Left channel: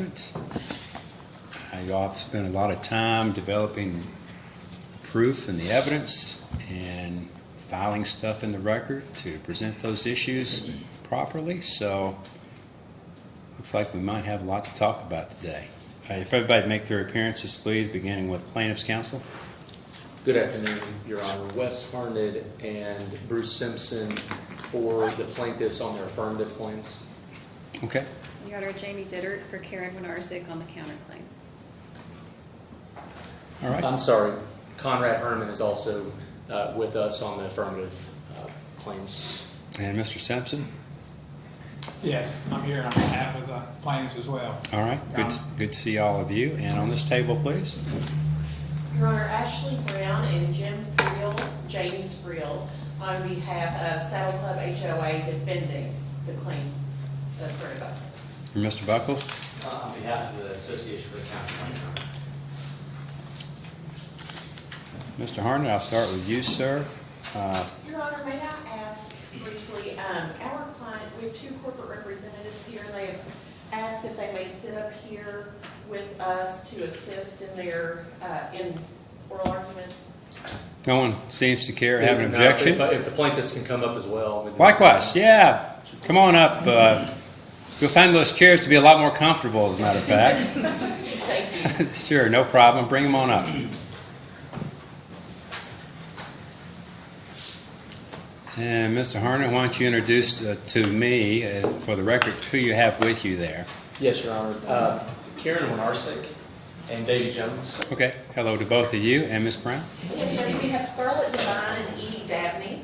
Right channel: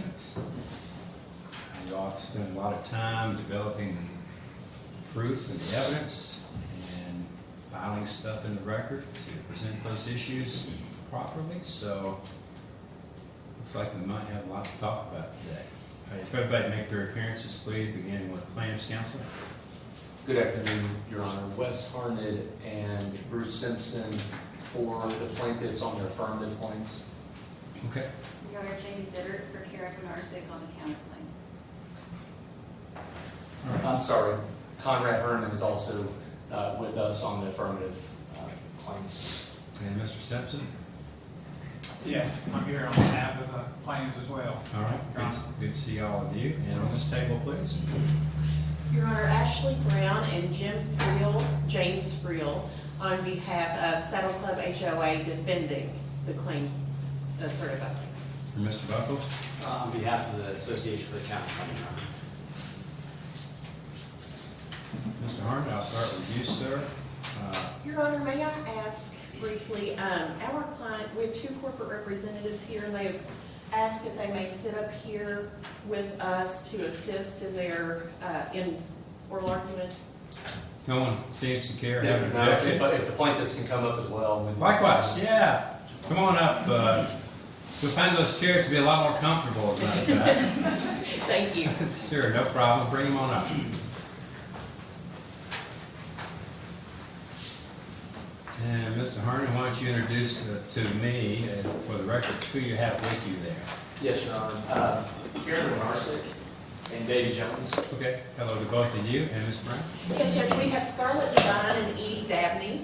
judgment. You all have spent a lot of time developing proof and the evidence and filing stuff in the record to present those issues properly. So looks like we might have a lot to talk about today. If everybody make their appearances, please, beginning with plaintiff's counsel. Good afternoon, Your Honor. Wes Harned and Bruce Simpson for the plaintiffs on their affirmative claims. Okay. Your Honor, Jamie Dittert for Karen Winarzik on the counterclaim. All right. I'm sorry, Conrad Herman is also with us on the affirmative claims. And Mr. Simpson? Yes, I'm here on behalf of the plaintiffs as well. All right. Good to see all of you. And on this table, please. Your Honor, Ashley Brown and Jim Friel, James Friel, on behalf of Saddle Club HOA defending the claims asserted by plaintiff. And Mr. Buckles? On behalf of the Association for the County. Mr. Harnett, I'll start with you, sir. Your Honor, may I ask briefly, our client, we have two corporate representatives here, and they've asked if they may sit up here with us to assist in their, in oral arguments. No one seems to care, have an No, objection? If the plaintiffs can come up as well. then- Likewise, yeah. Come on up. You'll find those chairs to be a lot more comfortable, as a matter of fact. Thank you. Sure, no problem. Bring them on up. And Mr. Harnett, why don't you introduce to me, for the record, who you have with you there? Yes, Your Honor. Karen Winarzik and Davy Jones. Okay, hello to both of you. And Ms. Brown? Yes, Judge, we have Scarlett Devine and Edie Dabney.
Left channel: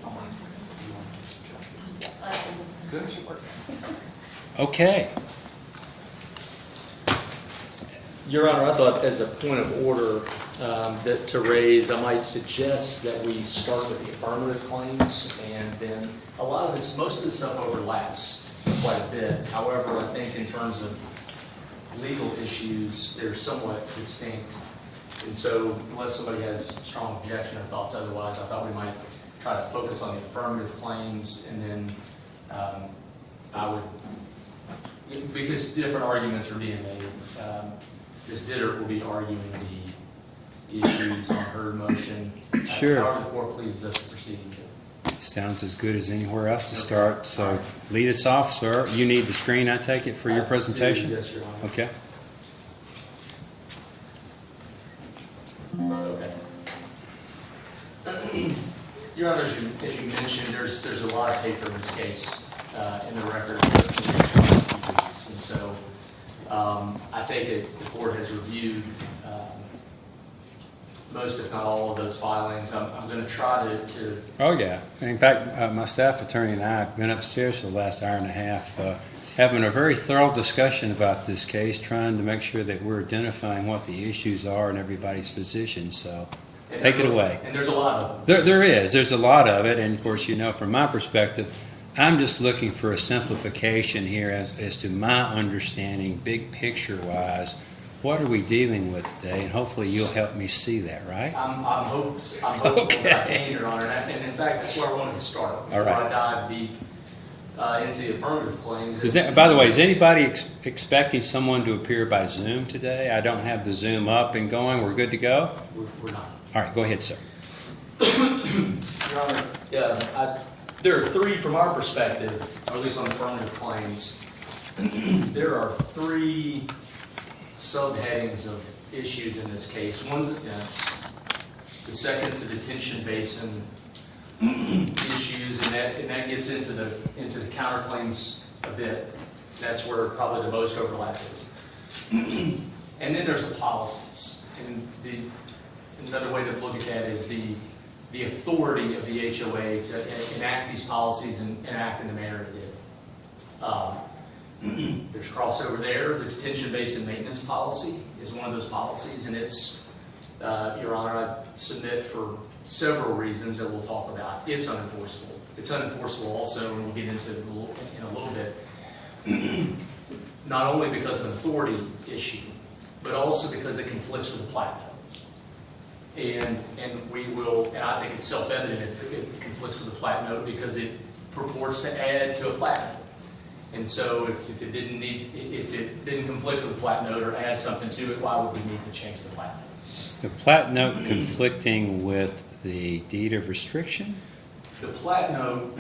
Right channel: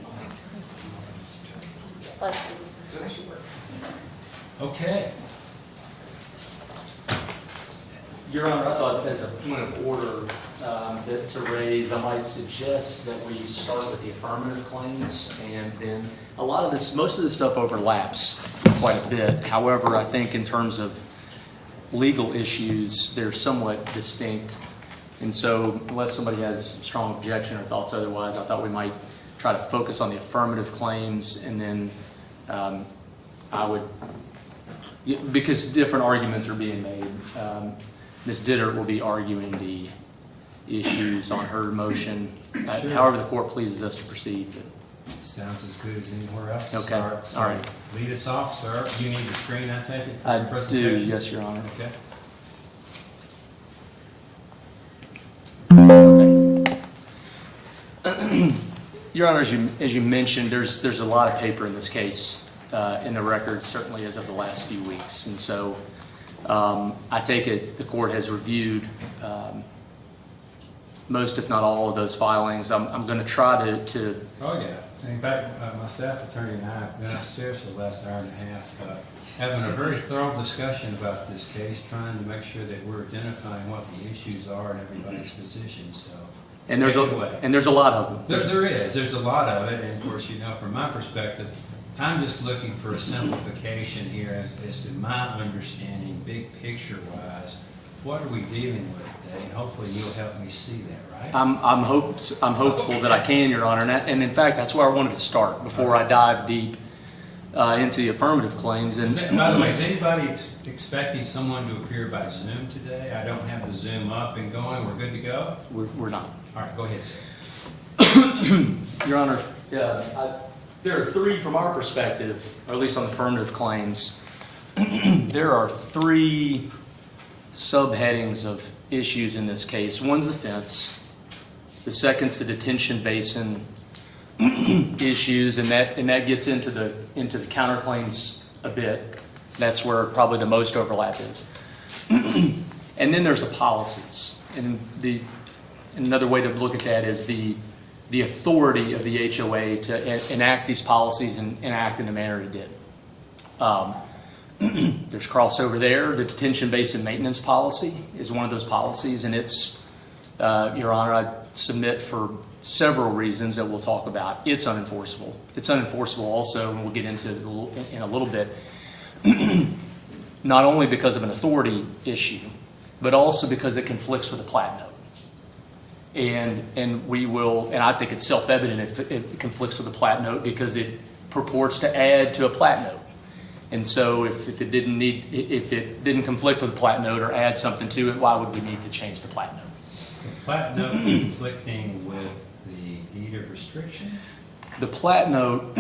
Okay. Your Honor, I thought as a point of order that to raise, I might suggest that we start with the affirmative claims, and then a lot of this, most of this stuff overlaps quite a bit. However, I think in terms of legal issues, they're somewhat distinct. And so unless somebody has strong objection or thoughts otherwise, I thought we might try to focus on the affirmative claims, and then I would, because different arguments are being made. Ms. Dittert will be arguing the issues on her motion. Sure. However the court pleases us to proceed. Sounds as good as anywhere else to Okay. start. So All right. lead us off, sir. You need the screen, I take it, for your I do, presentation? yes, Your Honor. Okay. Your Honor, as you mentioned, there's a lot of paper in this case in the record, certainly in the last few weeks. And so I take it the court has reviewed most, if not all, of those filings. I'm going to try to Oh, yeah. In fact, my staff attorney and I have been upstairs for the last hour and a half, having a very thorough discussion about this case, trying to make sure that we're identifying what the issues are and everybody's position. So and take there's it away. And there's a lot of them. There's a lot of it. And of course, you know, from my perspective, I'm just looking for a simplification here as to my understanding, big picture wise. What are we dealing with today? And hopefully you'll help me see that, right? I'm hopeful that I can, Your Honor, and in fact, that's where I wanted to start before All right. I dive deep into the affirmative claims. By the way, is anybody expecting someone to appear by Zoom today? I don't have the Zoom up and going. We're good to go? We're not. All right, go ahead, sir. Your Honor, there are three from our perspective, or at least on the affirmative claims. There are three subheadings of issues in this case. One's the fence. The second's the detention basin issues, and that gets into the counterclaims a bit. That's where probably the most overlap is. And then there's the policies, and another way to look at that is the authority of the HOA to enact these policies and act in the manner it did. There's crossover there. The detention basin maintenance policy is one of those policies, and it's, Your Honor, I submit for several reasons that we'll talk about. It's unenforceable. It's unenforceable also, and we'll get into it in a little bit, not only because of an authority issue, but also because it conflicts with the plat note. And we will, and I think it's self-evident if it conflicts with the plat note because it purports to add to a plat note. And so if it didn't conflict with the plat note or add something to it, why would we need to change the plat note? The plat note conflicting with the deed of restriction? The plat note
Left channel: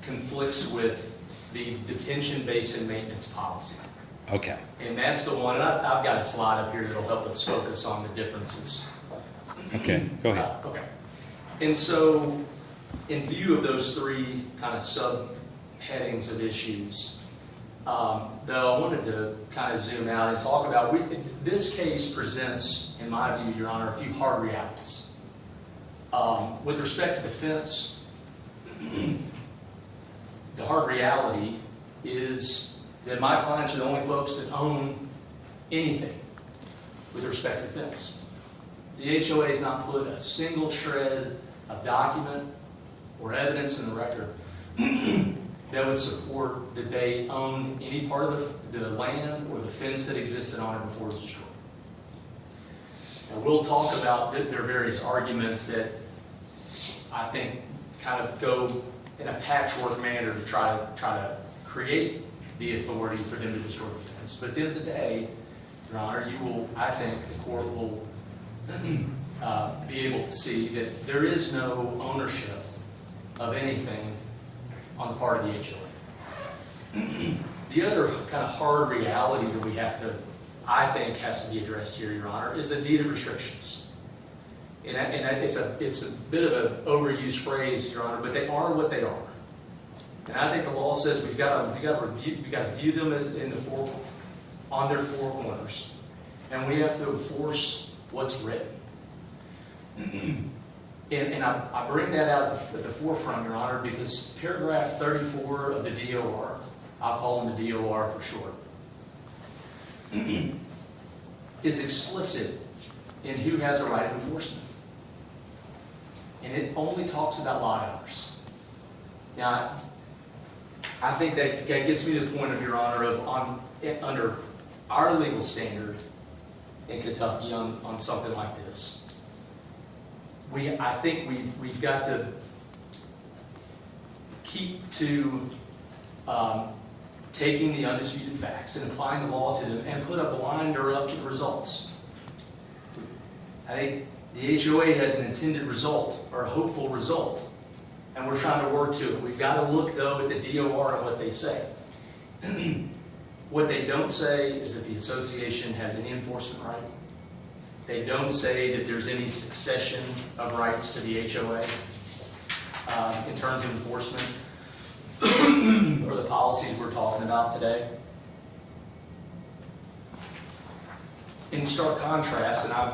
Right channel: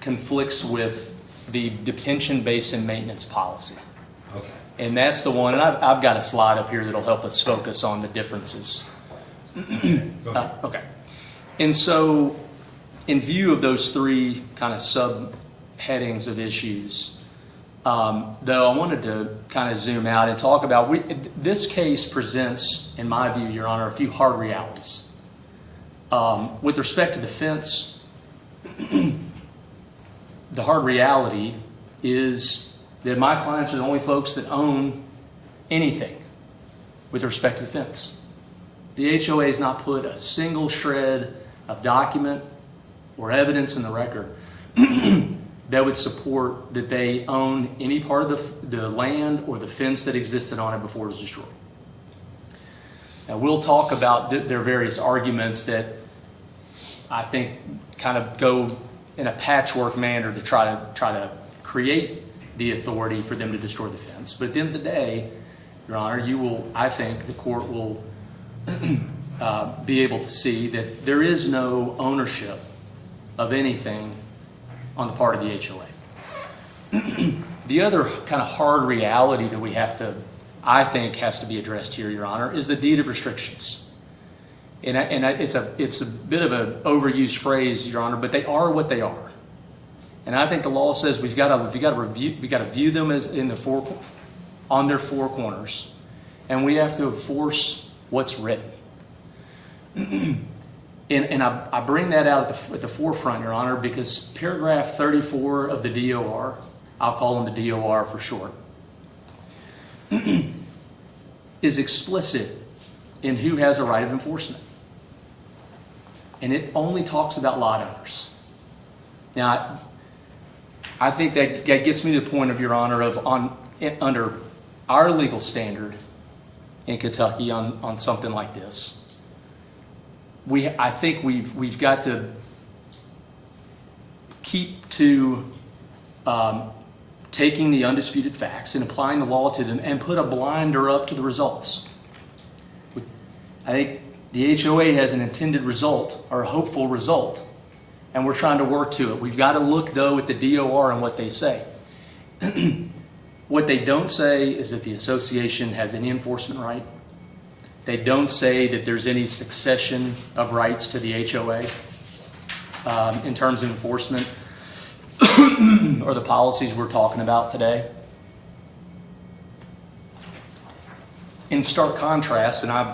conflicts with the detention basin maintenance policy. Okay. And that's the one, and I've got a slide up here that'll help us focus on the differences. Okay, go ahead. Okay. And so, in view of those three kind of subheadings of issues, though I wanted to kind of zoom out and talk about, this case presents, in my view, Your Honor, a few hard realities. With respect to the fence, the hard reality is that my clients are the only folks that own anything with respect to the fence. The HOA has not put a single shred of document or evidence in the record that would support that they own any part of the land or the fence that existed on it before it was destroyed. Now, we'll talk about their various arguments that I think kind of go in a patchwork manner to try to create the authority for them to destroy the fence. But at the end of the day, Your Honor, I think the court will be able to see that there is no ownership of anything on the part of the HOA. The other kind of hard reality that we have to, I think, has to be addressed here, Your Honor, is the deed of restrictions. It's a bit of an overused phrase, Your Honor, but they are what they are. And I think the law says we've got to view them as on their four corners, and we have to enforce what's written. And I bring that out at the forefront, Your Honor, because paragraph 34 of the DOR, I'll call them the DOR for short, is explicit in who has a right of enforcement. And it only talks about lot owners. Now, I think that gets me to the point of, Your Honor, of under our legal standard in Kentucky on something like this, I think we've got to keep to taking the undisputed facts and applying the law to them and put a blinder up to the results. I think the HOA has an intended result or a hopeful result, and we're trying to work to it. We've got to look, though, at the DOR and what they say. What they don't say is that the association has any enforcement right. They don't say that there's any succession of rights to the HOA in terms of enforcement or the policies we're talking about today. In stark contrast, and I've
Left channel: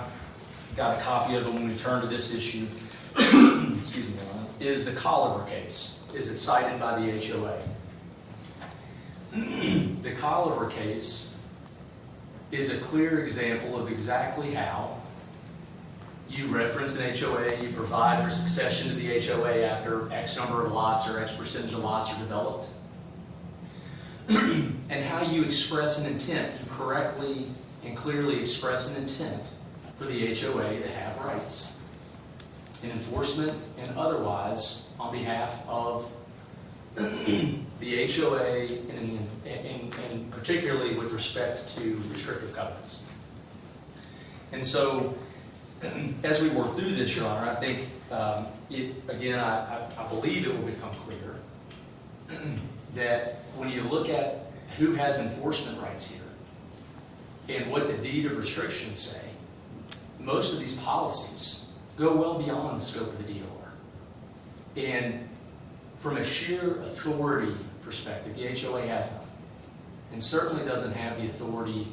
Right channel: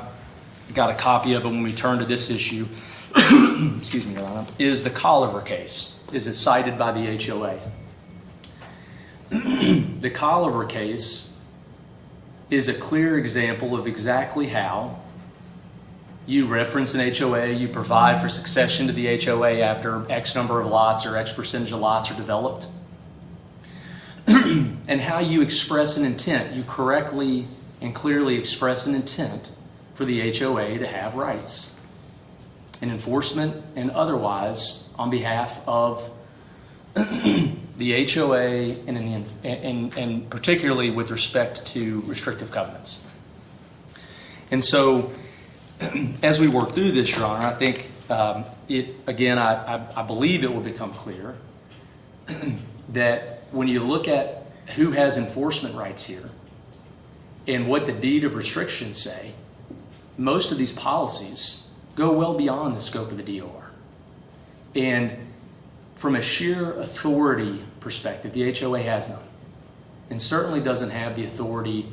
got a copy of it when we turn to this issue, excuse me, Your Honor, is the Colliver case. Is it cited by the HOA? The Colliver case is a clear example of exactly how you reference an HOA, you provide for succession to the HOA after X number of lots or X percentage of lots are developed, and how you express an intent. You correctly and clearly express an intent for the HOA to have rights and enforcement and otherwise on behalf of the HOA and particularly with respect to restrictive covenants. And so as we work through this, Your Honor, I think I believe it will become clear that when you look at who has enforcement rights here and what the deed of restrictions say, most of these policies go well beyond the scope of the DOR. And from a sheer authority perspective, the HOA has none, and certainly doesn't have the authority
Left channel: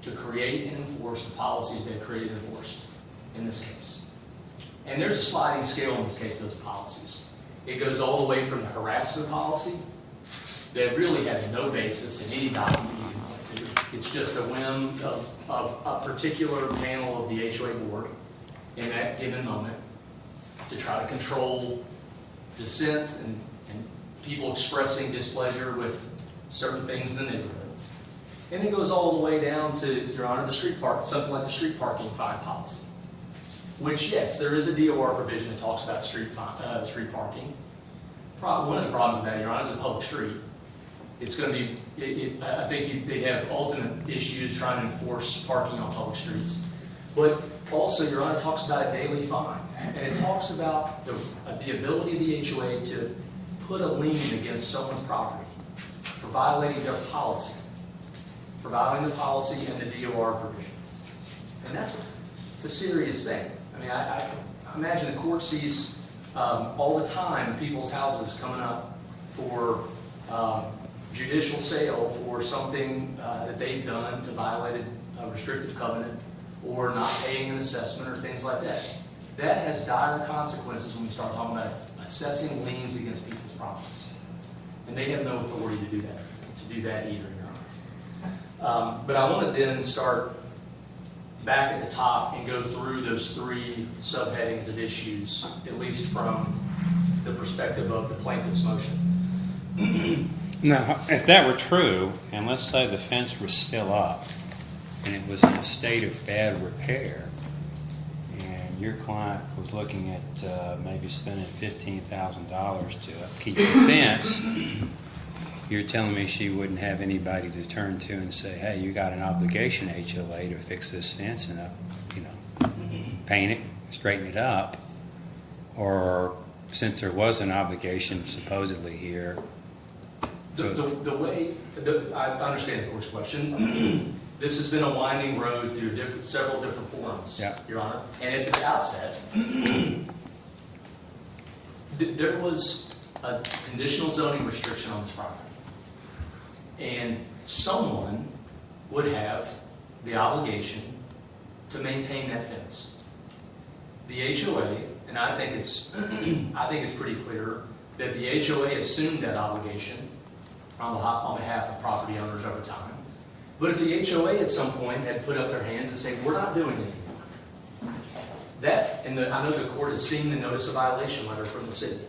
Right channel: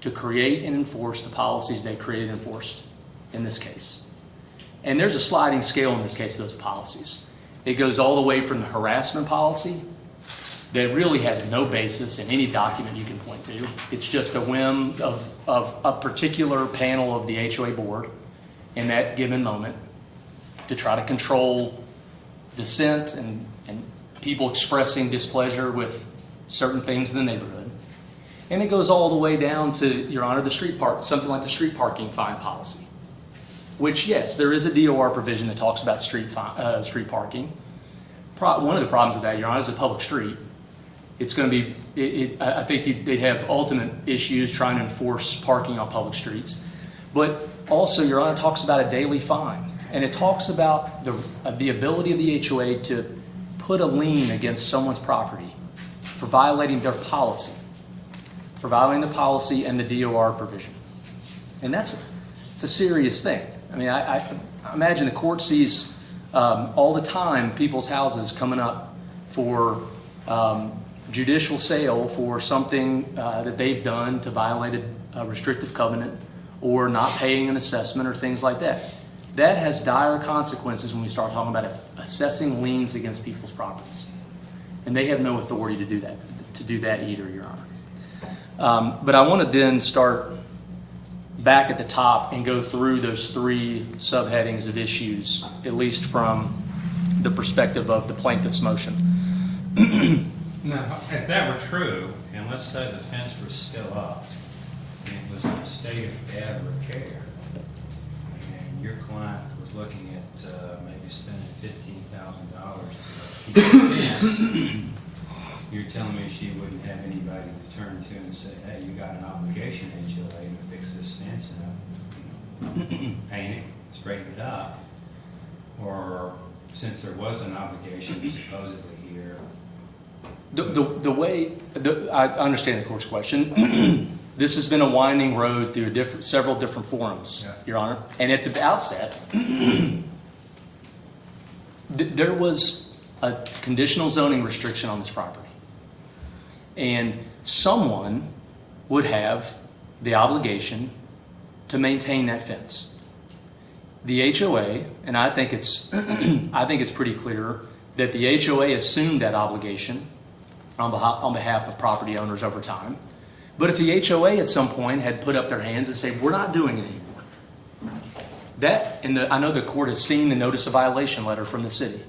to create and enforce the policies they created and enforced in this case. And there's a sliding scale in this case of those policies. It goes all the way from the harassment policy that really has no basis in any document you can point to. It's just a whim of a particular panel of the HOA board in that given moment to try to control dissent and people expressing displeasure with certain things in the neighborhood. And it goes all the way down to, Your Honor, something like the street parking fine policy, which, yes, there is a DOR provision that talks about street parking. One of the problems with that, Your Honor, is a public street. It's going to be, I think they'd have ultimate issues trying to enforce parking on public streets. But also, Your Honor, talks about a daily fine. And it talks about the ability of the HOA to put a lien against someone's property for violating their policy, for violating the policy and the DOR provision. And it's a serious thing. I mean, I imagine the court sees all the time people's houses coming up for judicial sale for something that they've done to violate a restrictive covenant or not paying an assessment or things like that. That has dire consequences when we start talking about assessing liens against people's properties. And they have no authority to do that either, Your Honor. But I want to then start back at the top and go through those three subheadings of issues, at least from the perspective of the plaintiff's motion. Now, if that were true, and let's say the fence was still up, and it was in a state of bad repair, and your client was looking at maybe spending $15,000 to upkeep the fence, you're telling me she wouldn't have anybody to turn to and say, hey, you got an obligation, HOA, to fix this fence and paint it, straighten it up, or since there was an obligation supposedly here. I understand the court's question. This has been a winding road through several different forums, Yeah. Your Honor. And at the outset, there was a conditional zoning restriction on this property. And someone would have the obligation to maintain that fence. The HOA, and I think it's pretty clear that the HOA assumed that obligation on behalf of property owners over time. But if the HOA at some point had put up their hands and said, we're not doing it anymore, I know the court has seen the notice of violation letter from the city.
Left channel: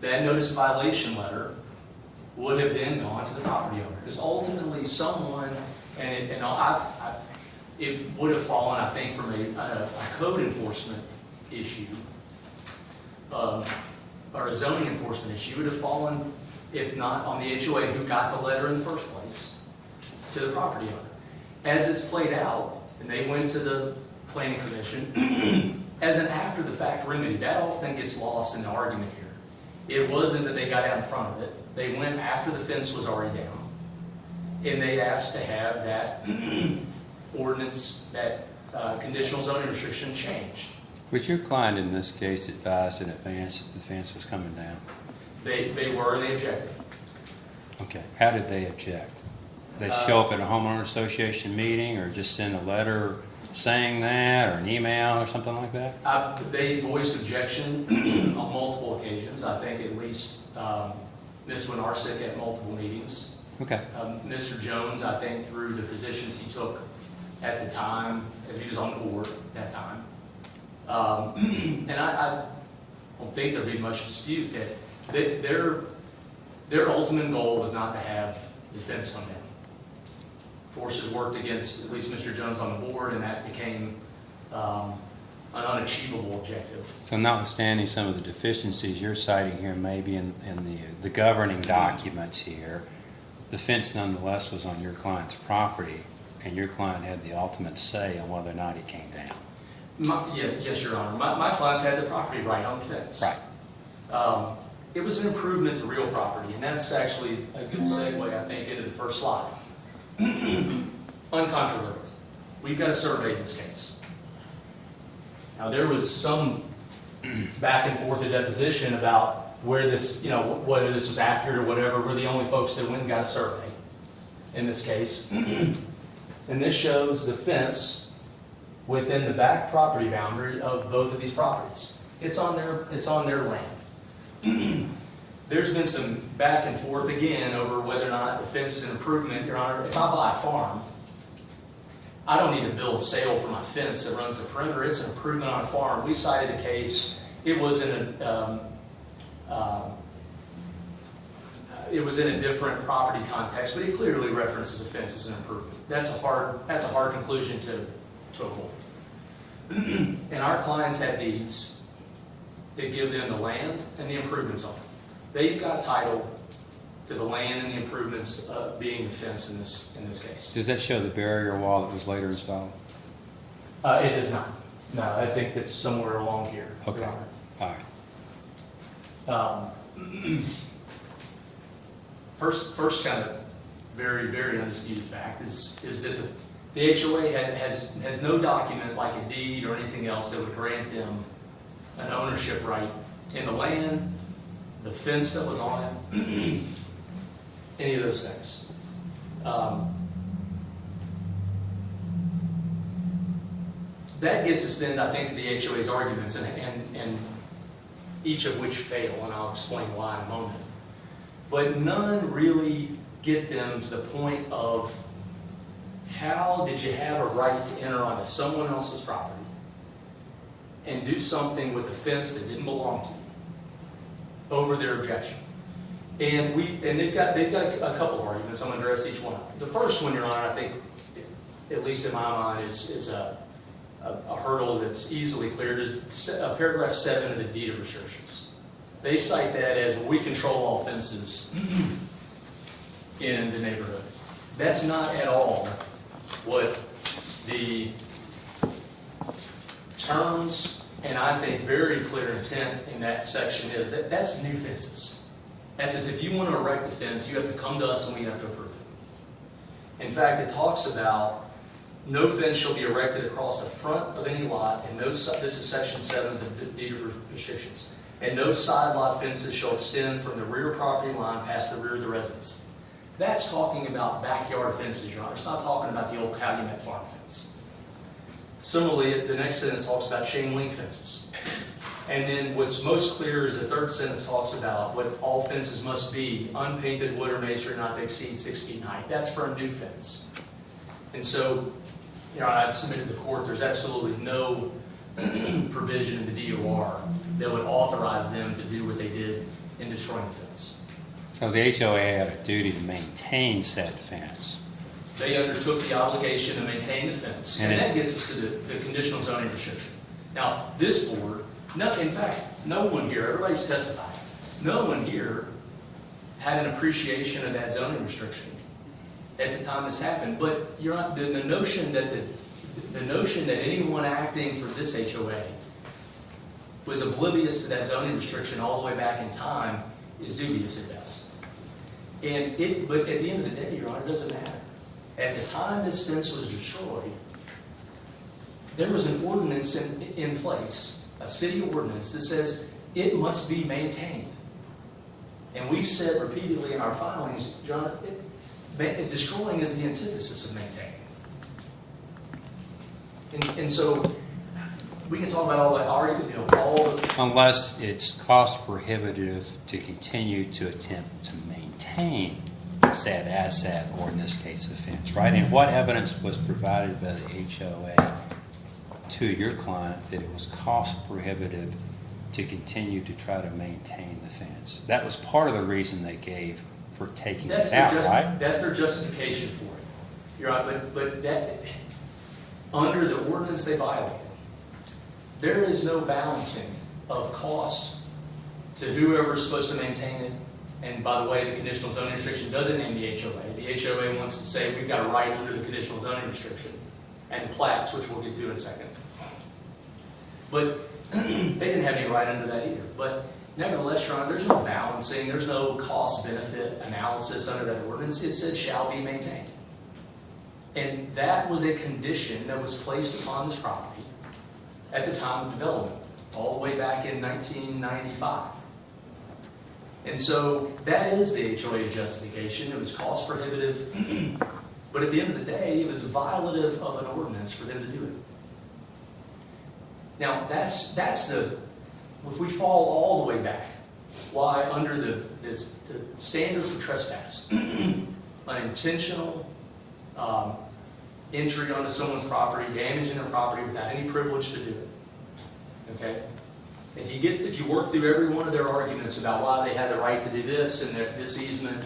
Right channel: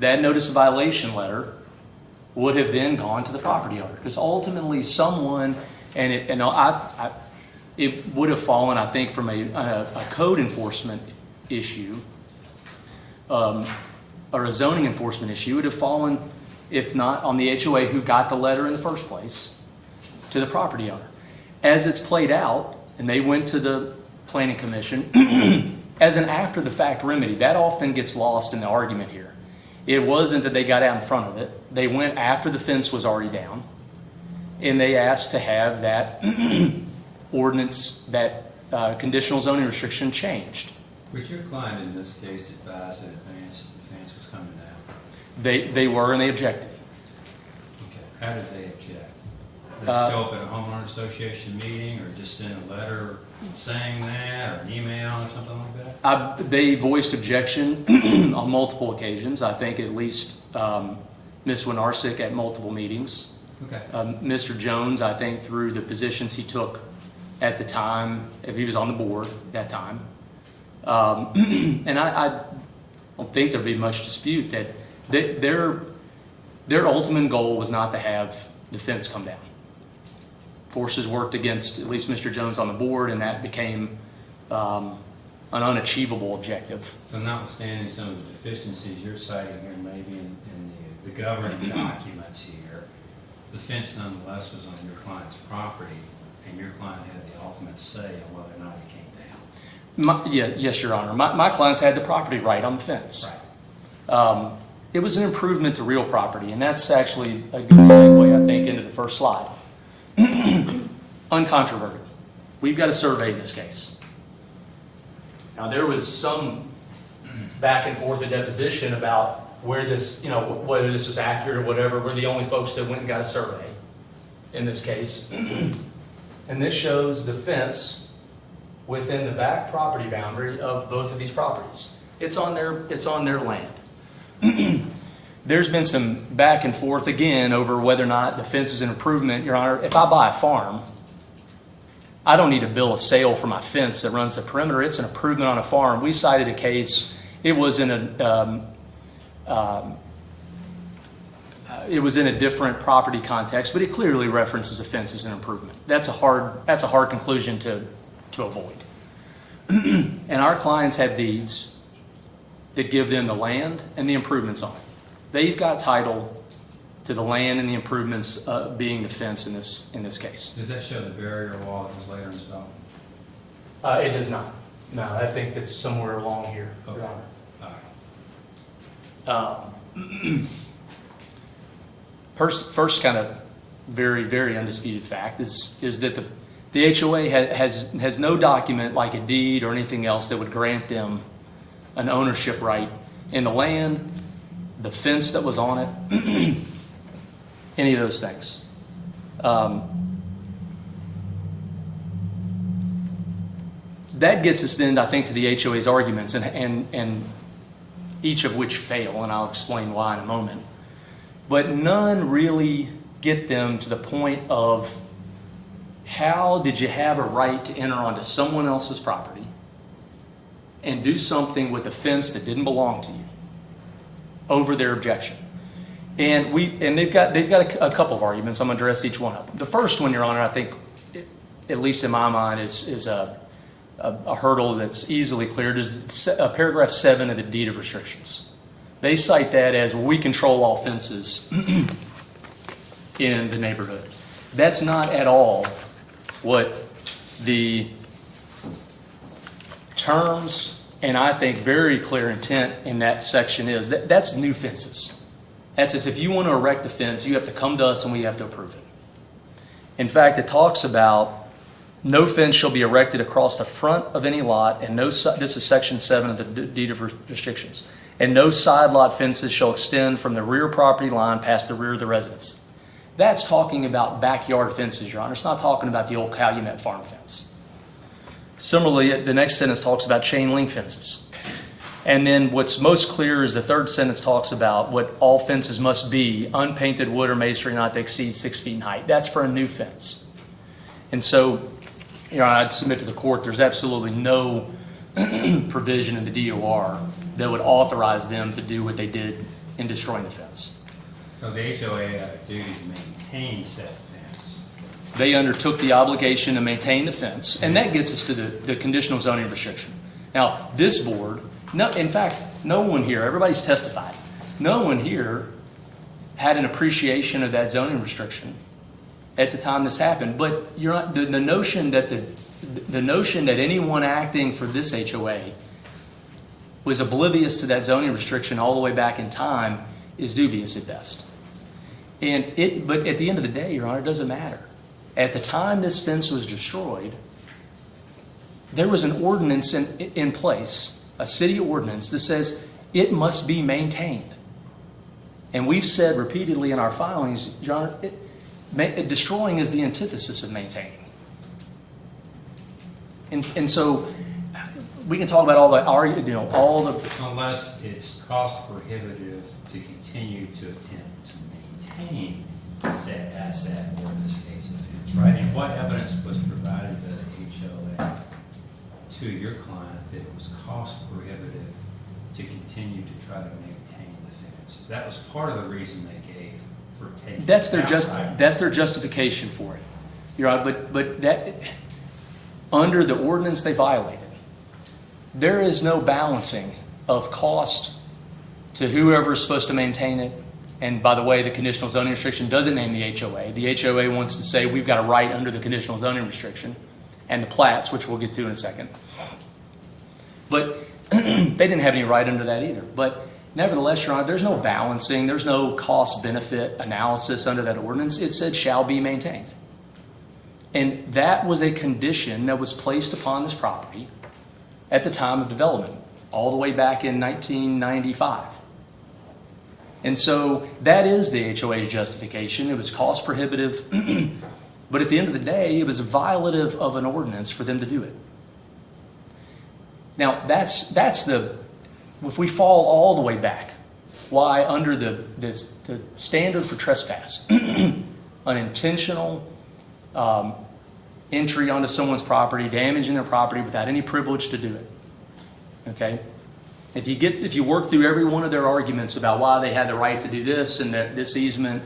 That notice of violation letter would have then gone to the property owner, because ultimately someone, it would have fallen, I think, from a code enforcement issue, or a zoning enforcement issue. It would have fallen, if not on the HOA who got the letter in the first place, to the property owner. As it's played out, and they went to the planning commission as an after-the-fact remedy, that often gets lost in the argument here. It wasn't that they got out in front of it. They went after the fence was already down, and they asked to have that ordinance, that conditional zoning restriction changed. Was your client in this case advised in advance that the fence was coming down? They were, and they objected. Okay, how did they object? They show up at a homeowner association meeting, or just send a letter saying that, or an email or something like that? They voiced objection on multiple occasions. I think at least Ms. Winarsic at multiple meetings. Okay. Mr. Jones, I think, through the positions he took at the time, if he was on the board at that time. And I don't think there'd be much dispute that their ultimate goal was not to have the fence come down. Forces worked against at least Mr. Jones on the board, and that became an unachievable objective. So notwithstanding some of the deficiencies you're citing here, maybe in the governing documents here, the fence nonetheless was on your client's property, and your client had the ultimate say on whether or not it came down. Yes, Your Honor. My clients had the property right on the fence. Right. It was an improvement to real property, and that's actually a good segue, I think, into the first slide. Uncontroverted. We've got a survey in this case. Now, there was some back and forth of deposition about where this, whether this was accurate or whatever. We're the only folks that went and got a survey in this case. And this shows the fence within the back property boundary of both of these properties. It's on their land. There's been some back and forth again over whether or not the fence is an improvement. Your Honor, if I buy a farm, I don't need a bill of sale for my fence that runs the perimeter. It's an improvement on a farm. We cited a case. It was in a different property context, but it clearly references a fence as an improvement. That's a hard conclusion to avoid. And our clients have deeds that give them the land and the improvements on it. They've got title to the land and the improvements being the fence in this case. Does that show the barrier wall that was later installed? It does not. No, I think that's somewhere along here. Okay. Your All Honor. right. First kind of very, very undisputed fact is that the HOA has no document like a deed or anything else that would grant them an ownership right in the land, the fence that was on it, any of those things. That gets us then, I think, to the HOA's arguments, and each of which fail, and I'll explain why in a moment. But none really get them to the point of how did you have a right to enter onto someone else's property and do something with a fence that didn't belong to you over their objection. And they've got a couple of arguments. I'm going to address each one of them. The first one, Your Honor, I think, at least in my mind, is a hurdle that's easily cleared, is paragraph 7 of the deed of restrictions. They cite that as, well, we control all fences in the neighborhood. That's not at all what the terms and I think very clear intent in that section is. That's new fences. That's as if you want to erect a fence, you have to come to us and we have to approve it. In fact, it talks about no fence shall be erected across the front of any lot, and this is section 7 of the deed of restrictions. And no side lot fences shall extend from the rear property line past the rear of the residence. That's talking about backyard fences, Your Honor. It's not talking about the old Calumet farm fence. Similarly, the next sentence talks about chain link fences. And then what's most clear is the third sentence talks about what all fences must be, unpainted wood or masonry not to exceed 6 feet in height. That's for a new fence. And so, you know, I'd submit to the court there's absolutely no provision in the DOR that would authorize them to do what they did in destroying the fence. So the HOA had a duty to maintain said fence. They undertook the obligation to maintain the fence, and that gets us to the conditional zoning restriction. Now, this board, in fact, no one here, everybody's testified, no one here had an appreciation of that zoning restriction at the time this happened. But you're not, the notion that the notion that anyone acting for this HOA was oblivious to that zoning restriction all the way back in time is dubious at best. But at the end of the day, Your Honor, it doesn't matter. At the time this fence was destroyed, there was an ordinance in place, a city ordinance that says it must be maintained. And we've said repeatedly in our filings, Your Honor, destroying is the antithesis of maintaining. And so we can talk about all the Unless it's cost prohibitive to continue to attempt to maintain said asset, or in this case, the fence, right? And what evidence was provided by the HOA to your client that it was cost prohibitive to continue to try to maintain the fence? That was part of the reason they gave for taking it out, right? That's their justification for it. You're right, but that under the ordinance they violated, there is no balancing of cost to whoever is supposed to maintain it. And by the way, the conditional zoning restriction doesn't name the HOA. The HOA wants to say we've got a right under the conditional zoning restriction and the plats, which we'll get to in a second. But they didn't have any right under that either. But nevertheless, Your Honor, there's no balancing, there's no cost-benefit analysis under that ordinance. It said shall be maintained. And that was a condition that was placed upon this property at the time of development, all the way back in 1995. And so that is the HOA's justification. It was cost prohibitive, but at the end of the day, it was violative of an ordinance for them to do it. Now, that's the, if we fall all the way back, why under the standard for trespass, unintentional entry onto someone's property, damaging their property without any privilege to do it. Okay? If you work through every one of their arguments about why they had the right to do this and that this easement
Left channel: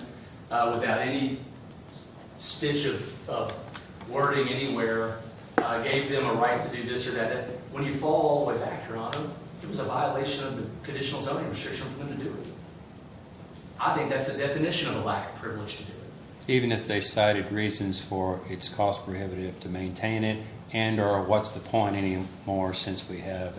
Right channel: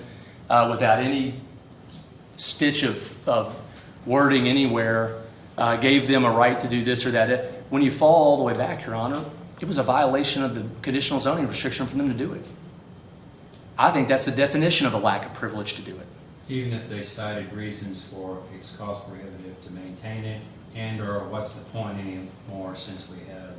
without any stitch of wording anywhere gave them a right to do this or that, when you fall all the way back, Your Honor, it was a violation of the conditional zoning restriction for them to do it. I think that's the definition of a lack of privilege to do it. Even if they cited reasons for it's cost prohibitive to maintain it, and/or what's the point anymore since we have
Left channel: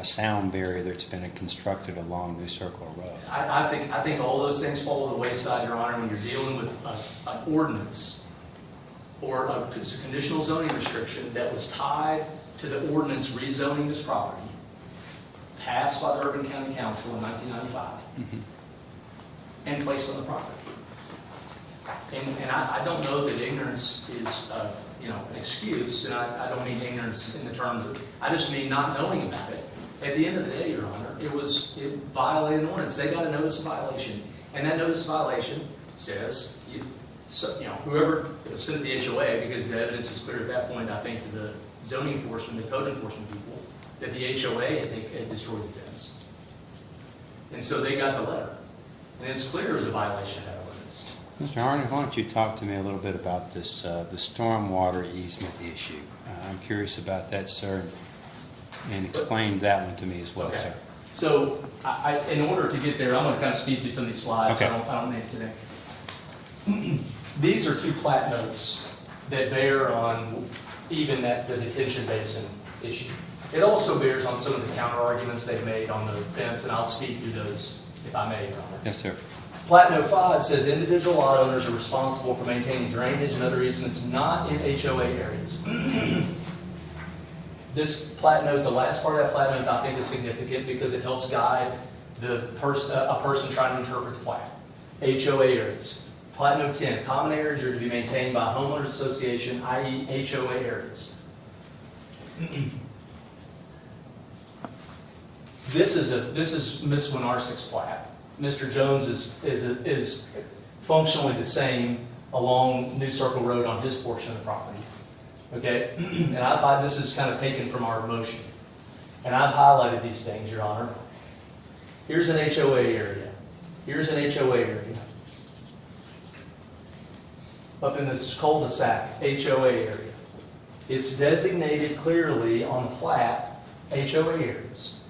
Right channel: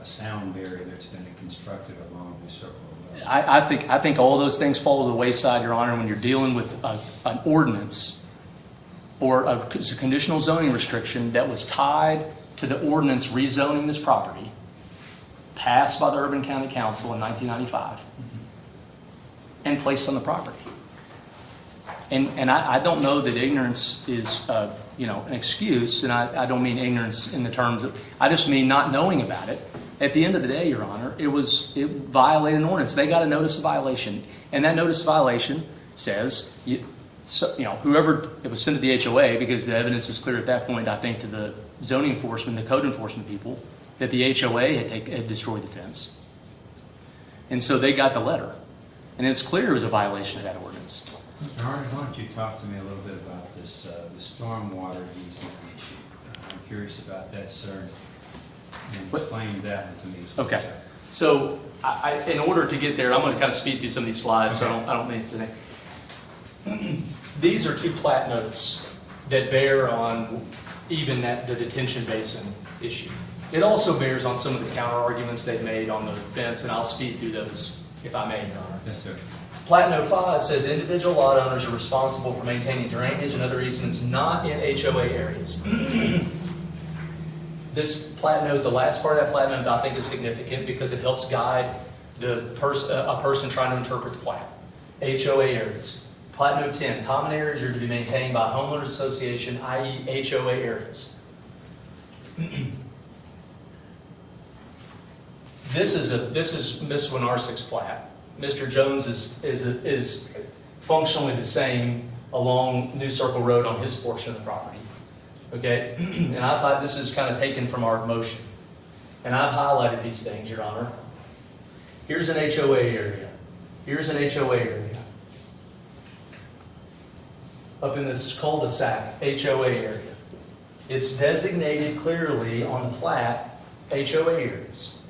a sound barrier that's been constructed along New Circle Road? I think all those things fall to the wayside, Your Honor, when you're dealing with an ordinance or a conditional zoning restriction that was tied to the ordinance rezoning this property passed by the Urban County Council in 1995 and placed on the property. And I don't know that ignorance is, an excuse, and I don't mean ignorance in the terms of, I just mean not knowing about it. At the end of the day, Your Honor, it violated an ordinance. They got a notice of violation, and that notice of violation says, whoever, it was sent to the HOA, because the evidence was clear at that point, I think, to the zoning enforcement, the code enforcement people, that the HOA had destroyed the fence. And so they got the letter. And it's clear it was a violation of that ordinance. Mr. Harnett, why don't you talk to me a little bit about this, the stormwater easement issue? I'm curious about that, sir, and explain that one to me as well, Okay. sir. So, in order to get there, I'm going to kind of speed through some of these slides. Okay. I don't mean to today. These are two plat notes that bear on even the detention basin issue. It also bears on some of the counter arguments they've made on the fence, and I'll speak through those if I may, Your Honor. Yes, sir. Plat Note 5 says individual lot owners are responsible for maintaining drainage and other easements not in HOA areas. This plat note, the last part of that plat note, I think is significant because it helps guide a person trying to interpret the plat. HOA areas. Plat Note 10, common areas are to be maintained by homeowners association, i.e. HOA areas. This is Ms. Winarsik's plat. Mr. Jones is functionally the same along New Circle Road on his portion of the property. Okay? And this is kind of taken from our motion. And I've highlighted these things, Your Honor. Here's an HOA area. Here's an HOA area. Up in this cul-de-sac, HOA area. It's designated clearly on the plat, HOA areas.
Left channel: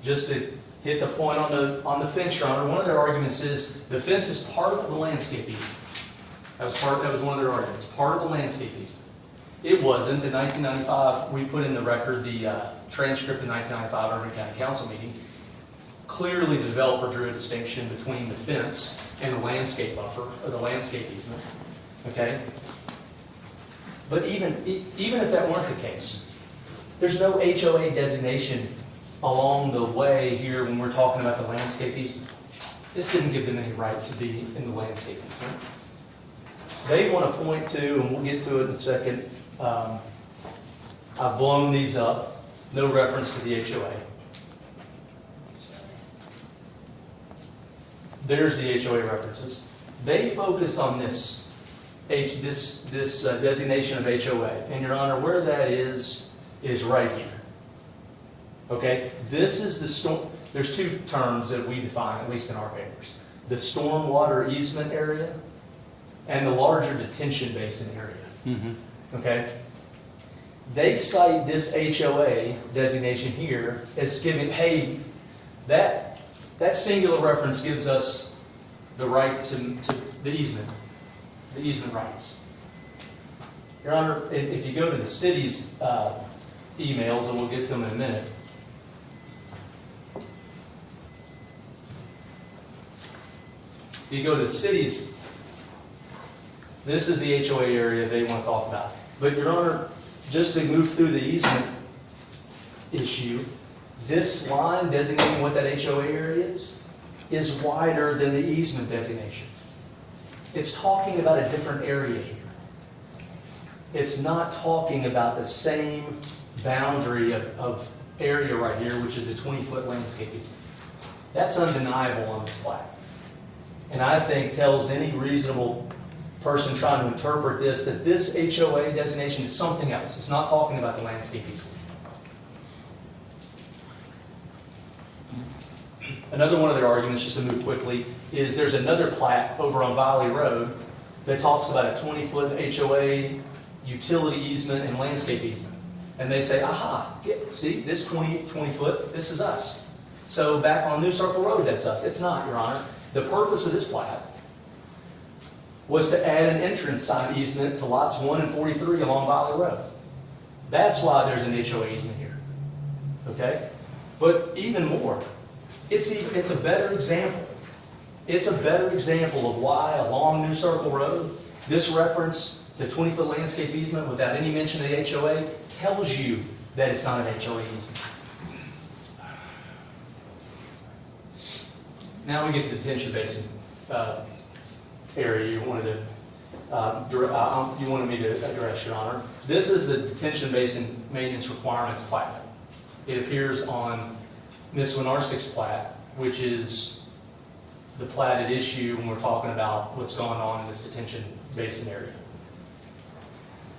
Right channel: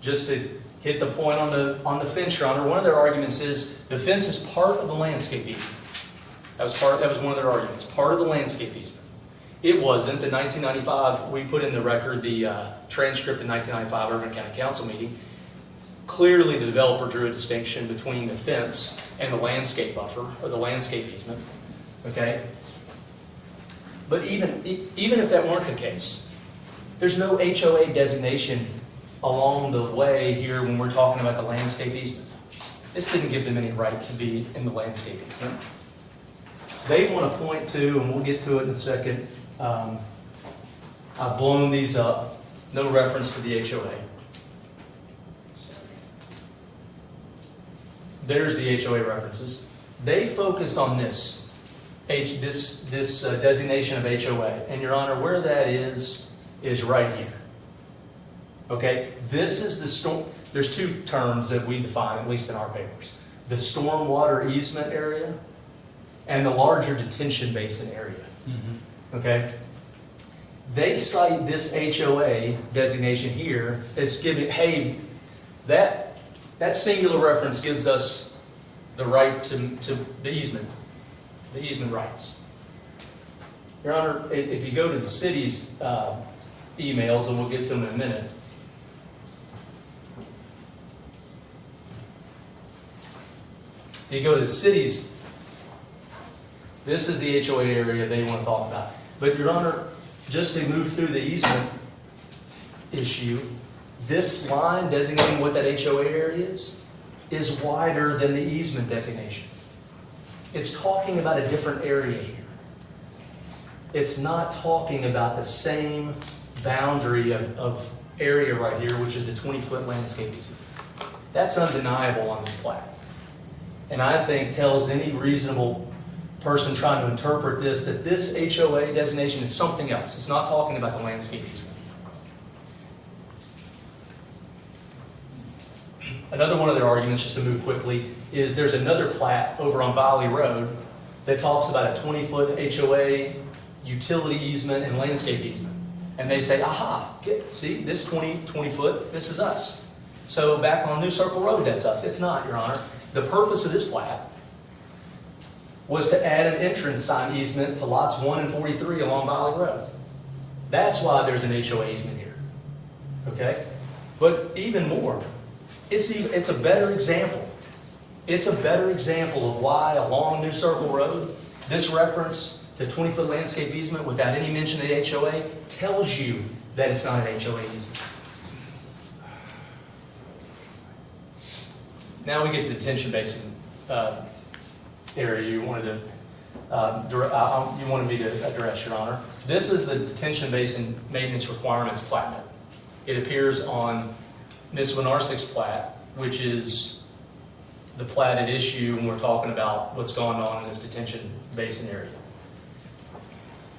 Just to hit the point on the fence, Your Honor, one of their arguments is the fence is part of the landscape easement. That was one of their arguments, part of the landscape easement. It wasn't. In 1995, we put in the record the transcript of the 1995 Urban County Council meeting. Clearly, the developer drew a distinction between the fence and the landscape buffer, or the landscape easement. Okay? But even if that weren't the case, there's no HOA designation along the way here when we're talking about the landscape easement. This didn't give them any right to be in the landscape easement. They want to point to, and we'll get to it in a second, I've blown these up, no reference to the HOA. There's the HOA references. They focus on this designation of HOA. And Your Honor, where that is right here. Okay? This is the storm. There's two terms that we define, at least in our papers. The stormwater easement area and the larger detention basin area. Mm-hmm. Okay? They cite this HOA designation here as giving, hey, that singular reference gives us the right to the easement rights. Your Honor, if you go to the city's emails, and we'll get to them in a minute, if you go to the city's, this is the HOA area they want to talk about. But Your Honor, just to move through the easement issue, this line designating what that HOA area is wider than the easement designation. It's talking about a different area here. It's not talking about the same boundary of area right here, which is the 20-foot landscape easement. That's undeniable on this plat. And I think tells any reasonable person trying to interpret this that this HOA designation is something else. It's not talking about the landscape easement. Another one of their arguments, just to move quickly, is there's another plat over on Valley Road that talks about a 20-foot HOA utility easement and landscape easement. And they say, aha, see, this 20 foot, this is us. So back on New Circle Road, that's us. It's not, Your Honor. The purpose of this plat was to add an entrance sign easement to lots 1 and 43 along Valley Road. That's why there's an HOA easement here, okay? But even more, it's a better example. It's a better example of why along New Circle Road, this reference to 20-foot landscape easement without any mention of the HOA tells you that it's not an HOA easement. Now we get to the detention basin area you wanted me to address, Your Honor. This is the detention basin maintenance requirements plat note. It appears on Ms. Winarsik's plat, which is the platted issue when we're talking about what's going on in this detention basin area.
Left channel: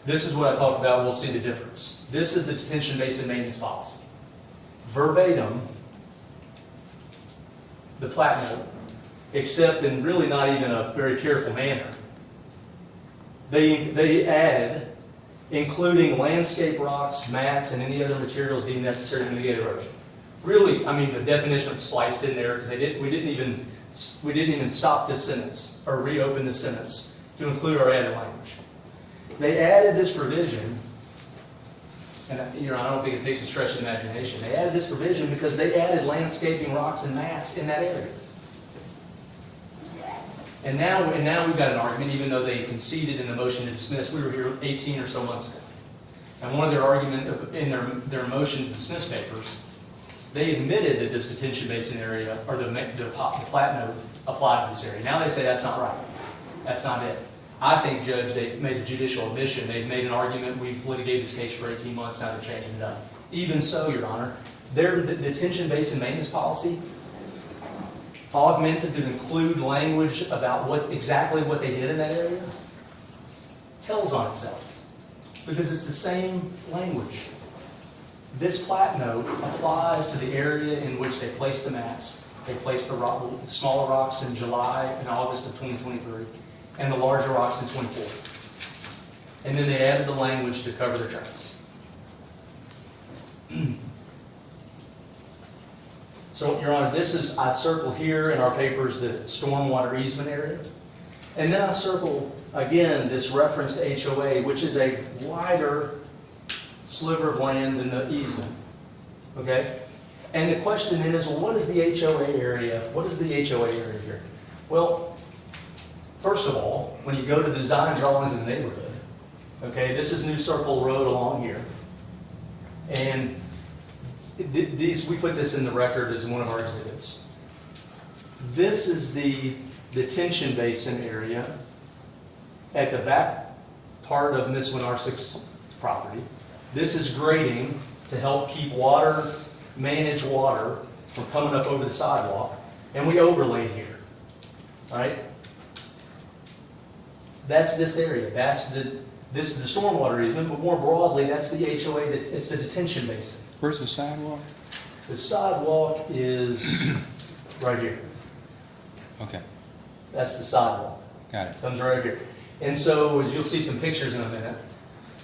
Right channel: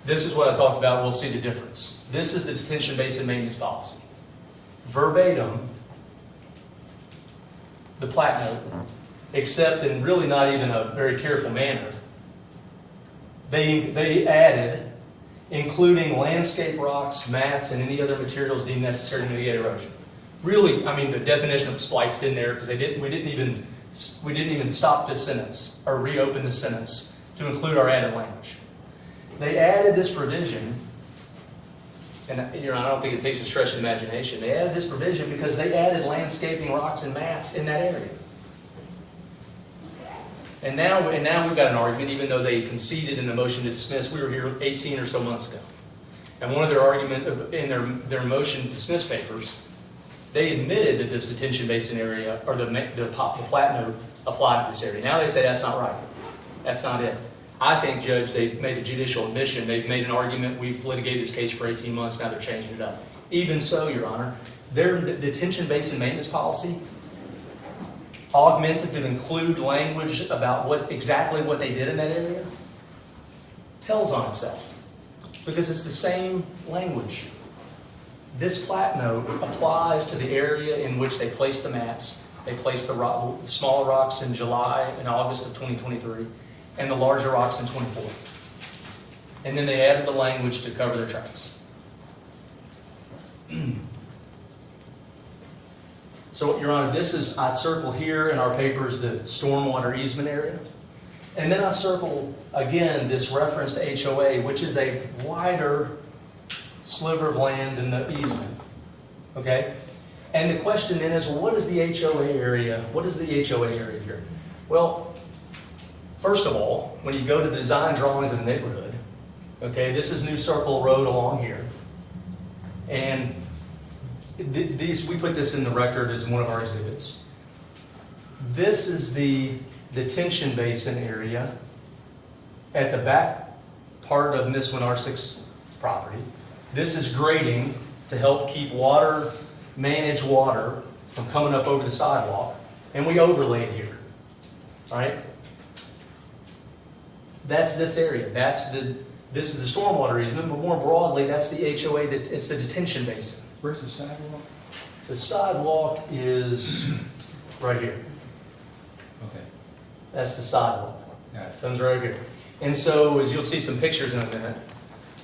This is what I talked about. We'll see the difference. This is the detention basin maintenance policy. Verbatim, the plat note, except in really not even a very careful manner. They added, including landscape rocks, mats, and any other materials deemed necessary to mitigate erosion. Really, I mean, the definition was spliced in there because we didn't even stop this sentence or reopen the sentence to include our added language. They added this provision, and I don't think it takes a stretch of imagination. They added this provision because they added landscaping, rocks, and mats in that area. And now we've got an argument, even though they conceded in the motion to dismiss. We were here 18 or so months ago. And one of their arguments in their motion to dismiss papers, they admitted that this detention basin area, or the plat note, applied to this area. Now they say that's not right. That's not it. I think, Judge, they've made the judicial admission. They've made an argument. We've litigated this case for 18 months. Now they're changing it up. Even so, Your Honor, their detention basin maintenance policy, augmented to include language about exactly what they did in that area, tells on itself. Because it's the same language. This plat note applies to the area in which they placed the mats. They placed the smaller rocks in July and August of 2023, and the larger rocks in 24. And then they added the language to cover their tracks. So, Your Honor, I circle here in our papers the stormwater easement area. And then I circle, again, this reference to HOA, which is a wider sliver of land than the easement. Okay? And the question then is, well, what is the HOA area? What is the HOA area here? Well, first of all, when you go to the design drawings of the neighborhood, okay, this is New Circle Road along here. And we put this in the record as one of our exhibits. This is the detention basin area at the back part of Ms. Winarsik's property. This is grading to help keep manage water from coming up over the sidewalk, and we overlaid here, right? That's this area. This is the stormwater easement, but more broadly, that's the HOA. It's the detention basin. Where's the sidewalk? The sidewalk is right here. Okay, That's the sidewalk. got it. Comes right over here. And so, as you'll see some pictures in a minute,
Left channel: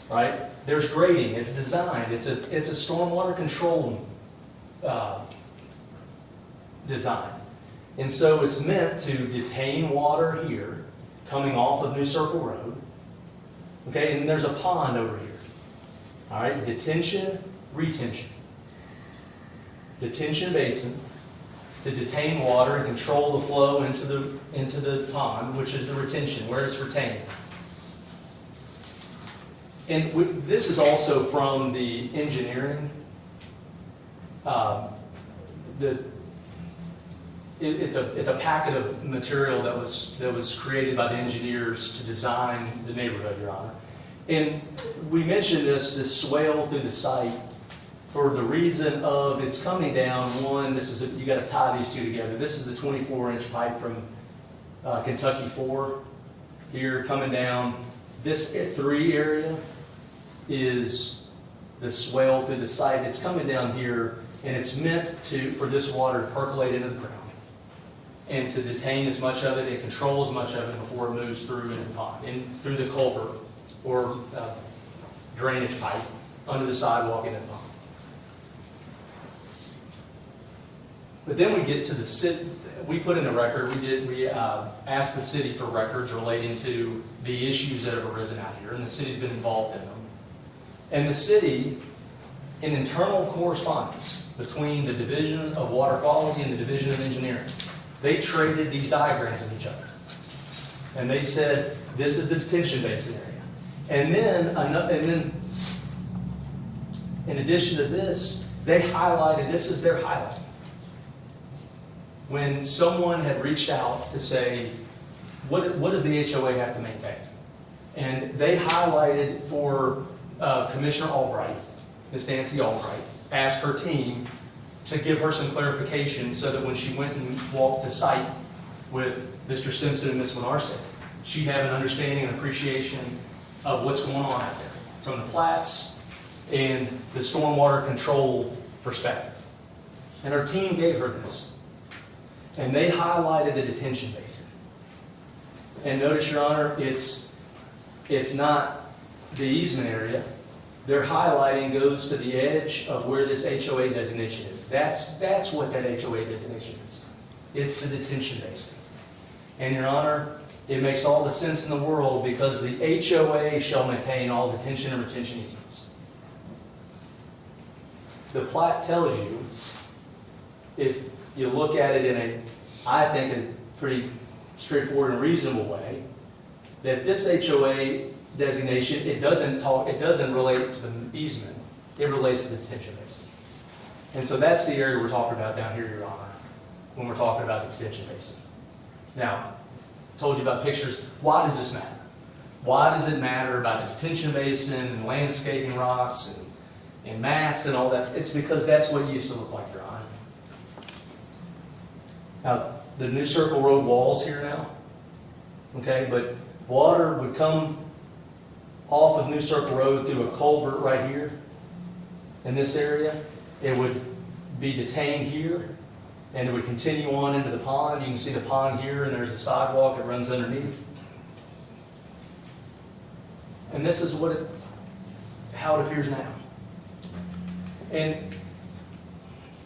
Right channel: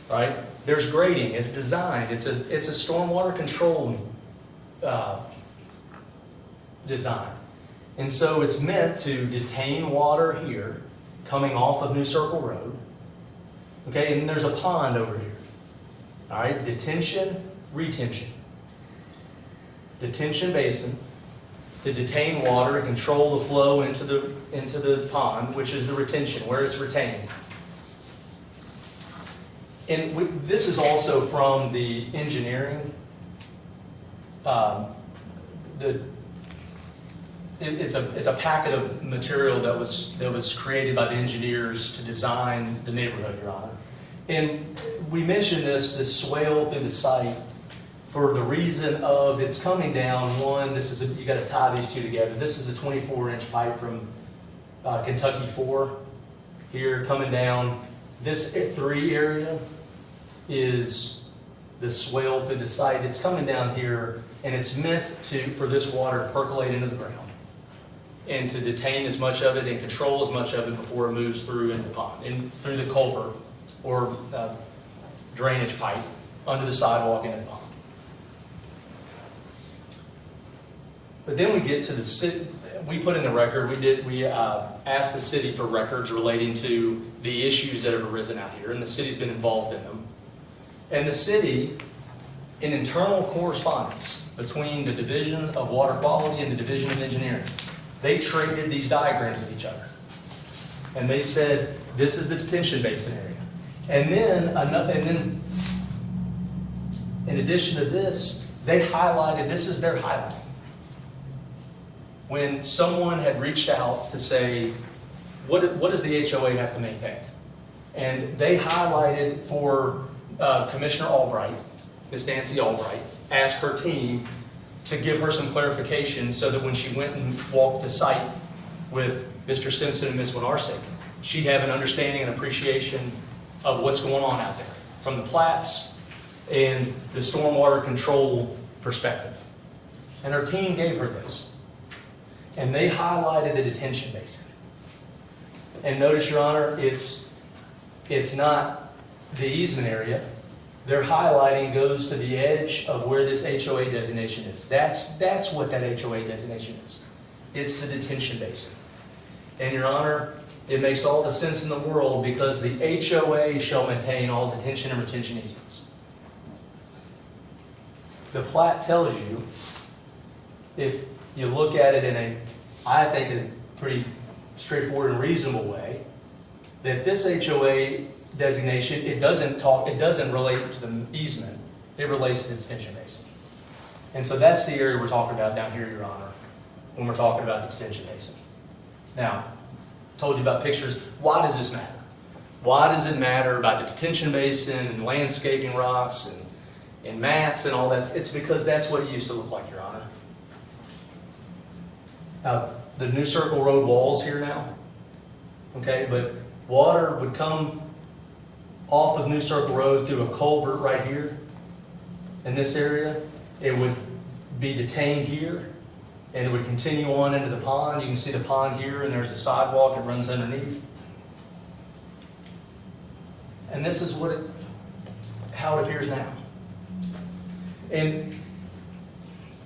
right? There's grading. It's designed. It's a stormwater control design. And so it's meant to detain water here, coming off of New Circle Road. Okay, and then there's a pond over here. All right, detention, retention. Detention basin to detain water and control the flow into the pond, which is the retention, where it's retained. And this is also from the engineering. It's a packet of material that was created by the engineers to design the neighborhood, Your Honor. And we mentioned this swale through the site for the reason of it's coming down. One, you got to tie these two together. This is a 24-inch pipe from Kentucky 4 here coming down. This 3 area is the swale through the site. It's coming down here, and it's meant for this water to percolate into the ground and to detain as much of it and control as much of it before it moves through into the pond, through the culvert or drainage pipe under the sidewalk into the pond. But then we get to we put in the record, we asked the city for records relating to the issues that have arisen out here, and the city's been involved in them. And the city, in internal correspondence between the Division of Water Quality and the Division of Engineering, they traded these diagrams with each other. And they said, this is the detention basin area. And then, in addition to this, they highlighted, this is their highlight. When someone had reached out to say, what does the HOA have to maintain? And they highlighted for Commissioner Albright, Ms. Nancy Albright, asked her team to give her some clarification so that when she went and walked the site with Mr. Simpson and Ms. Winarsic, she'd have an understanding and appreciation of what's going on out there, from the plats and the stormwater control perspective. And her team gave her this. And they highlighted the detention basin. And notice, Your Honor, it's not the easement area. Their highlighting goes to the edge of where this HOA designation is. That's what that HOA designation is. It's the detention basin. And Your Honor, it makes all the sense in the world because the HOA shall maintain all detention and retention easements. The plat tells you, if you look at it in I think, a pretty straightforward and reasonable way, that this HOA designation, it doesn't relate to the easement, it relates to the detention basin. And so that's the area we're talking about down here, Your Honor, when we're talking about the detention basin. Now, I told you about pictures. Why does this matter? Why does it matter about the detention basin and landscaping rocks and mats and all that? It's because that's what it used to look like, Your Honor. The New Circle Road wall's here now, okay, but water would come off of New Circle Road through a culvert right here in this area. It would be detained here, and it would continue on into the pond. You can see the pond here, and there's a sidewalk that runs underneath. And this is how it appears now. And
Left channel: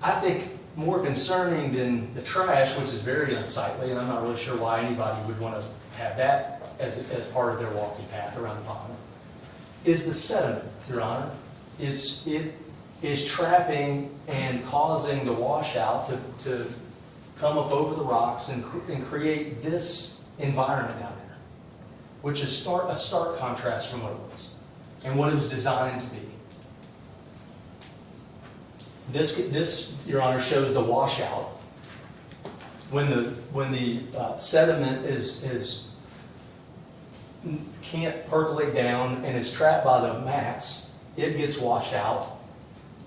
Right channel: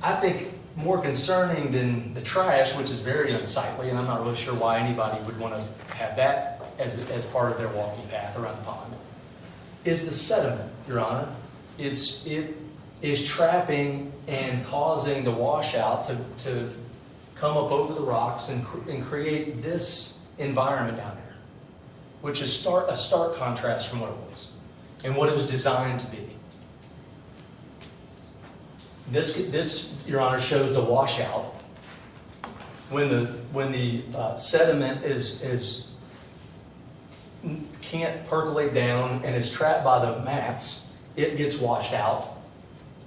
I think more concerning than the trash, which is very unsightly, and I'm not really sure why anybody would want to have that as part of their walking path around the pond, is the sediment, Your Honor. It is trapping and causing the washout to come up over the rocks and create this environment down here, which is a stark contrast from what it was and what it was designed to be. This, Your Honor, shows the washout. When the sediment can't percolate down and is trapped by the mats, it gets washed out.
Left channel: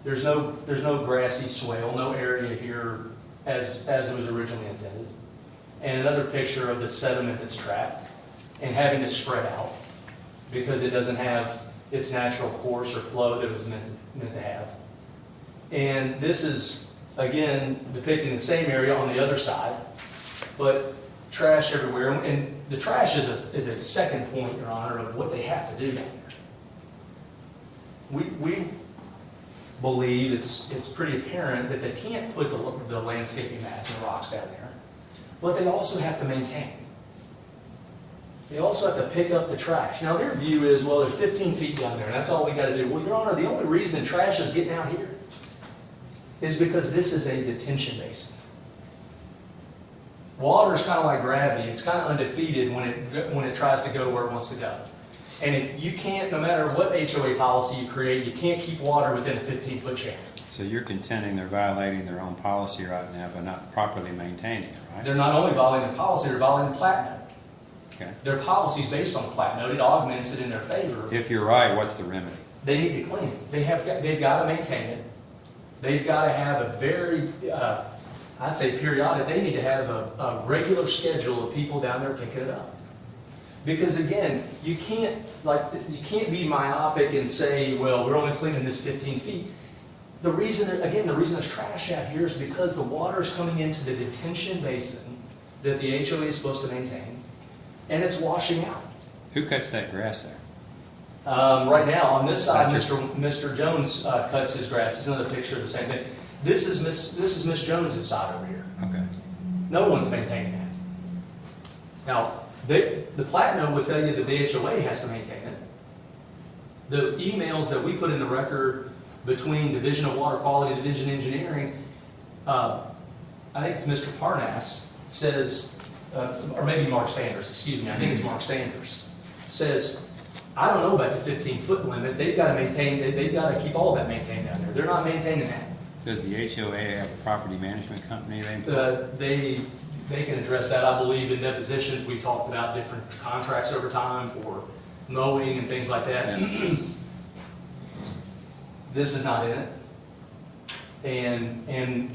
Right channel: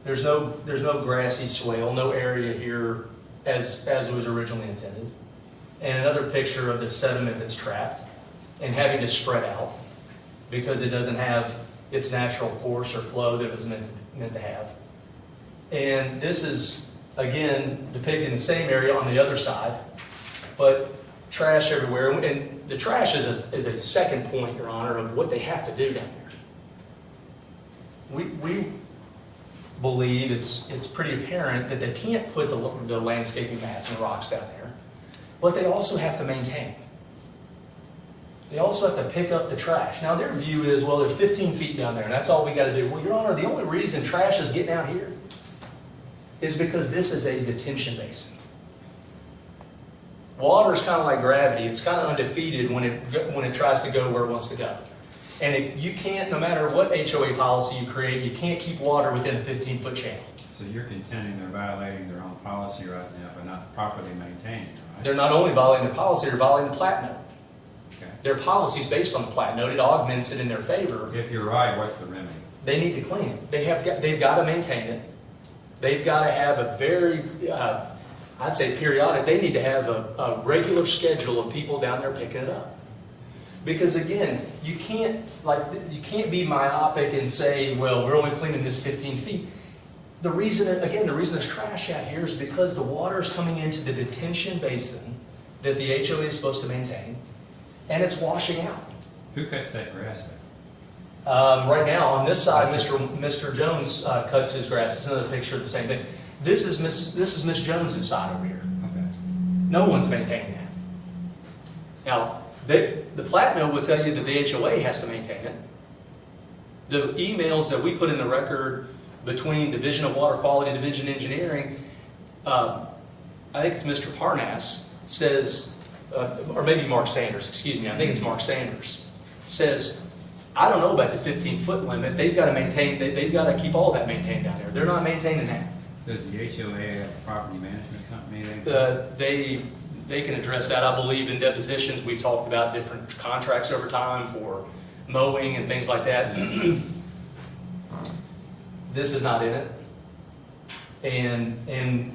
There's no grassy swale, no area here as it was originally intended. And another picture of the sediment that's trapped and having to spread out because it doesn't have its natural course or flow that it was meant to have. And this is, again, depicting the same area on the other side, but trash everywhere. And the trash is a second point, Your Honor, of what they have to do down here. We believe it's pretty apparent that they can't put the landscaping mats and rocks down there, but they also have to maintain. They also have to pick up the trash. Now, their view is, well, there's 15 feet down there, and that's all we got to do. Well, Your Honor, the only reason trash is getting out here is because this is a detention basin. Water is kind of like gravity. It's kind of undefeated when it tries to go where it wants to go. And you can't, no matter what HOA policy you create, you can't keep water within a 15-foot channel. So you're contending they're violating their own policy right now by not properly maintaining it, right? They're not only violating the policy, they're violating the plat note. Okay. Their policy is based on the plat note. It augments it in their favor. If you're right, what's the remedy? They need to clean it. They've got to maintain it. They've got to have a very, I'd say periodic, they need to have a regular schedule of people down there picking it up. Because again, you can't be myopic and say, well, we're only cleaning this 15 feet. The reason there's trash out here is because the water is coming into the detention basin that the HOA is supposed to maintain, and it's washing out. Who cuts that grass there? Right now, on this side, Mr. Jones cuts his grass. This is another picture of the same thing. This is Miss Jones's side over here. Okay. No one's maintaining that. Now, the plat note will tell you that the HOA has to maintain it. The emails that we put in the record between Division of Water Quality, Division of Engineering, I think it's Mr. Parnas, says, or maybe Mark Sanders, excuse me, I think it's Mark Sanders, says, I don't know about the 15-foot limit, they've got to maintain, they've got to keep all that maintained down there. They're not maintaining that. Does the HOA have a property management company? They can address that, I believe, in depositions. We talked about different contracts over time for mowing and things like that. This is not in it. And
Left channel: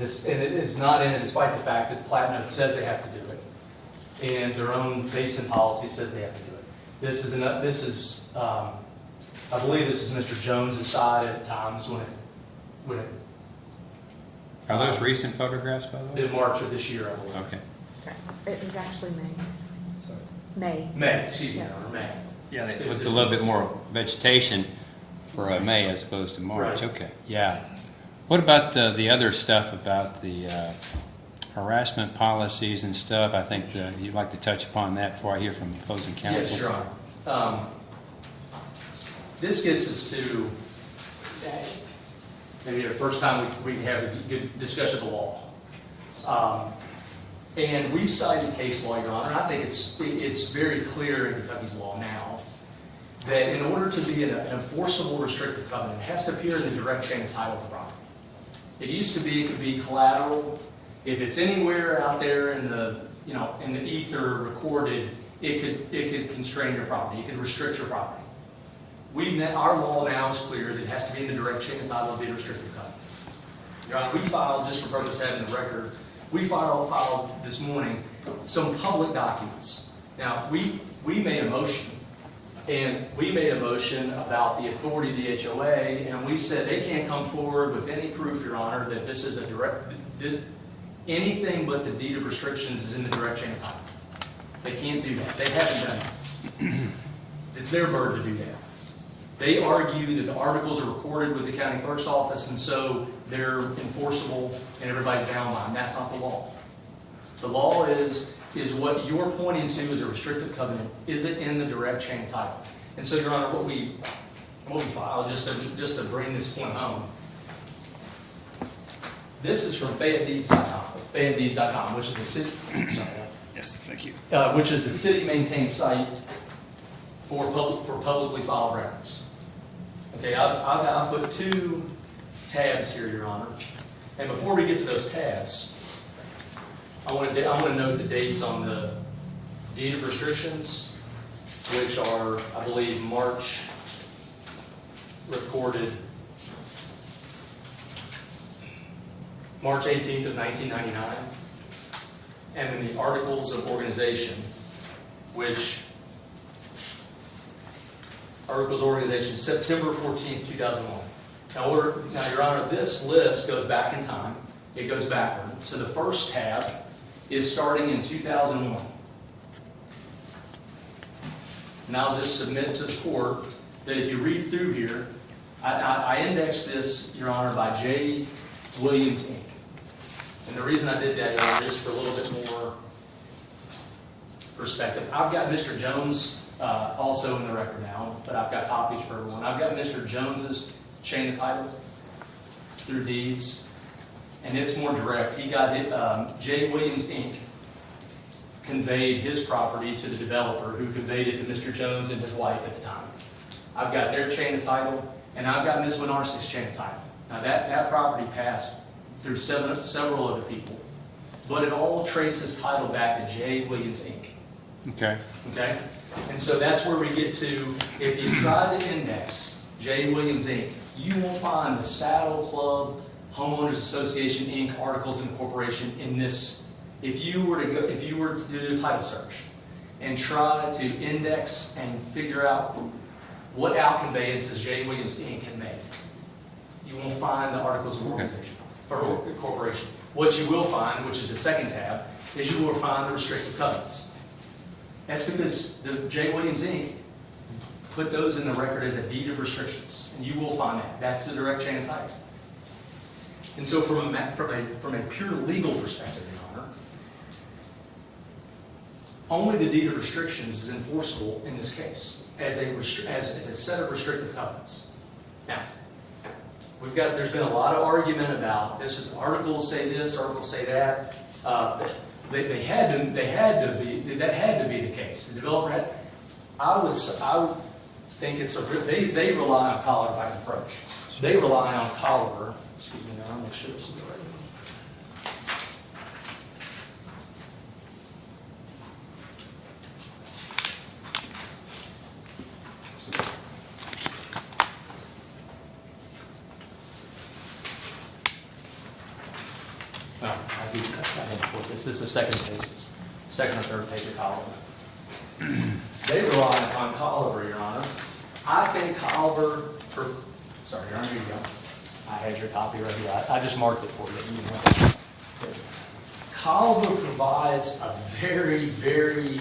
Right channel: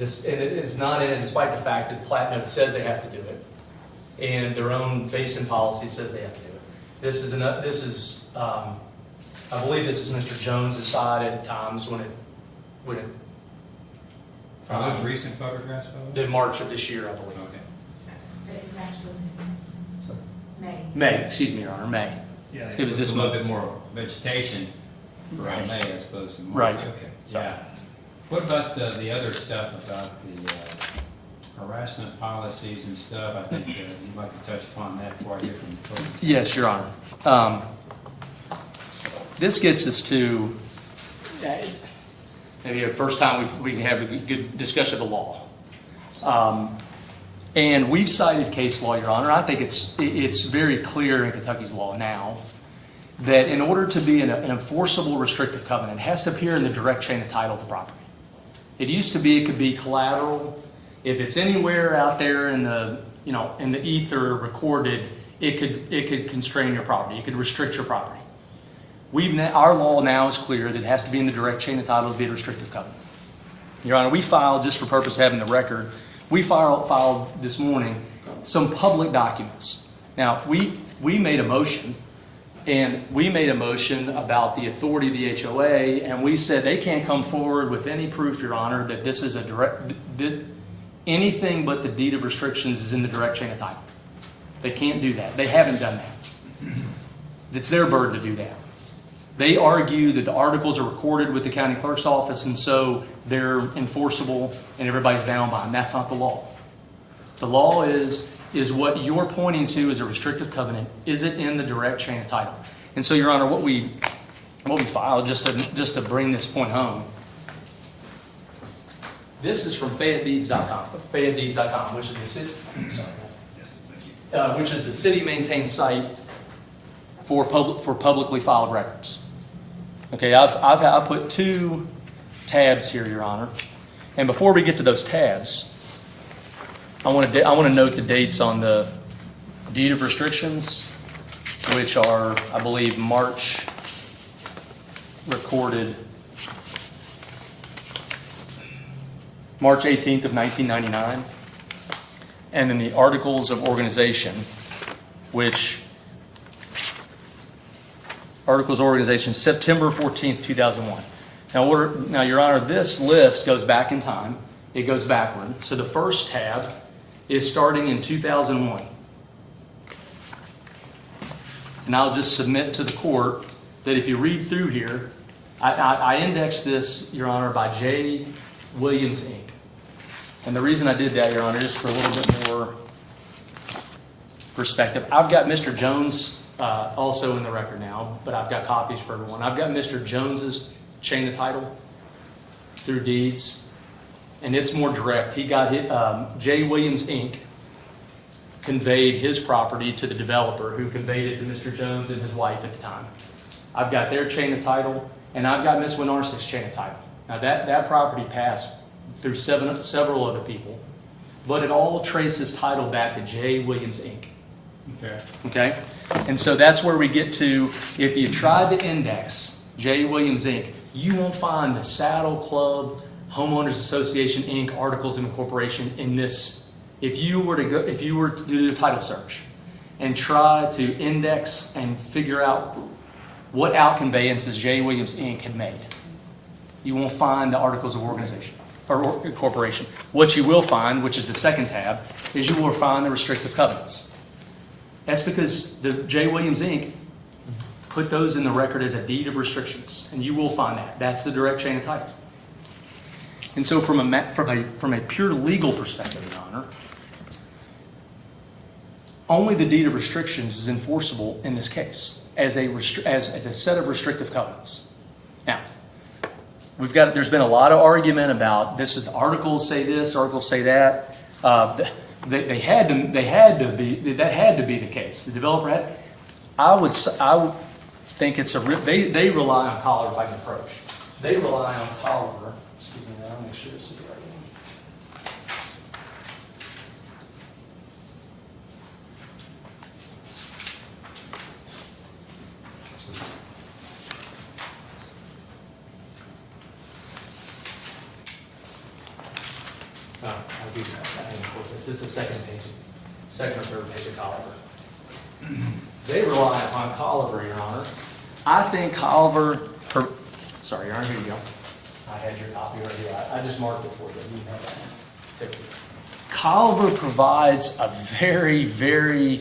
it is not in it despite the fact that the plat note says they have to do it. And their own basin policy says they have to do it. This is, I believe this is Mr. Jones's side at times when it Are those recent photographs, by the way? the March of this year, I believe. Okay. It was actually May. May, excuse me, Your Honor, May. Yeah, It it was was this a little one. bit more vegetation for May as opposed to March. Right. Okay, yeah. What about the other stuff about the harassment policies and stuff? I think you'd like to touch upon that before I hear from the opposing counsel. Yes, Your Honor. This gets us to, maybe the first time we can have a good discussion of the law. And we've cited case law, Your Honor. I think it's very clear in Kentucky's law now that in order to be an enforceable restrictive covenant, it has to appear in the direct chain of title to property. It used to be, it could be collateral. If it's anywhere out there in the, in the ether recorded, it could constrain your property. It could restrict your property. Our law now is clear that it has to be in the direct chain of title to be a restrictive covenant. Your Honor, we filed, just for purpose of having the record, we filed this morning some public documents. Now, we made a motion, and we made a motion about the authority of the HOA, and we said they can't come forward with any proof, Your Honor, that this is anything but the deed of restrictions is in the direct chain of title. They can't do that. They haven't done that. It's their burden to do that. They argue that the articles are recorded with the county clerk's office, and so they're enforceable and everybody's bound by them. That's not the law. The law is what you're pointing to as a restrictive covenant. Is it in the direct chain of title? And so, Your Honor, what we filed, just to bring this point home, this is from FayetteDeeds.com, which is the city. Sorry. Yes, thank you. Which is the city-maintained site for publicly filed records. Okay, I put two tabs here, Your Honor, and before we get to those tabs, I want to note the dates on the deed of restrictions, which are, I believe, March recorded, March 18th of 1999, and then the articles of organization, which Articles of Organization, September 14th, 2001. Now, Your Honor, this list goes back in time. It goes backward. So the first tab is starting in 2001. And I'll just submit to the court that if you read through here, I indexed this, Your Honor, by J. Williams, Inc. And the reason I did that, Your Honor, just for a little bit more perspective, I've got Mr. Jones also in the record now, but I've got copies for everyone. I've got Mr. Jones's chain of title through deeds, and it's more direct. He got it, J. Williams, Inc. conveyed his property to the developer, who conveyed it to Mr. Jones and his wife at the time. I've got their chain of title, and I've got Ms. Winarsik's chain of title. Now, that property passed through several other people, but it all traces title back to J. Williams, Inc. Okay? And so that's where we get to, if you try to index J. Williams, Inc., you won't find the Saddle Club, Homeowners Association, Inc. articles of incorporation in this. If you were to do the title search and try to index and figure out what outconveyances J. Williams, Inc. had made, you won't find the articles of organization or incorporation. What you will find, which is the second tab, is you will find the restrictive covenants. That's because the J. Williams, Inc. put those in the record as a deed of restrictions, and you will find that. That's the direct chain of title. And so from a pure legal perspective, Your Honor, only the deed of restrictions is enforceable in this case as a set of restrictive covenants. Now, there's been a lot of argument about articles say this, articles say that. That had to be the case. The developer had. I would think it's they rely on Colliver, if I can approach. They rely on Colliver. Excuse me, I'll make sure this is the right one. I'll give you that. This is the second or third page of Colliver. They rely upon Colliver, Your Honor. I think Colliver, sorry, Your Honor, here you go. I had your copy right here. I just marked it for you. Here. Colliver provides a very, very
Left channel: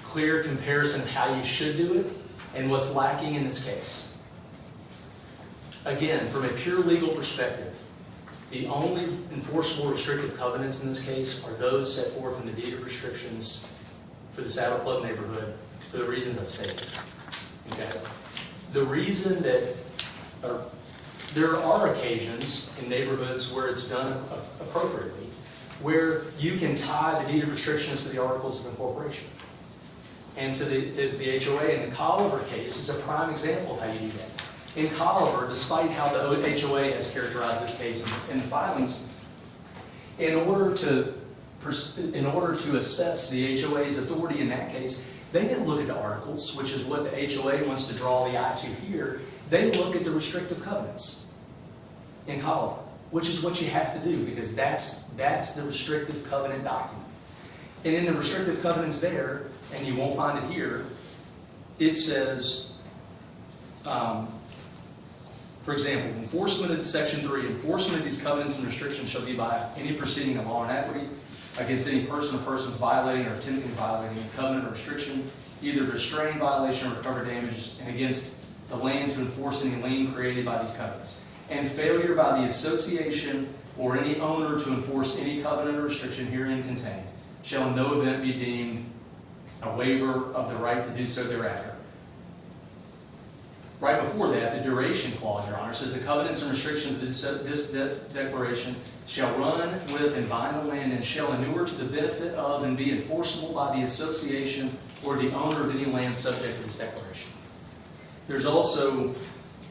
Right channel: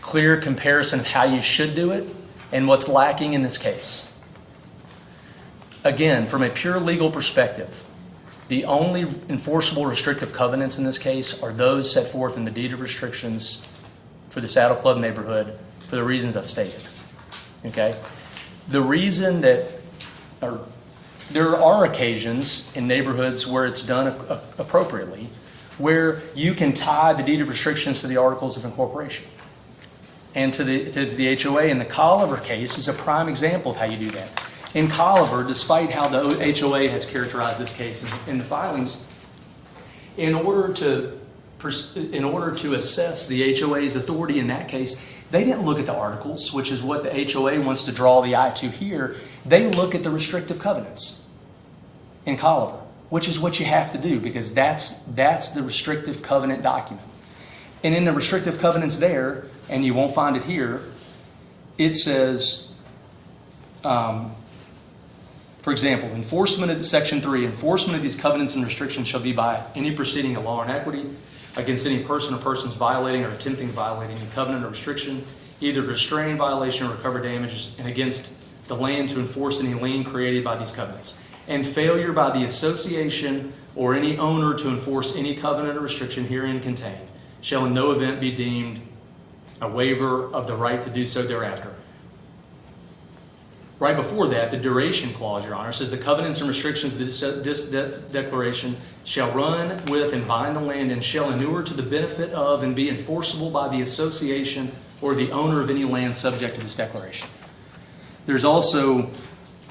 clear comparison of how you should do it and what's lacking in this case. Again, from a pure legal perspective, the only enforceable restrictive covenants in this case are those set forth in the deed of restrictions for the Saddle Club neighborhood for the reasons I've stated. Okay? The reason that, there are occasions in neighborhoods where it's done appropriately, where you can tie the deed of restrictions to the articles of incorporation and to the HOA. And the Colliver case is a prime example of how you do that. In Colliver, despite how the HOA has characterized this case in the filings, in order to assess the HOA's authority in that case, they didn't look at the articles, which is what the HOA wants to draw the eye to here. They look at the restrictive covenants in Colliver, which is what you have to do because that's the restrictive covenant document. And in the restrictive covenants there, and you won't find it here, it says, for example, enforcement of Section 3, enforcement of these covenants and restrictions shall be by any proceeding of law and equity against any person or persons violating or attempting to violate any covenant or restriction, either restrain violation or recover damages, and against the land to enforce any lien created by these covenants. And failure by the association or any owner to enforce any covenant or restriction herein contained shall in no event be deemed a waiver of the right to do so thereafter. Right before that, the duration clause, Your Honor, says the covenants and restrictions of this declaration shall run with and bind the land and shall inure to the benefit of and be enforceable by the association or the owner of any land subject to this declaration. There's also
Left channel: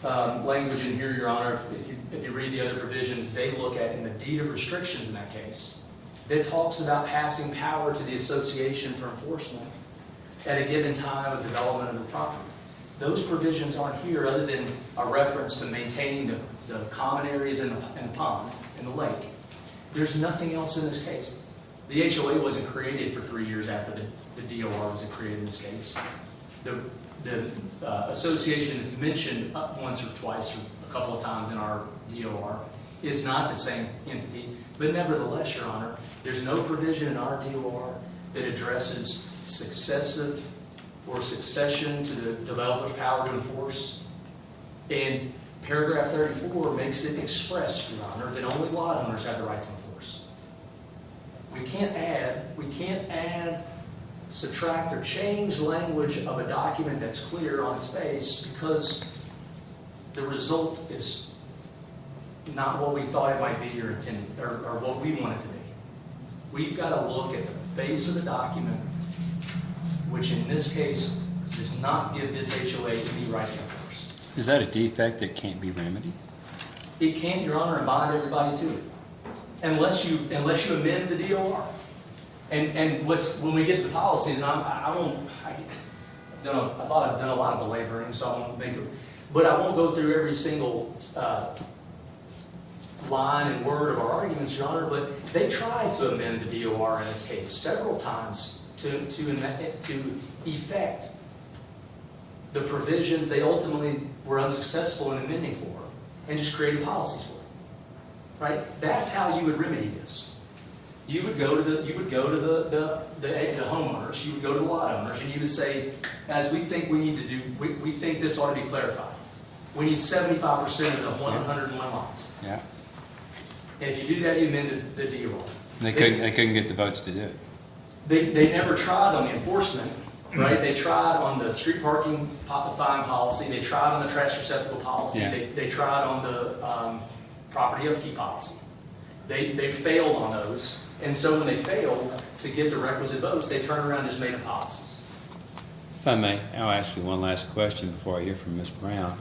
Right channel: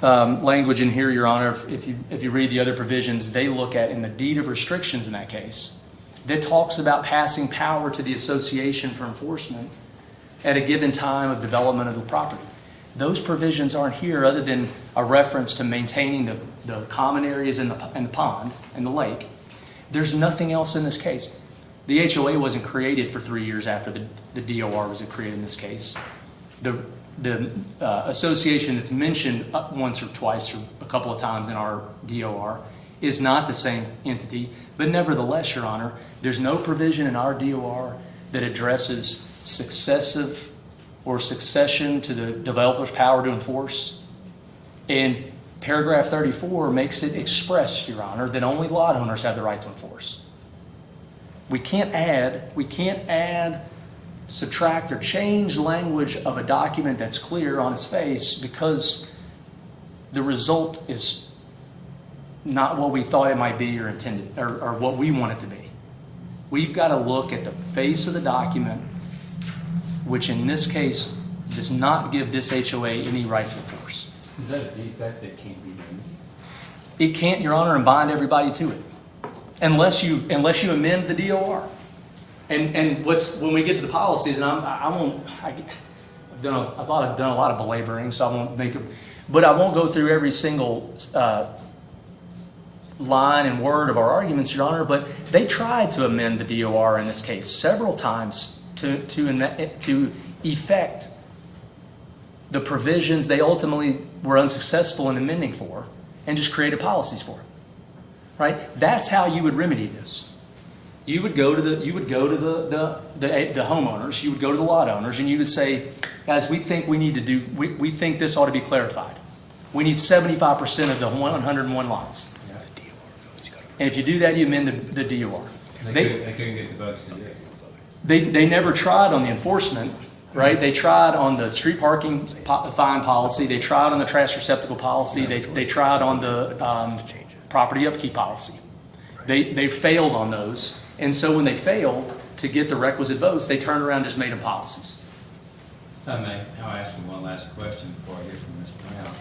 language in here, Your Honor, if you read the other provisions, they look at in the deed of restrictions in that case, that talks about passing power to the association for enforcement at a given time of development of the property. Those provisions aren't here other than a reference to maintaining the common areas in the pond and the lake. There's nothing else in this case. The HOA wasn't created for 3 years after the DOR was created in this case. The association that's mentioned once or twice or a couple of times in our DOR is not the same entity. But nevertheless, Your Honor, there's no provision in our DOR that addresses successive or succession to the developer's power to enforce. And paragraph 34 makes it express, Your Honor, that only lot owners have the right to enforce. We can't add, subtract, or change language of a document that's clear on its face because the result is not what we thought it might be or intended, or what we want it to be. We've got to look at the face of the document, which in this case does not give this HOA any right to enforce. Is that a defect that can't be remedied? It can't, Your Honor, and bind everybody to it, unless you amend the DOR. And when we get to the policies, and I've done a lot of belaboring, so I won't make it, but I won't go through every single line and word of our arguments, Your Honor. But they tried to amend the DOR in this case several times to effect the provisions they ultimately were unsuccessful in amending for, and just created policies for it. Right? That's how you would remedy this. You would go to the homeowners, you would go to the lot owners, and you would say, guys, we think we think this ought to be clarified. We need 75% of the 101 lots. Yeah. And if you do that, you amend the DOR. They couldn't get the votes to do it. They never tried on the enforcement, right? They tried on the street parking fine policy, they tried on the trash receptacle policy, Yeah. they tried on the property upkeep policy. They failed on those, and so when they failed to get the requisite votes, they turned around and just made up policies. If I may, I'll ask you one last question before I hear from Ms. Brown.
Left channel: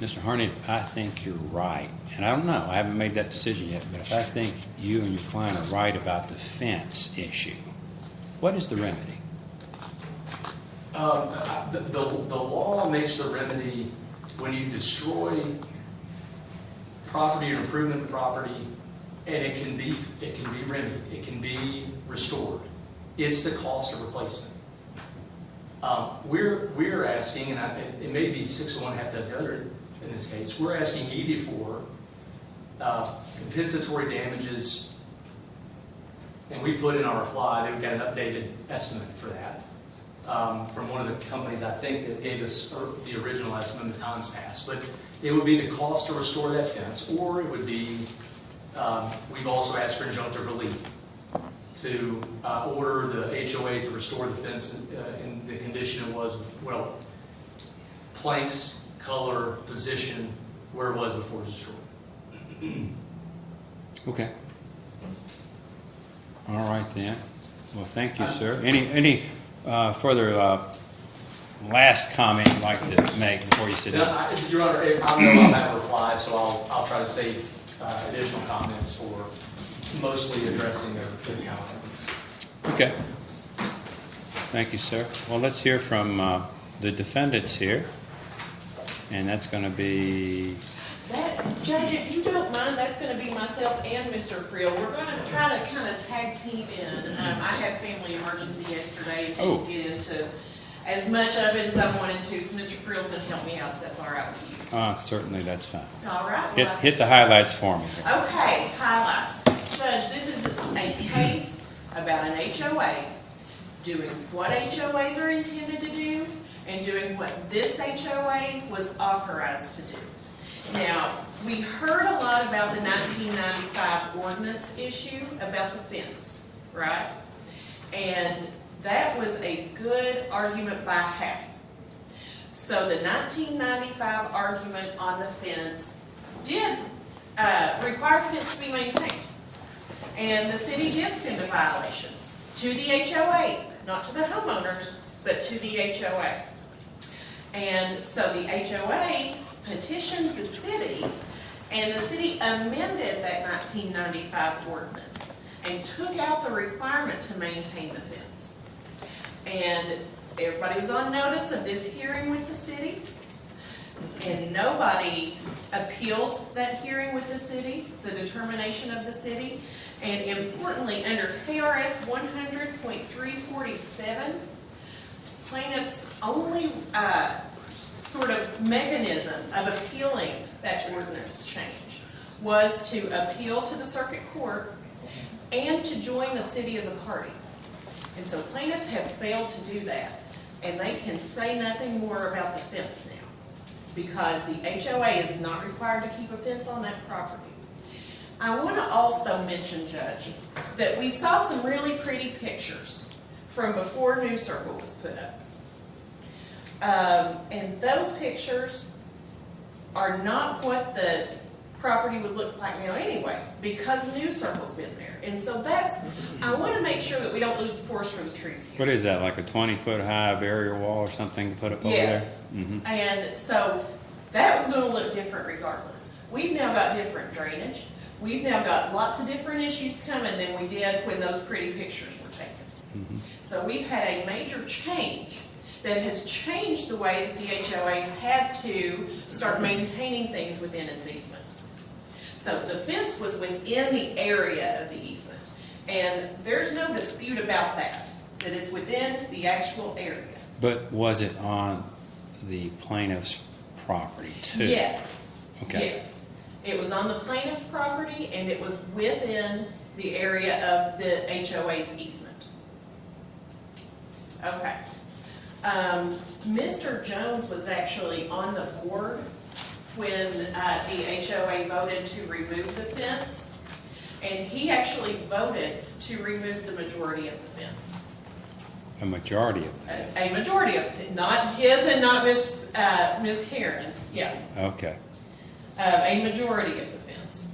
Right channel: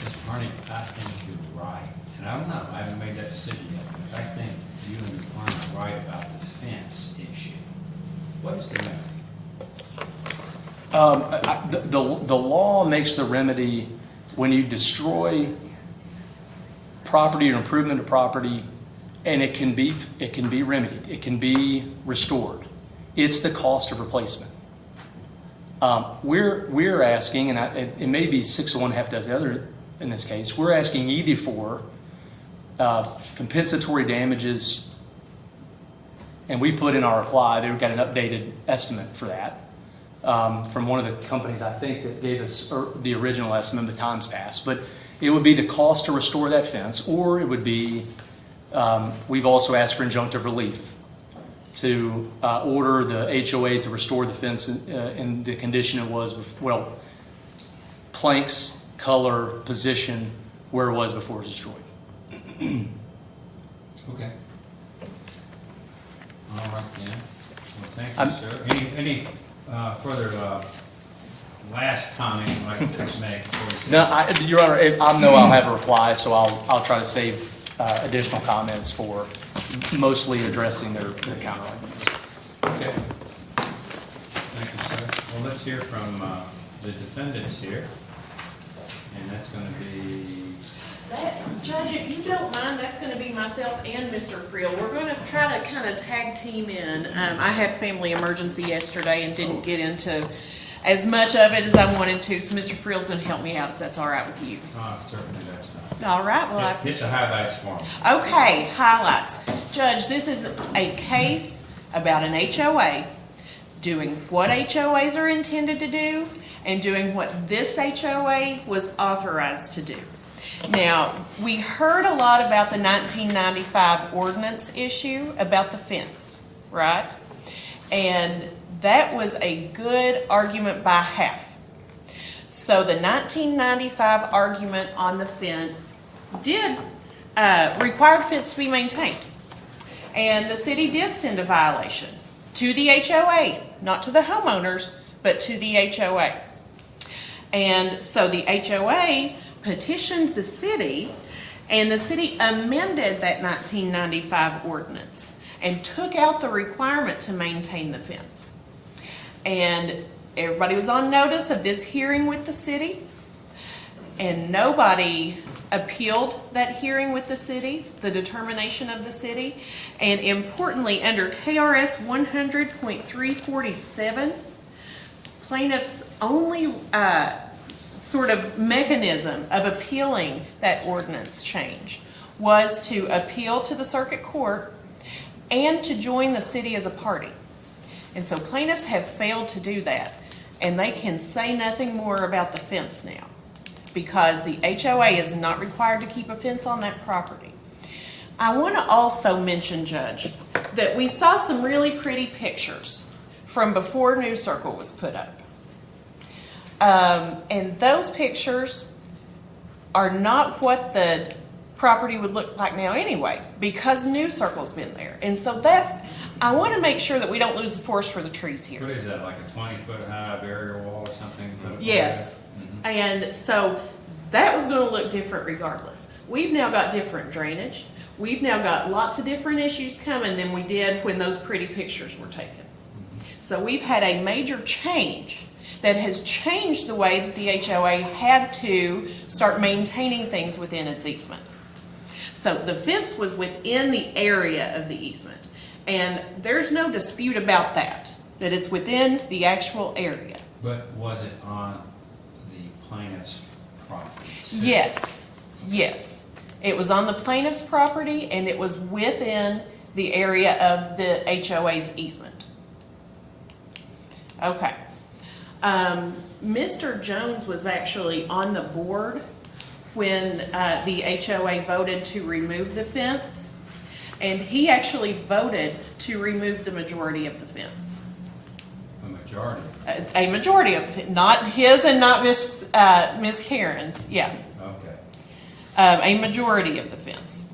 Mr. Harney, I think you're right, and I don't know, I haven't made that decision yet, but if I think you and your client are right about the fence issue, what is the remedy? The law makes the remedy when you destroy property or improvement of property, and it can be remedied, it can be restored. It's the cost of replacement. We're asking, and it may be 6 of one, half dozen the other in this case, we're asking either for compensatory damages, and we put in our reply, they've got an updated estimate for that from one of the companies, I think, that gave us the original estimate, the times passed. But it would be the cost to restore that fence, or it would be, we've also asked for injunctive relief to order the HOA to restore the fence in the condition it was, well, planks, color, position, where it was before it was destroyed. Okay. All right then. Well, thank you, sir. Any further last comment you'd like to make before you sit No, down? Your Honor, I know I'll have a reply, so I'll try to save additional comments for mostly addressing their counterarguments. Okay. Thank you, sir. Well, let's hear from the defendants here, and that's going to be, Judge, if you don't mind, that's gonna be myself and Mr. Friel. We're gonna try to kind of tag team in. I had family emergency yesterday and Oh. didn't get into as much of it as I wanted to, so Mr. Friel's gonna help me out if that's all right with you. certainly that's fine. All right, well, Hit the highlights for me. Okay, highlights. Judge, this is a case about an HOA doing what HOAs are intended to do and doing what this HOA was authorized to do. Now, we heard a lot about the 1995 ordinance issue about the fence, right? And that was a good argument by half. So the 1995 argument on the fence did require the fence to be maintained. And the city did send a violation to the HOA, not to the homeowners, but to the HOA. And so the HOA petitioned the city, and the city amended that 1995 ordinance and took out the requirement to maintain the fence. And everybody was on notice of this hearing with the city, and nobody appealed that hearing with the city, the determination of the city. And importantly, under KRS 100.347, plaintiffs' only sort of mechanism of appealing that ordinance change was to appeal to the circuit court and to join the city as a party. And so plaintiffs have failed to do that, and they can say nothing more about the fence now because the HOA is not required to keep a fence on that property. I want to also mention, Judge, that we saw some really pretty pictures from before New Circle was put up. And those pictures are not what the property would look like now anyway, because New Circle's been there. And so I want to make sure that we don't lose the forest for the trees here. What is that, like a 20-foot high barrier wall or something to put up over there? Yes. Mhm. And so that was going to look different regardless. We've now got different drainage. We've now got lots of different issues coming than we did when those pretty pictures were taken. So we've had a major change that has changed the way that the HOA had to start maintaining things within its easement. So the fence was within the area of the easement, and there's no dispute about that it's within the actual area. But was it on the plaintiff's property too? Yes, Okay. yes. It was on the plaintiff's property, and it was within the area of the HOA's easement. Okay. Mr. Jones was actually on the board when the HOA voted to remove the fence. And he actually voted to remove the majority of the fence. A majority of them. A majority of it, not his and not Miss Karen's, yeah. Okay. A majority of the fence.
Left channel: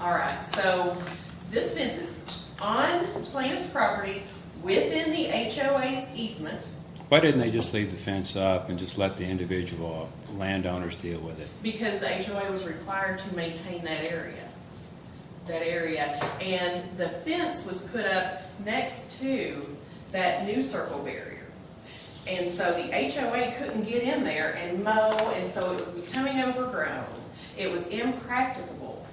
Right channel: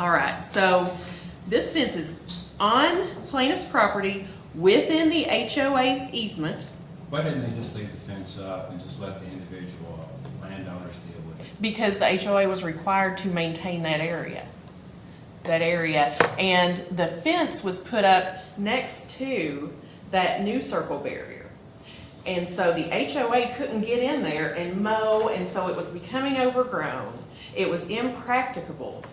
All right, so this fence is on plaintiff's property within the HOA's easement Why didn't they just leave the fence up and just let the individual landowners deal with it? because the HOA was required to maintain that area. And the fence was put up next to that new circle barrier. And so the HOA couldn't get in there and mow, and so it was becoming overgrown. It was impracticable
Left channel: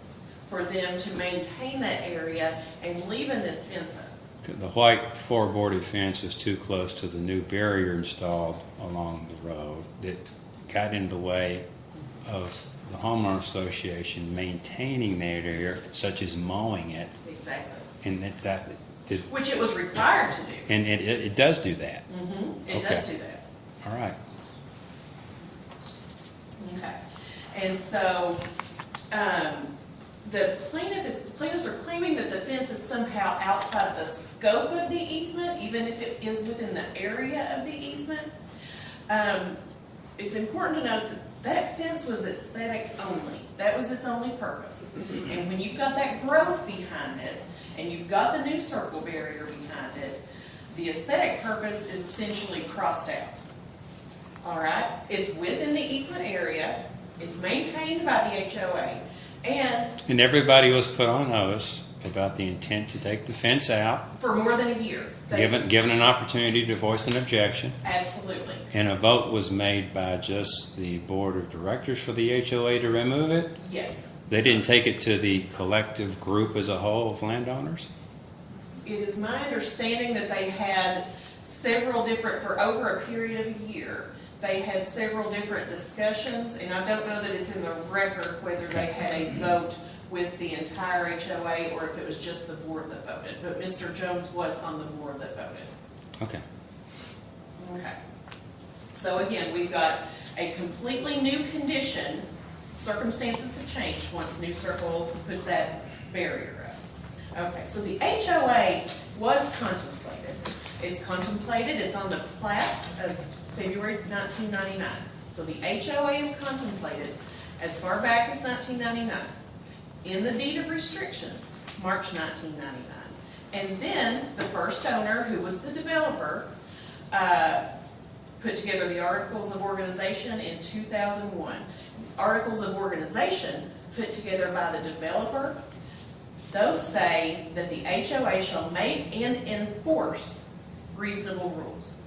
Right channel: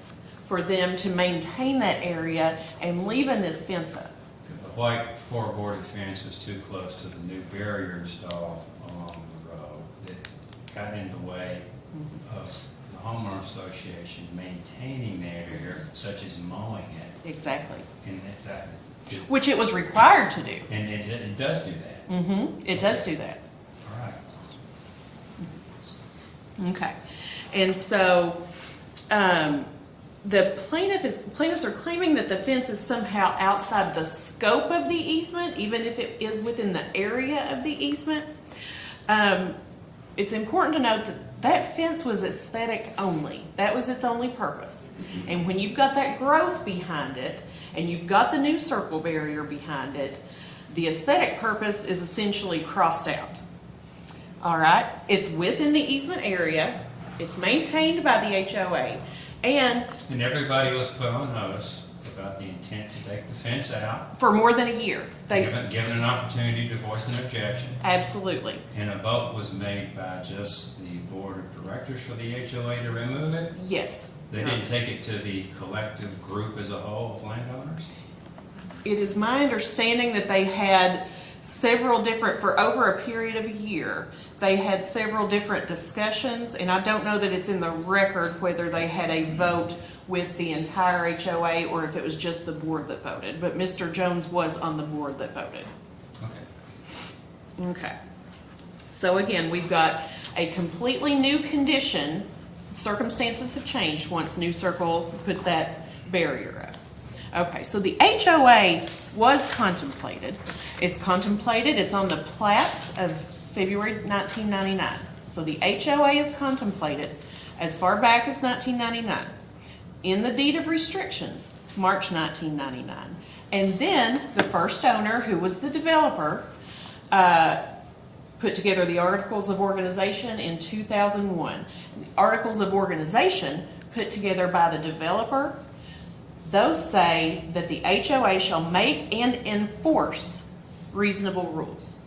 for them to maintain that area and leaving this fence up. The white floorboarded fence is too close to the new barrier installed along the road. It got in the way of the homeowner association maintaining that area, such as mowing it, Exactly. and Which it was required to do. it does do that. It does Okay. do that. All right. Okay. And so, the plaintiffs are claiming that the fence is somehow outside the scope of the easement, even if it is within the area of the easement. It's important to note that that fence was aesthetic only. That was its only purpose. And when you've got that growth behind it, and you've got the new circle barrier behind it, the aesthetic purpose is essentially crossed out. All right? It's within the easement area, it's maintained by the HOA, and everybody was put on notice about the intent to take the fence out, for more than a year. given an opportunity to voice an objection, Absolutely. and a vote was made by just the board of directors for the HOA to remove it. Yes. They didn't take it to the collective group as a whole of landowners? It is my understanding that they had several different, for over a period of a year, they had several different discussions, and I don't know that it's in the record whether they had a vote with the entire HOA or if it was just the board that voted. But Mr. Jones was on the board that voted. Okay. Okay. So again, we've got a completely new condition. Circumstances have changed once New Circle put that barrier up. Okay, so the HOA was contemplated. It's contemplated, it's on the plats of February 1999. So the HOA is contemplated as far back as 1999. In the deed of restrictions, March 1999. And then the first owner, who was the developer, put together the Articles of Organization in 2001. The Articles of Organization put together by the developer, those say that the HOA shall make and enforce reasonable rules.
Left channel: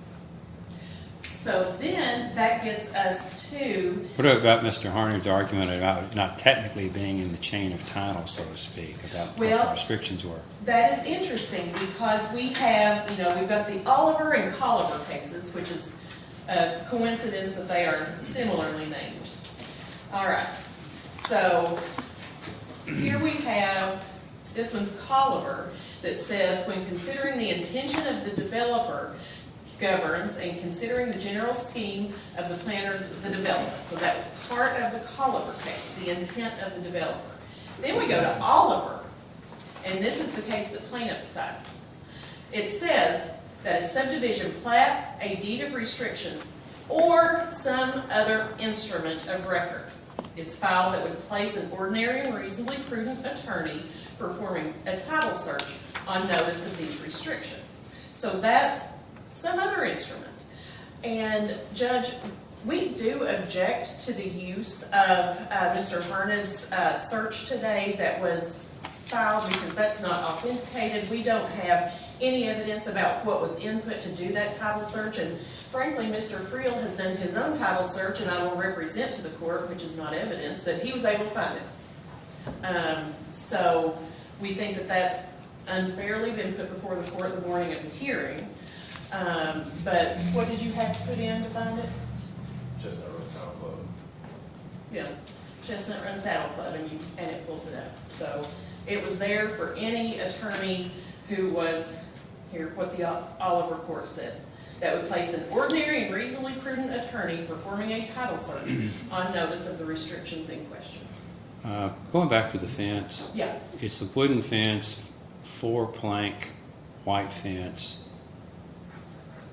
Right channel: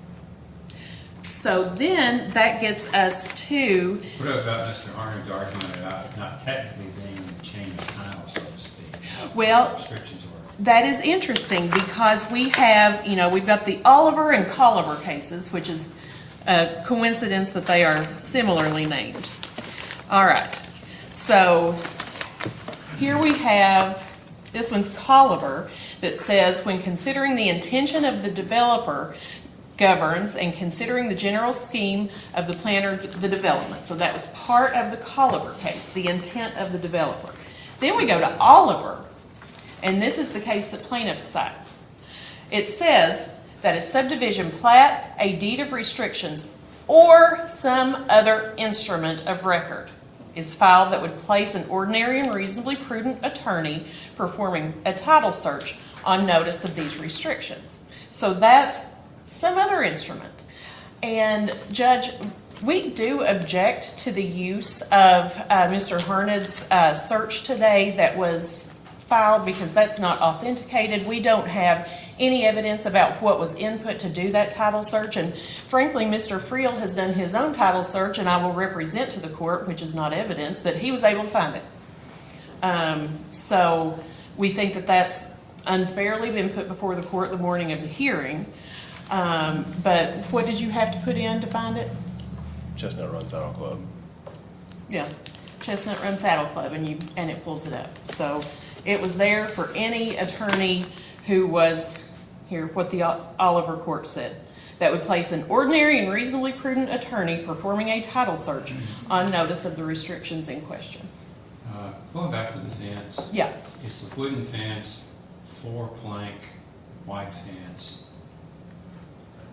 So then that gets us to, What about Mr. Harner's argument about it not technically being in the chain of title, so to speak, about what the restrictions were? that is interesting because we have, we've got the Oliver and Colliver cases, which is a coincidence that they are similarly named. All right, so here we have, this one's Colliver, that says when considering the intention of the developer governs and considering the general scheme of the plan or the development. So that was part of the Colliver case, the intent of the developer. Then we go to Oliver, and this is the case that plaintiffs cite. It says that a subdivision plat, a deed of restrictions, or some other instrument of record is filed that would place an ordinary and reasonably prudent attorney performing a title search on notice of these restrictions. So that's some other instrument. And Judge, we do object to the use of Mr. Hernan's search today that was filed because that's not authenticated. We don't have any evidence about what was input to do that title search. And frankly, Mr. Friel has done his own title search, and I will represent to the court, which is not evidence, that he was able to find it. So we think that that's unfairly been put before the court the morning of the hearing. But what did you have to put in to find it? Chestnut Run Saddle Club. Yeah, Chestnut Run Saddle Club, and it pulls it up. So it was there for any attorney who was, here, what the Oliver court said, that would place an ordinary and reasonably prudent attorney performing a title search on notice of the restrictions in question. Going back to the fence, Yeah. it's a wooden fence, 4-plank, white fence.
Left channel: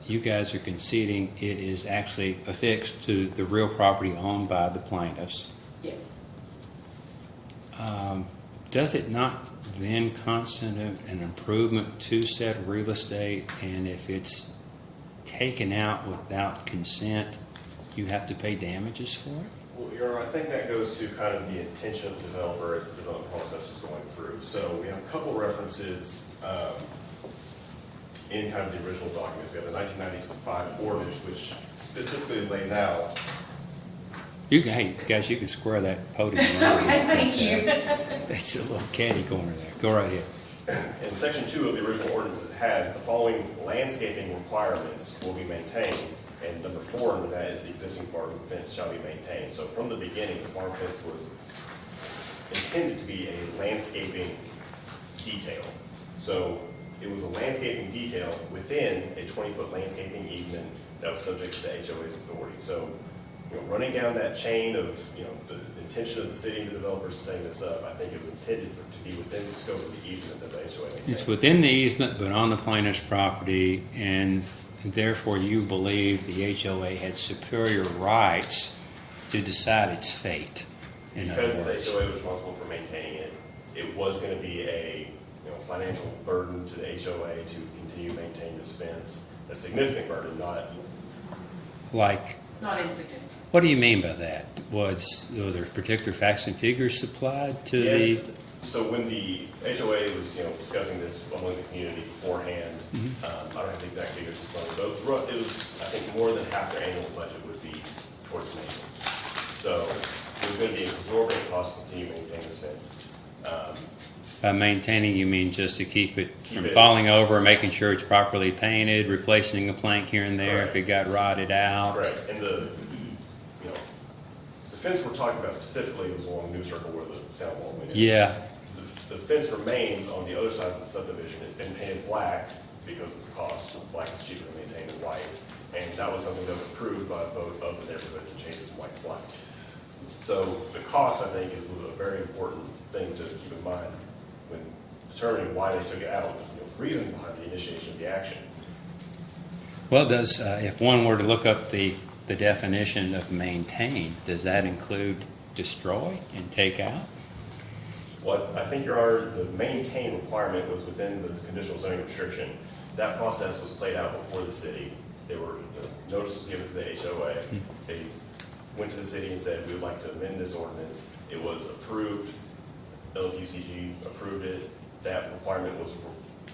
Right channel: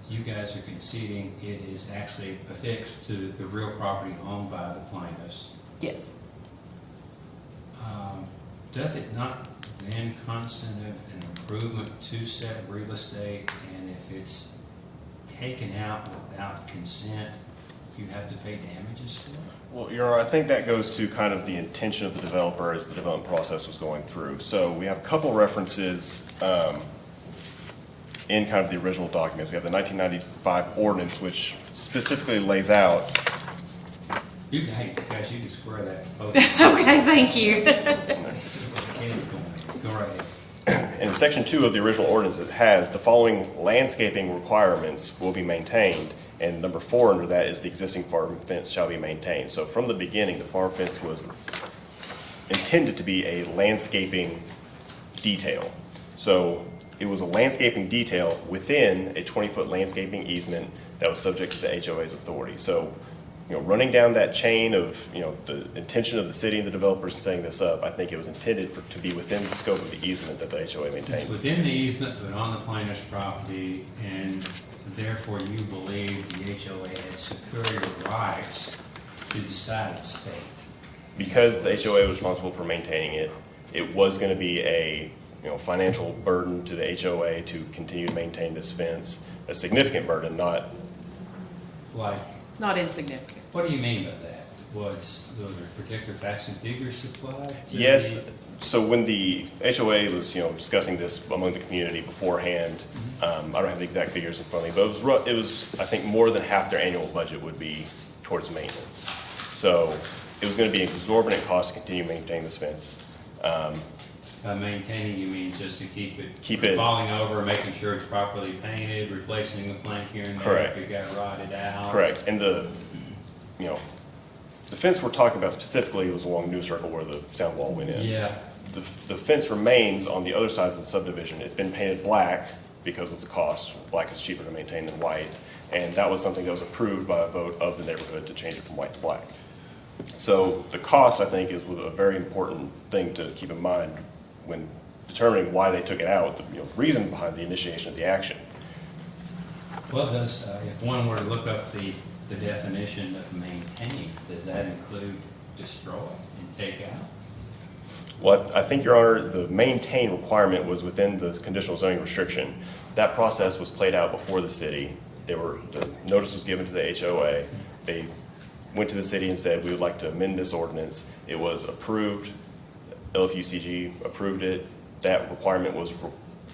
You guys are conceding it is actually affixed to the real property owned by the plaintiffs. Yes. Does it not then constitute an improvement to said real estate? And if it's taken out without consent, you have to pay damages for it? Well, Your Honor, I think that goes to kind of the intention of the developer as the development process was going through. So we have a couple references in kind of the original documents. We have the 1995 ordinance, which specifically lays out. Hey, guys, you can square that podium. Okay, thank you. It's a little candy corner there. Go right ahead. In section 2 of the original ordinance, it has the following landscaping requirements will be maintained. And number 4 under that is the existing farm fence shall be maintained. So from the beginning, the farm fence was intended to be a landscaping detail. So it was a landscaping detail within a 20-foot landscaping easement that was subject to the HOA's authority. So, running down that chain of, the intention of the city and the developers setting this up, I think it was intended to be within the scope of the easement that the HOA maintained. It's within the easement, but on the plaintiff's property, and therefore you believe the HOA had superior rights to decide its fate. Because the HOA was responsible for maintaining it, it was going to be a financial burden to the HOA to continue to maintain this fence, a significant burden, not. Like, Not insignificant. what do you mean by that? Were there particular facts and figures supplied to Yes. So when the HOA was discussing this among the community beforehand, I don't have the exact figures in front of me, but it was I think more than half their annual budget would be towards maintenance. So it was going to be an exorbitant cost to continue maintaining this fence. Maintaining, you mean just to keep it Keep from it- falling over, making sure it's properly painted, replacing a plank here and there if Correct. it got rotted out? Correct. And the fence we're talking about specifically was along New Circle where the sound wall went in. Yeah, The fence remains on the other sides of the subdivision. It's been painted black because of the cost. Black is cheaper to maintain than white. And that was something that was approved by a vote of the neighborhood to change it from white to black. So the cost, I think, is a very important thing to keep in mind when determining why they took it out, the reason behind the initiation of the action. well, if one were to look up the definition of maintain, does that include destroy and take out? Well, I think, Your Honor, the maintain requirement was within the conditional zoning restriction. That process was played out before the city. The notice was given to the HOA. They went to the city and said, we would like to amend this ordinance. It was approved. LFUCG approved it. That requirement was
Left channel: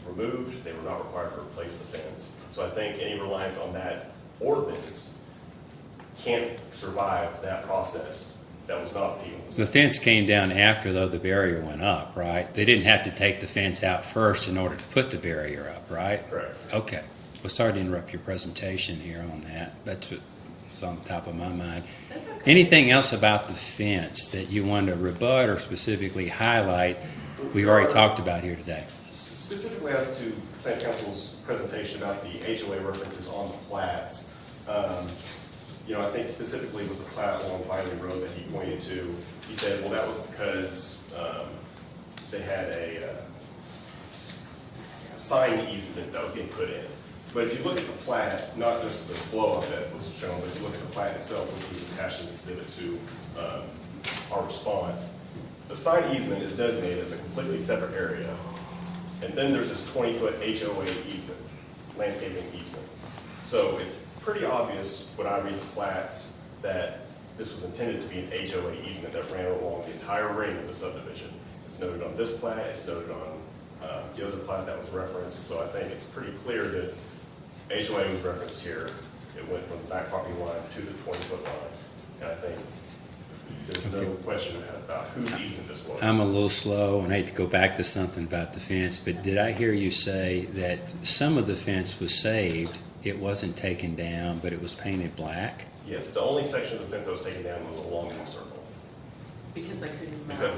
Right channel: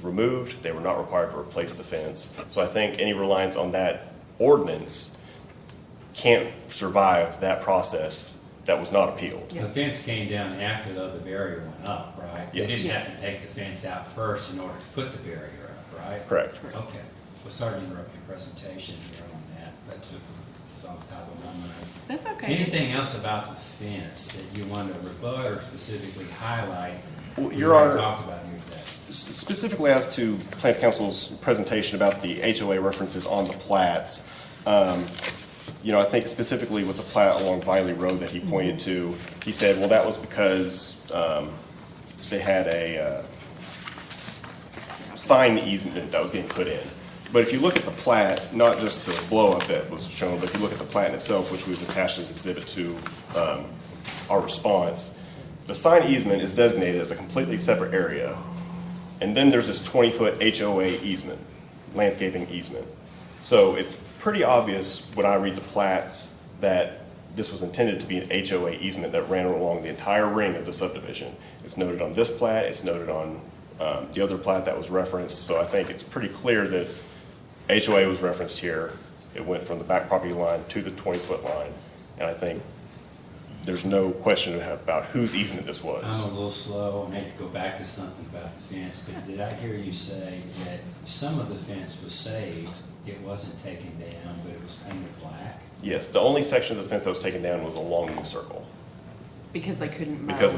removed. They were not required to replace the fence. So I think any reliance on that ordinance can't survive that process that was not appealed. The fence came down after, though, the barrier went up, right? They didn't have to take the fence out first in order to put the barrier up, right? Correct. Okay. Well, sorry to interrupt your presentation here on that. That's what was on the top of my mind. That's okay. Anything else about the fence that you wanted to rebut or specifically highlight Well, we've Your already Honor, talked about here today? Specifically as to Plant Council's presentation about the HOA references on the plats, I think specifically with the plat along Viley Road that he pointed to, he said, well, that was because they had a sign easement that was being put in. But if you look at the plat, not just the blow-up that was shown, but if you look at the plat itself, which was attached as exhibit to our response, the sign easement is designated as a completely separate area. And then there's this 20-foot HOA easement, landscaping easement. So it's pretty obvious when I read the plats that this was intended to be an HOA easement that ran along the entire ring of the subdivision. It's noted on this plat, it's noted on the other plat that was referenced. So I think it's pretty clear that HOA was referenced here. It went from the back property line to the 20-foot line. And I think there's no question about whose easement this was. I'm a little slow and hate to go back to something about the fence, but did I hear you say that some of the fence was saved? It wasn't taken down, but it was painted black? Yes, the only section of the fence that was taken down was along the circle Because they couldn't mow. because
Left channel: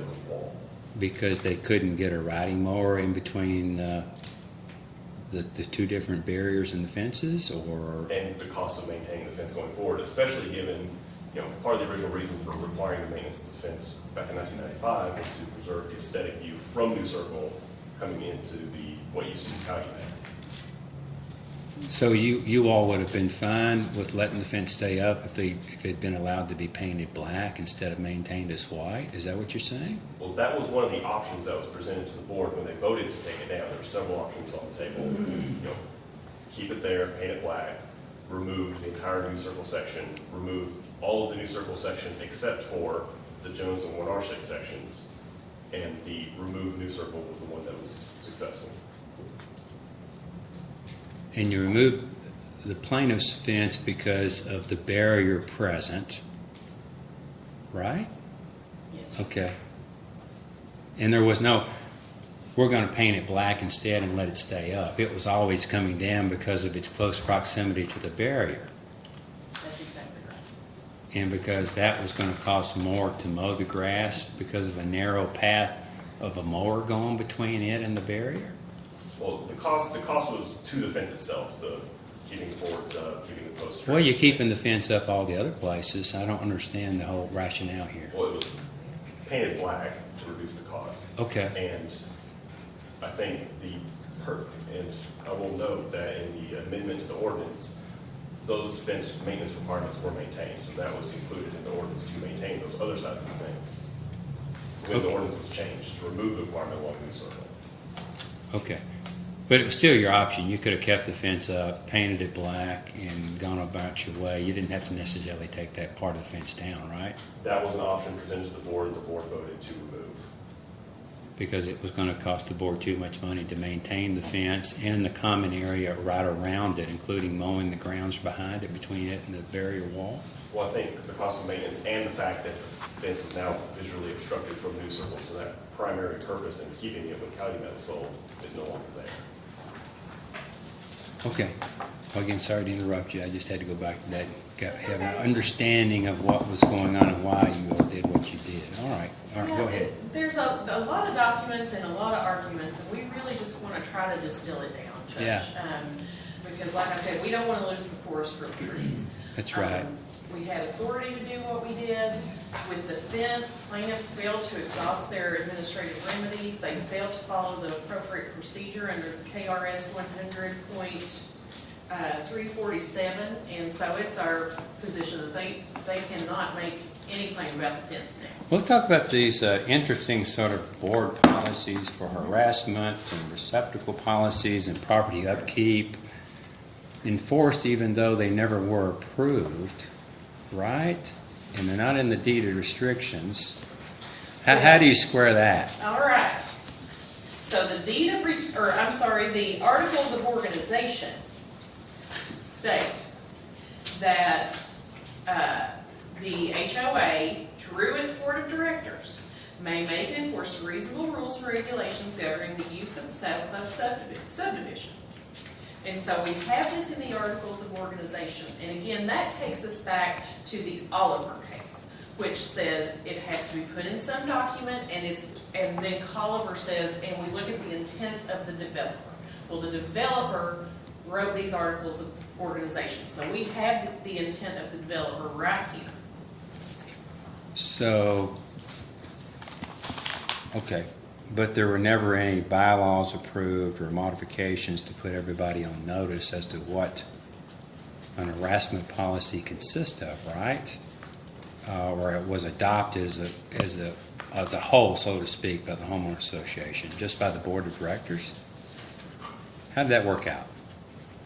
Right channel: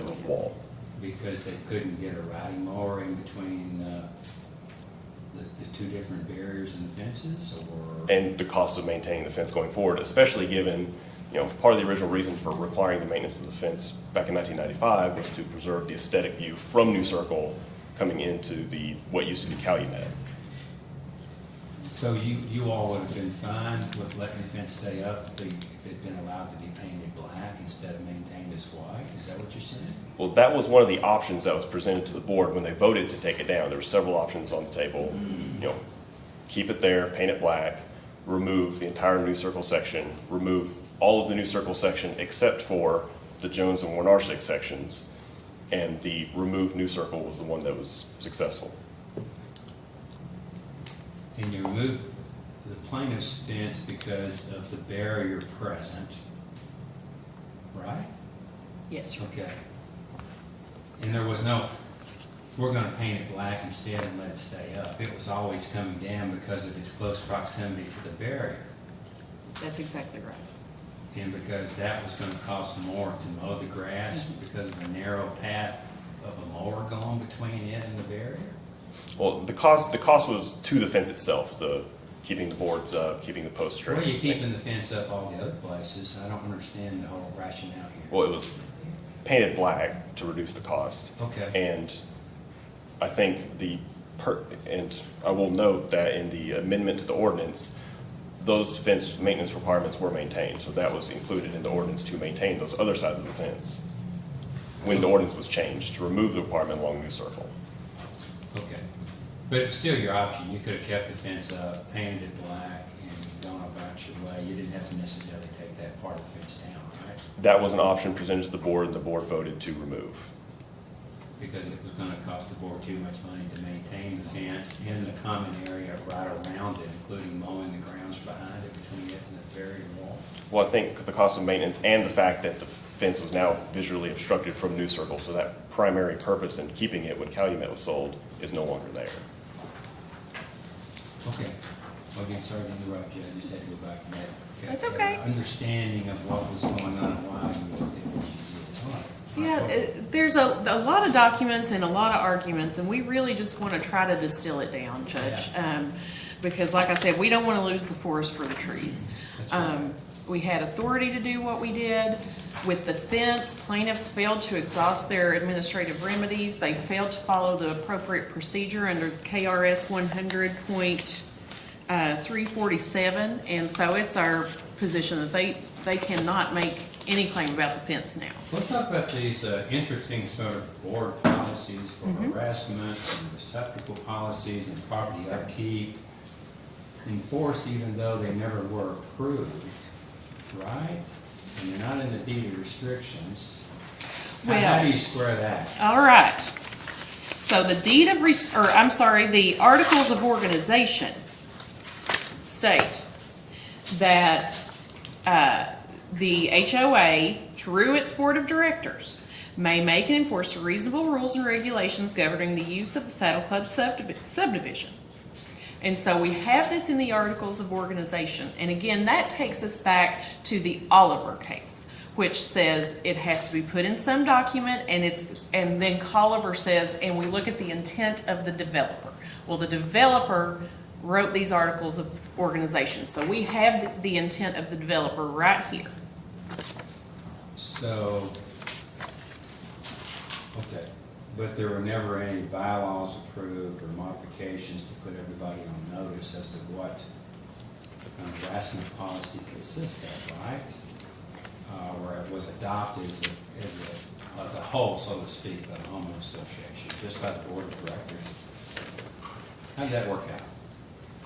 of the wall. Because they couldn't get a riding mower in between the two different barriers and the fences, or? And the cost of maintaining the fence going forward, especially given, part of the original reason for requiring the maintenance of the fence back in 1995 was to preserve the aesthetic view from New Circle coming into what used to be Calumet. So you all would have been fine with letting the fence stay up if it'd been allowed to be painted black instead of maintained as white? Is that what you're saying? Well, that was one of the options that was presented to the board when they voted to take it down. There were several options on the table. Keep it there, paint it black, remove the entire New Circle section, remove all of the New Circle section except for the Jones and Winarsic sections, and the removed New Circle was the one that was successful. And you removed the plaintiff's fence because of the barrier present, right? Yes, sir. Okay. And there was no, we're gonna paint it black instead and let it stay up. It was always coming down because of its close proximity to the barrier. That's exactly right. And because that was gonna cost more to mow the grass because of a narrow path of a mower going between it and the barrier? Well, the cost was to the fence itself, keeping the boards up, keeping the posts straight. Well, you're keeping the fence up all the other places. I don't understand the whole rationale here. Well, it was painted black to reduce the cost. Okay. And I think and I will note that in the amendment to the ordinance, those fence maintenance requirements were maintained. So that was included in the ordinance to maintain those other sides of the fence when the ordinance was changed, to remove the requirement along New Circle. Okay. But it was still your option. You could have kept the fence up, painted it black, and gone about your way. You didn't have to necessarily take that part of the fence down, right? That was an option presented to the board, and the board voted to remove. Because it was gonna cost the board too much money to maintain the fence and the common area right around it, including mowing the grounds behind it, between it and the barrier wall. Well, I think the cost of maintenance and the fact that the fence was now visually obstructed from New Circle, so that primary purpose in keeping it when Calumet was sold is no longer there. Okay. Well, again, sorry to interrupt you. I just had to go back to that. That's Have okay. an understanding of what was going on and why you did what you did. All right. All right, Yeah, go ahead. there's a lot of documents and a lot of arguments, and we really just want to try to distill it down, Judge. Yeah. Because like I said, we don't want to lose the forest for the trees. That's right. We had authority to do what we did. With the fence, plaintiffs failed to exhaust their administrative remedies. They failed to follow the appropriate procedure under KRS 100.347. And so it's our position that they cannot make any claim about the fence now. Let's talk about these interesting sort of board policies for harassment and receptacle policies and property upkeep enforced even though they never were approved, right? And they're not in the deed of restrictions. How do you square that? All right. So the the Articles of Organization state that the HOA, through its Board of Directors, may make and enforce reasonable rules and regulations governing the use of the Saddle Club subdivision. And so we have this in the Articles of Organization. And again, that takes us back to the Oliver case, which says it has to be put in some document, and then Oliver says, and we look at the intent of the developer. Well, the developer wrote these Articles of Organization, so we have the intent of the developer right here. So, okay, but there were never any bylaws approved or modifications to put everybody on notice as to what an harassment policy consists of, right? Or it was adopted as a whole, so to speak, by the homeowner association, just by the board of directors? How did that work out?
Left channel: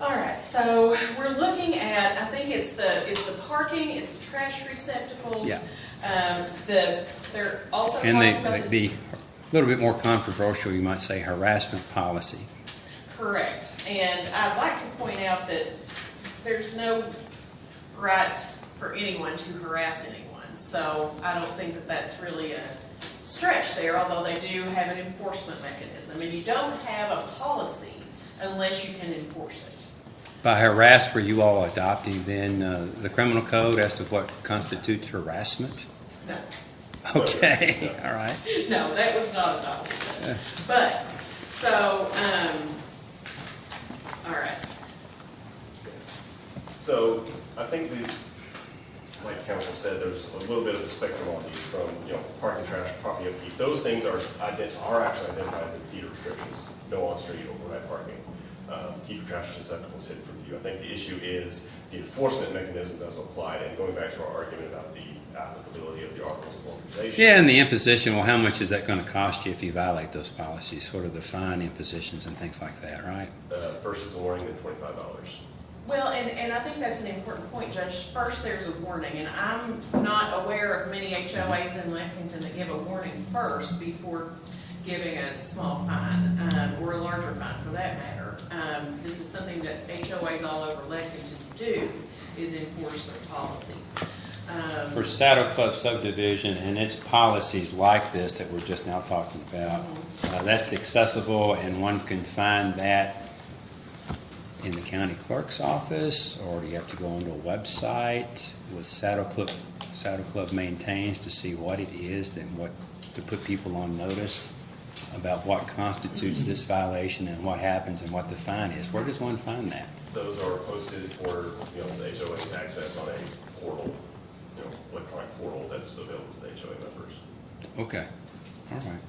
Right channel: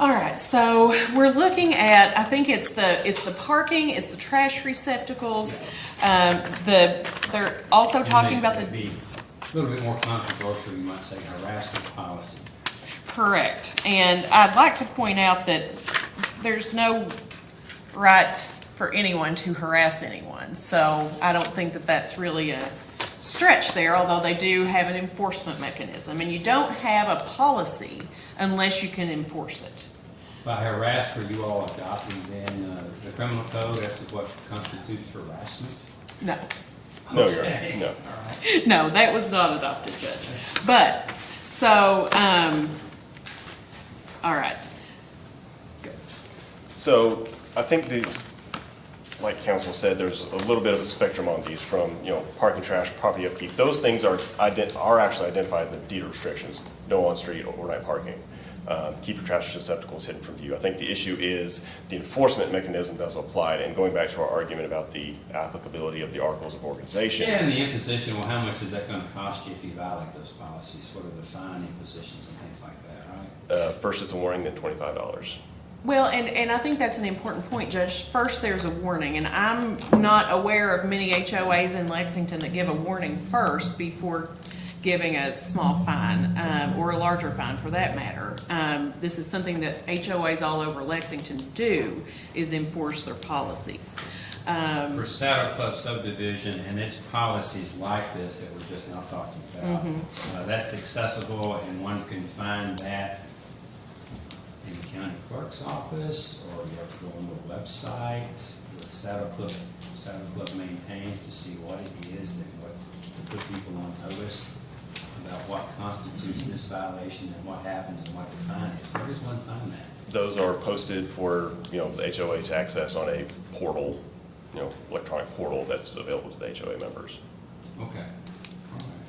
All right, so we're looking at, I think it's the parking, it's the trash receptacles. They're also talking about And they'd be a little bit more controversial, you might say, harassment policy. Correct. And I'd like to point out that there's no right for anyone to harass anyone. So I don't think that that's really a stretch there, although they do have an enforcement mechanism. And you don't have a policy unless you can enforce it. By harass, were you all adopting then the criminal code as to what constitutes harassment? No. No, Okay, no. all right. No, that was not adopted, Judge. But, so, all right. So I think like council said, there's a little bit of a spectrum on these from, parking trash, property upkeep. Those things are actually identified in the deed restrictions, no on-street or overnight parking. Keep your trash receptacles hidden from view. I think the issue is the enforcement mechanism that's applied, and going back to our argument about the applicability of the articles of organization. Yeah, and the imposition, well, how much is that gonna cost you if you violate those policies? Sort of the fine impositions and things like that, right? First it's a warning, then $25. Well, and I think that's an important point, Judge. First, there's a warning, and I'm not aware of many HOAs in Lexington that give a warning first before giving a small fine, or a larger fine for that matter. This is something that HOAs all over Lexington do, is enforce their policies. For Saddle Club subdivision and its policies like this that we're just now talking about, that's accessible and one can find that in the county clerk's office, or you have to go onto a website with Saddle Club maintains to see what it is and what, to put people on notice about what constitutes this violation and what happens and what the fine is. Where does one find that? Those are posted for, the HOA to access on a portal, electronic portal that's available to the HOA members. Okay, all right.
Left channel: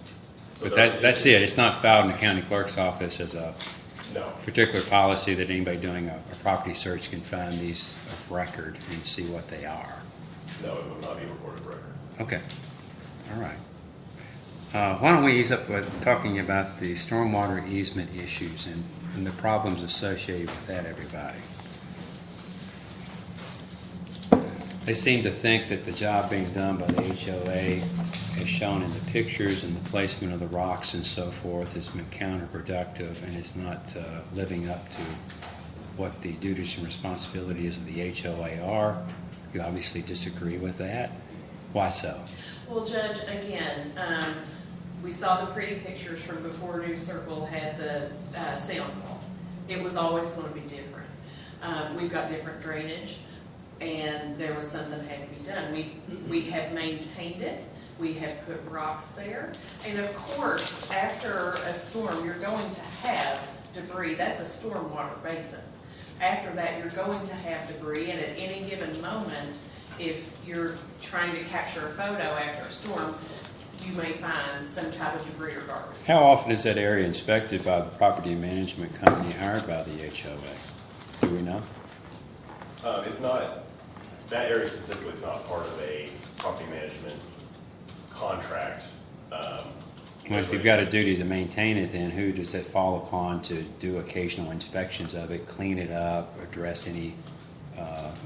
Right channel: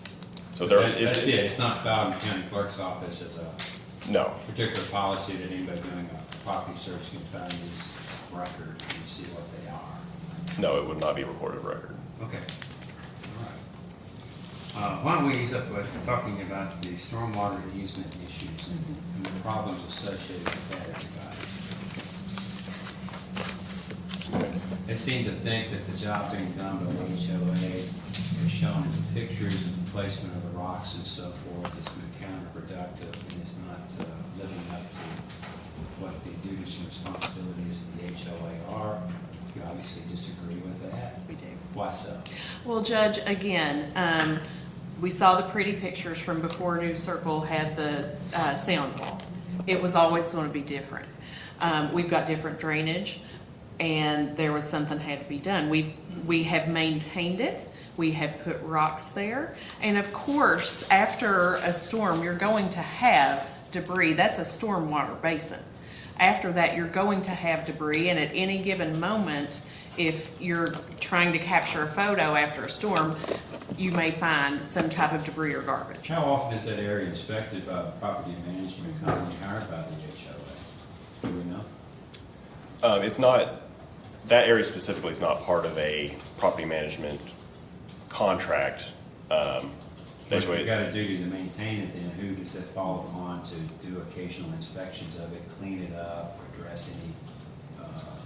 So But that's it, it's not filed in the county clerk's office as a No, particular policy that anybody doing a property search can find these record and see what they are. no, it would not be a recorded record. Okay, all right. Why don't we ease up with talking about the stormwater easement issues and the problems associated with that, everybody? They seem to think that the job being done by the HOA, as shown in the pictures and the placement of the rocks and so forth, has been counterproductive and is not living up to what the duties and responsibilities of the HOA are. You obviously disagree with that. Why so? Well, Judge, again, we saw the pretty pictures from before New Circle had the sound wall. It was always going to be different. We've got different drainage, and there was something had to be done. We have maintained it. We have put rocks there. And of course, after a storm, you're going to have debris. That's a stormwater basin. After that, you're going to have debris, and at any given moment, if you're trying to capture a photo after a storm, you may find some type of debris or garbage. How often is that area inspected by the property management company hired by the HOA? Do we know? It's not, that area specifically is not part of a property management contract. Well, if you've got a duty to maintain it, then who does it fall upon to do occasional inspections of it, clean it up, address any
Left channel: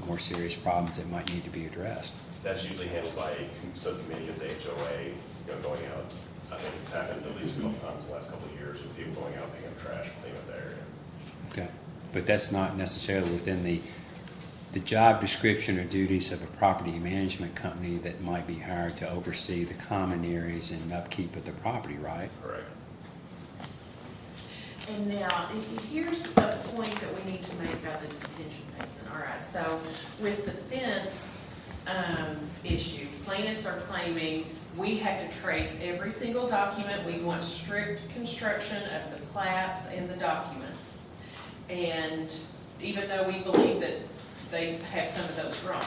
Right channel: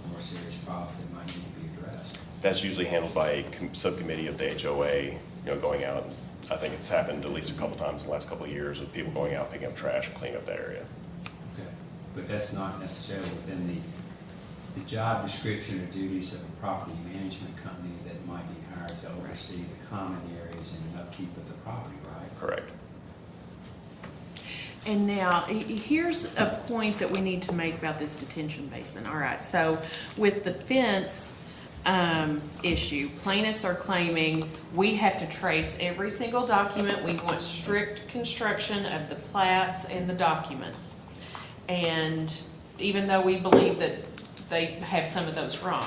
more serious problems that might need to be addressed? That's usually handled by a subcommittee of the HOA, going out. I think it's happened at least a couple times in the last couple of years with people going out, picking up trash and cleaning up that area. Okay, but that's not necessarily within the job description or duties of a property management company that might be hired to oversee the common areas and upkeep of the property, right? Correct. And now, here's a point that we need to make about this detention basin. All right, so with the fence issue, plaintiffs are claiming we have to trace every single document. We want strict construction of the plats and the documents. And even though we believe that they have some of those wrong,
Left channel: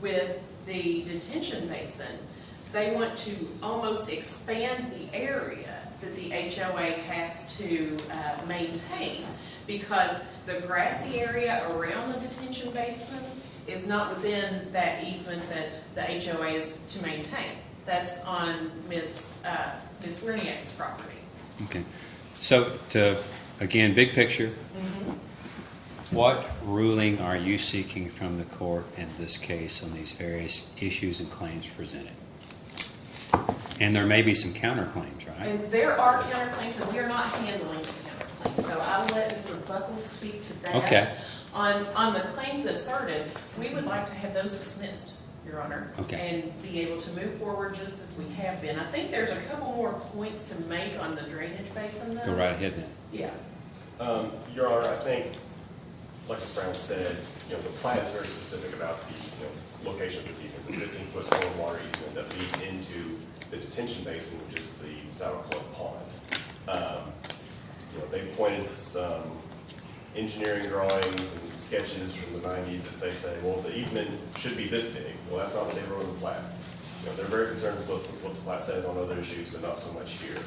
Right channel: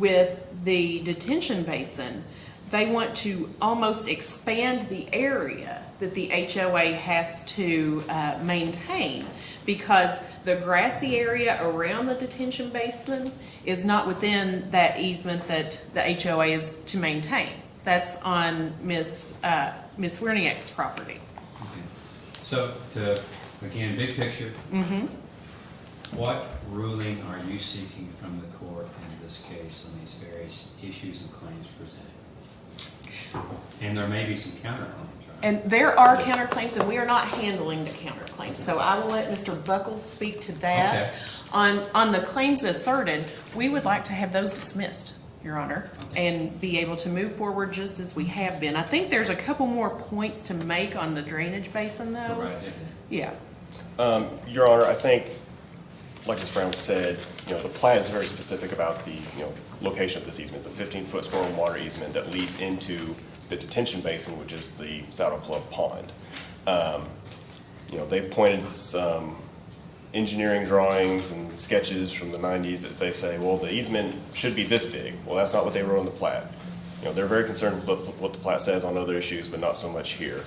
with the detention basin, they want to almost expand the area that the HOA has to maintain, because the grassy area around the detention basin is not within that easement that the HOA is to maintain. That's on Ms. Werniak's property. Okay, so again, big picture. What ruling are you seeking from the court in this case on these various issues and claims presented? And there may be some counterclaims, right? And there are counterclaims, and we are not handling the counterclaims, so I will let Mr. Buckles speak to that. Okay. On the claims asserted, we would like to have those dismissed, Your Honor, Okay. and be able to move forward just as we have been. I think there's a couple more points to make on the drainage basin, though. Go right ahead then. Yeah. Your Honor, I think, like Ms. Brown said, the plat is very specific about the, location of this easement. It's a 15-foot stormwater easement that leads into the detention basin, which is the Saddle Club Pond. They pointed some engineering drawings and sketches from the 90s that they say, well, the easement should be this big. Well, that's not what they wrote on the plat. You know, they're very concerned with what the plat says on other issues, but not so much here.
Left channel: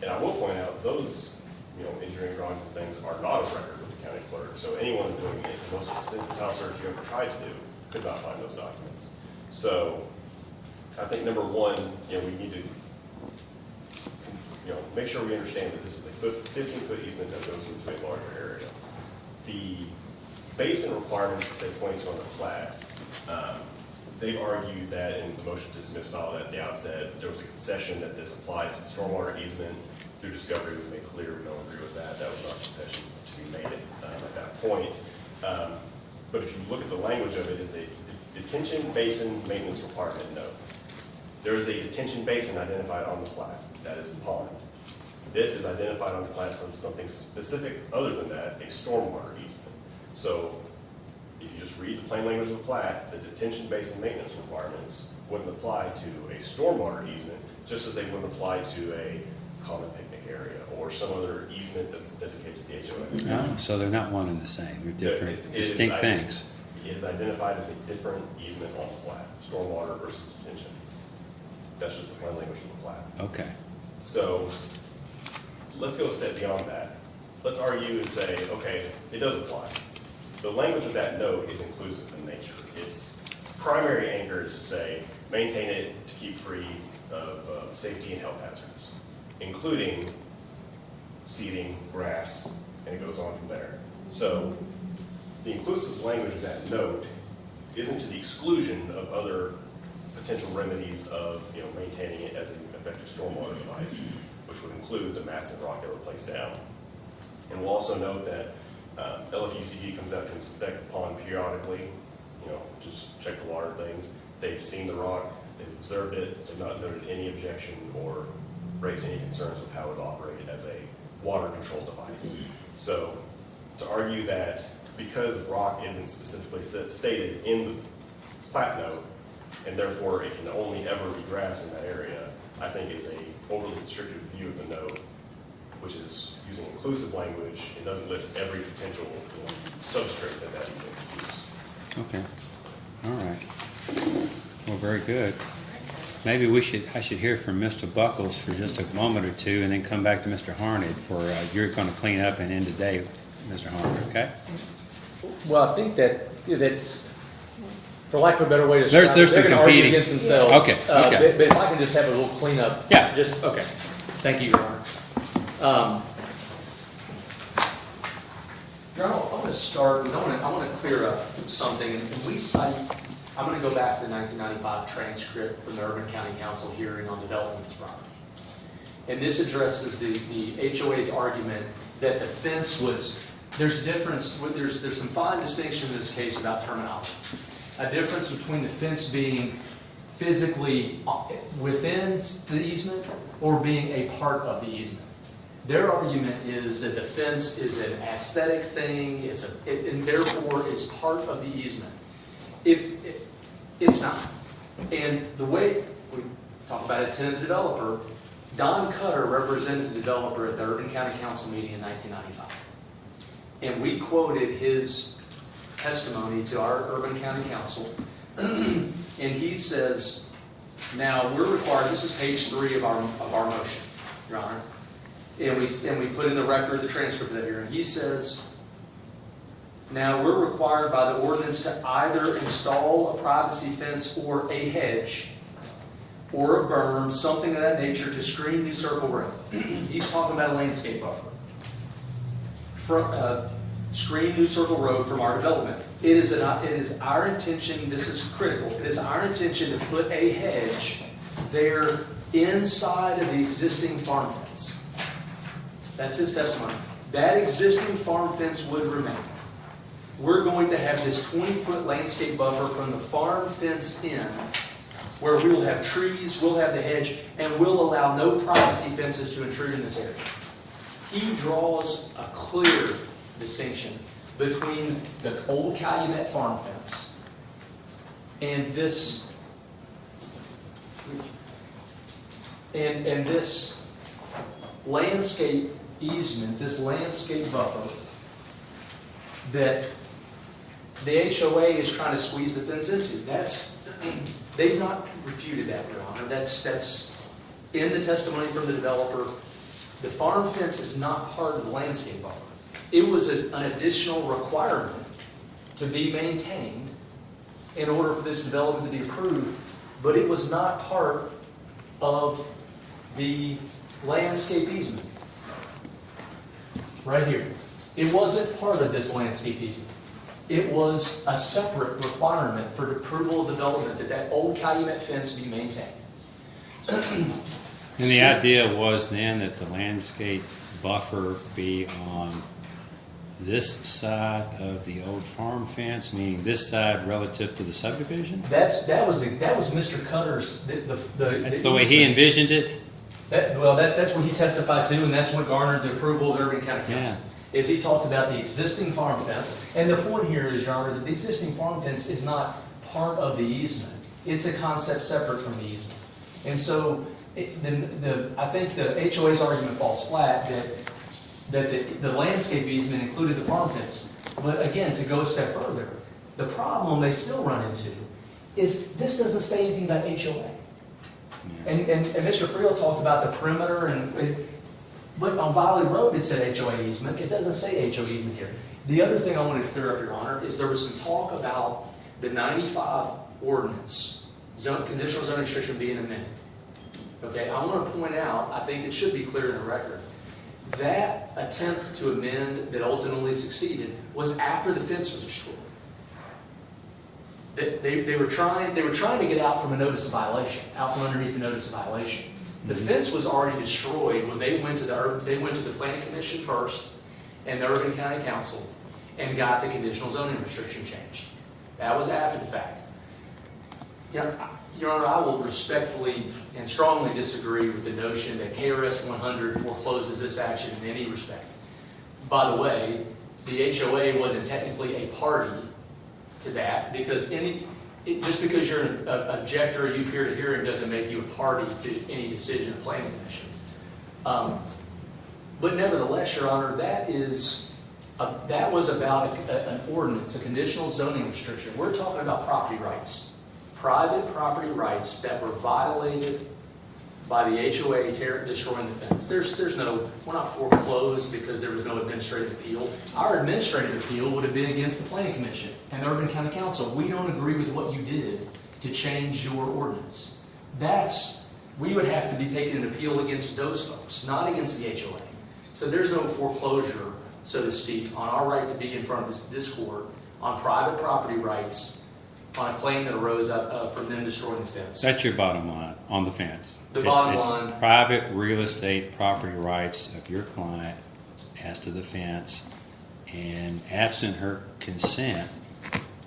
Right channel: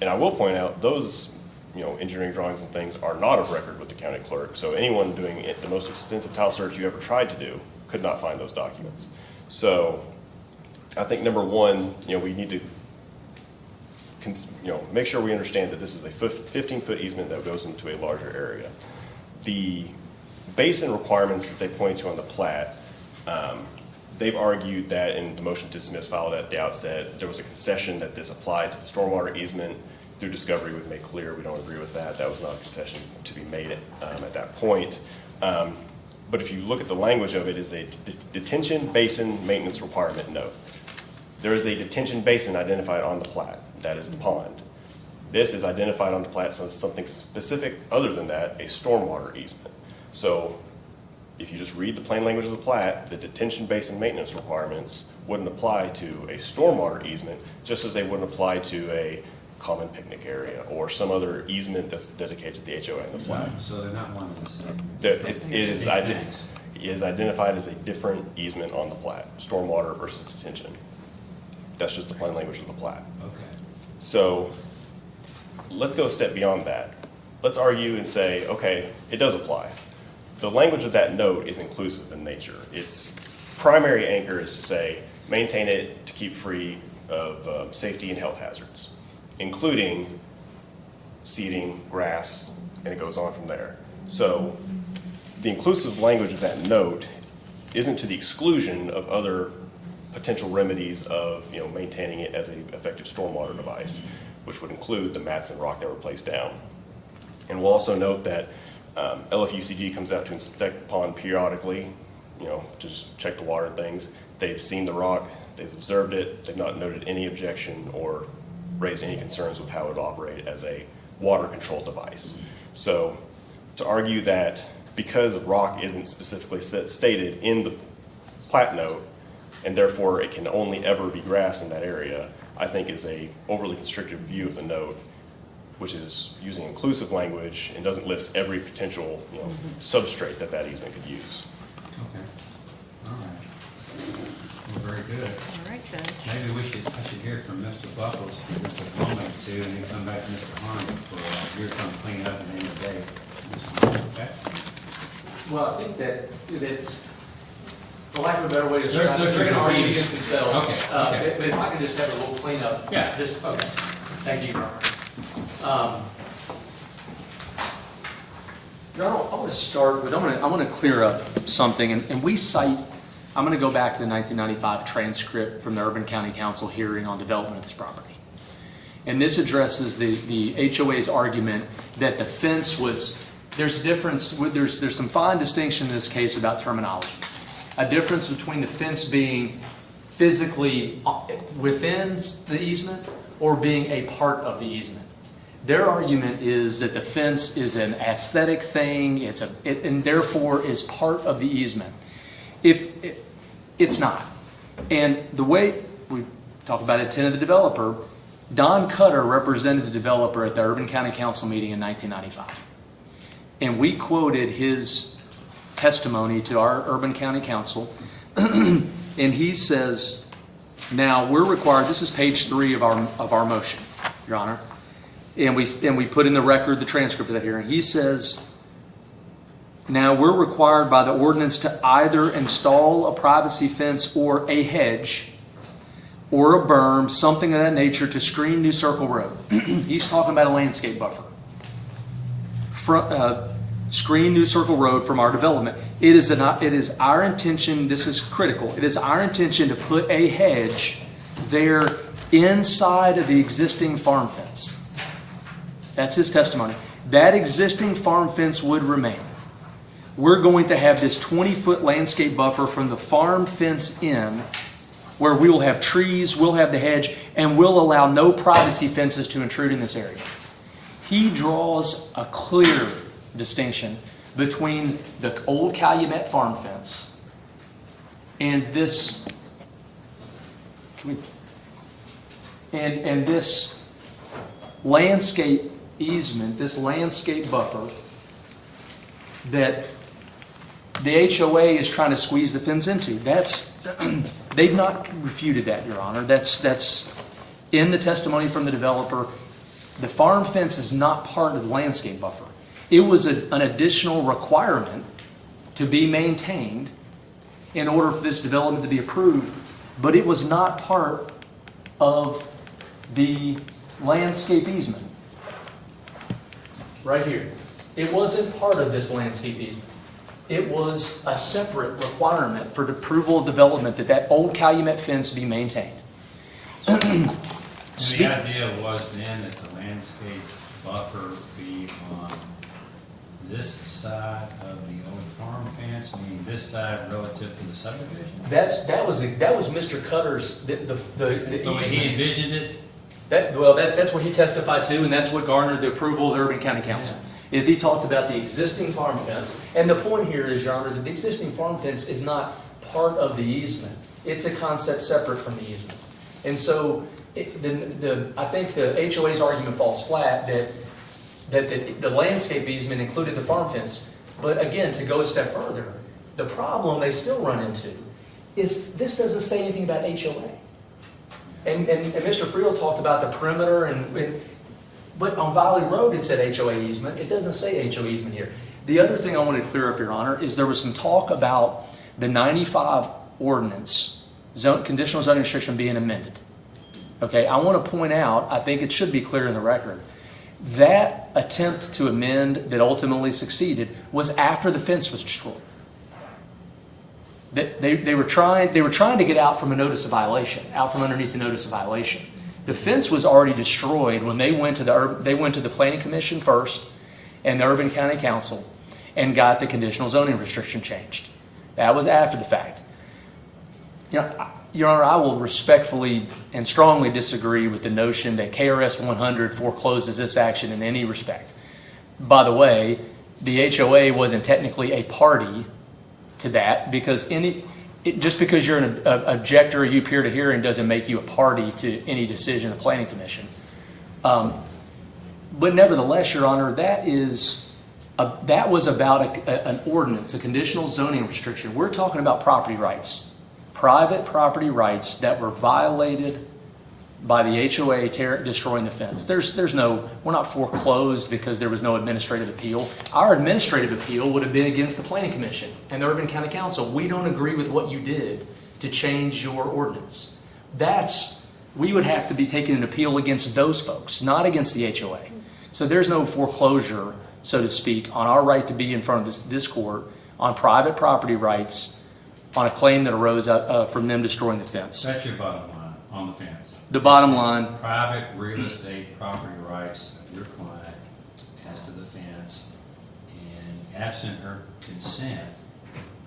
And I will point out, those, you know, engineering drawings and things are not of record with the county clerk. So anyone doing it, the most extensive title search you ever tried to do could not find those documents. So I think number one, you know, we need to make sure we understand that this is a 15-foot easement that goes into a larger area. The basin requirements that they point to on the plat, they've argued that in the motion to dismiss filed at the outset, there was a concession that this applied to the stormwater easement. Through discovery, we've made clear we don't agree with that. That was not a concession to be made at that point. But if you look at the language of it, it's a detention basin maintenance requirement note. There is a detention basin identified on the plat. That is the pond. This is identified on the plat as something specific other than that, a stormwater easement. So if you just read the plain language of the plat, the detention basin maintenance requirements wouldn't apply to a stormwater easement, just as they wouldn't apply to a common picnic area or some other easement that's dedicated to the HOA. So they're not one and the same. They're It different, is distinct things. identified as a different easement on the plat, stormwater versus detention. That's just the plain language of the plat. Okay. So let's go a step beyond that. Let's argue and say, okay, it does apply. The language of that note is inclusive in nature. Its primary anchor is to say, maintain it to keep free of safety and health hazards, including seeding, grass, and it goes on from there. So the inclusive language of that note isn't to the exclusion of other potential remedies of, you know, maintaining it as an effective stormwater device, which would include the mats and rock that were placed down. And we'll also note that LFUCG comes out to inspect the pond periodically, you know, to just check the water and things. They've seen the rock, they've observed it, they've not noted any objection or raised any concerns with how it would operate as a water control device. So to argue that because rock isn't specifically stated in the plat note, and therefore it can only ever be grass in that area, I think is a overly constrictive view of the note, which is using inclusive language and doesn't list every potential, you know, substrate that easement could use. Okay. All right. Well, very good. All right, then. Maybe I should hear from Mr. Buckles for just a moment or two and then come back to Mr. Harney for, you're going to clean up and end the day, Mr. Harney, okay? Well, I think that's, for lack of a better way to There's describe it, the they're gonna argue competing. against themselves. Okay, okay. But if I can just have a little cleanup. Yeah. Just, okay. Thank you, Your Honor. Your Honor, I want to start with, I want to clear up something, and we cite, I'm going to go back to the 1995 transcript from the Urban County Council hearing on development of this property. And this addresses the HOA's argument that the fence was, there's a difference, there's some fine distinction in this case about terminology. A difference between the fence being physically within the easement or being a part of the easement. Their argument is that the fence is an aesthetic thing, and therefore is part of the easement. It's not. And the way we talk about intent of the developer, Don Cutter represented the developer at the Urban County Council meeting in 1995. And we quoted his testimony to our Urban County Council, and he says, now we're required, this is page 3 of our motion, Your Honor, and we put in the record the transcript of that hearing. He says, now we're required by the ordinance to either install a privacy fence or a hedge or a berm, something of that nature to screen New Circle Road. He's talking about a landscape buffer. Screen New Circle Road from our development. It is our intention, this is critical, it is our intention to put a hedge there inside of the existing farm fence. That's his testimony. That existing farm fence would remain. We're going to have this 20-foot landscape buffer from the farm fence in, where we will have trees, we'll have the hedge, and we'll allow no privacy fences to intrude in this area. He draws a clear distinction between the old Calumet farm fence and this landscape easement, this landscape buffer that the HOA is trying to squeeze the fence into. That's, they've not refuted that, Your Honor. That's in the testimony from the developer. The farm fence is not part of the landscape buffer. It was an additional requirement to be maintained in order for this development to be approved, but it was not part of the landscape easement. Right here. It wasn't part of this landscape easement. It was a separate requirement for the approval of development that old Calumet fence be maintained. And the idea was then that the landscape buffer be on this side of the old farm fence, meaning this side relative to the subdivision? That was Mr. Cutter's, That's the way he envisioned it? That's what he testified to, and that's what garnered the approval of the Urban County Council. Is he talked about the existing farm fence, and the point here is, Your Honor, that the existing farm fence is not part of the easement. It's a concept separate from the easement. And so, I think the HOA's argument falls flat that the landscape easement included the farm fence. But again, to go a step further, the problem they still run into is this doesn't say anything about HOA. And Mr. Friel talked about the perimeter, but on Valley Road it said HOA easement. It doesn't say HOA easement here. The other thing I wanted to clear up, Your Honor, is there was some talk about the 95 ordinance, conditional zoning restriction being amended. Okay, I want to point out, I think it should be clear in the record, that attempt to amend that ultimately succeeded was after the fence was destroyed. They were trying to get out from a notice of violation, out from underneath the notice of violation. The fence was already destroyed when they went to the Planning Commission first and the Urban County Council and got the conditional zoning restriction changed. That was after the fact. You know, Your Honor, I will respectfully and strongly disagree with the notion that KRS 100 forecloses this action in any respect. By the way, the HOA wasn't technically a party to that because just because you're an objector or you appear to hearing doesn't make you a party to any decision of the Planning Commission. But nevertheless, Your Honor, that was about an ordinance, a conditional zoning restriction. We're talking about property rights. Private property rights that were violated by the HOA destroying the fence. We're not foreclosed because there was no administrative appeal. Our administrative appeal would have been against the Planning Commission and the Urban County Council. We don't agree with what you did to change your ordinance. We would have to be taking an appeal against those folks, not against the HOA. So there's no foreclosure, so to speak, on our right to be in front of this court on private property rights on a claim that arose from them destroying the fence. That's your bottom line on the fence. The bottom It's line. Private real estate property rights of your client as to the fence, and absent her consent,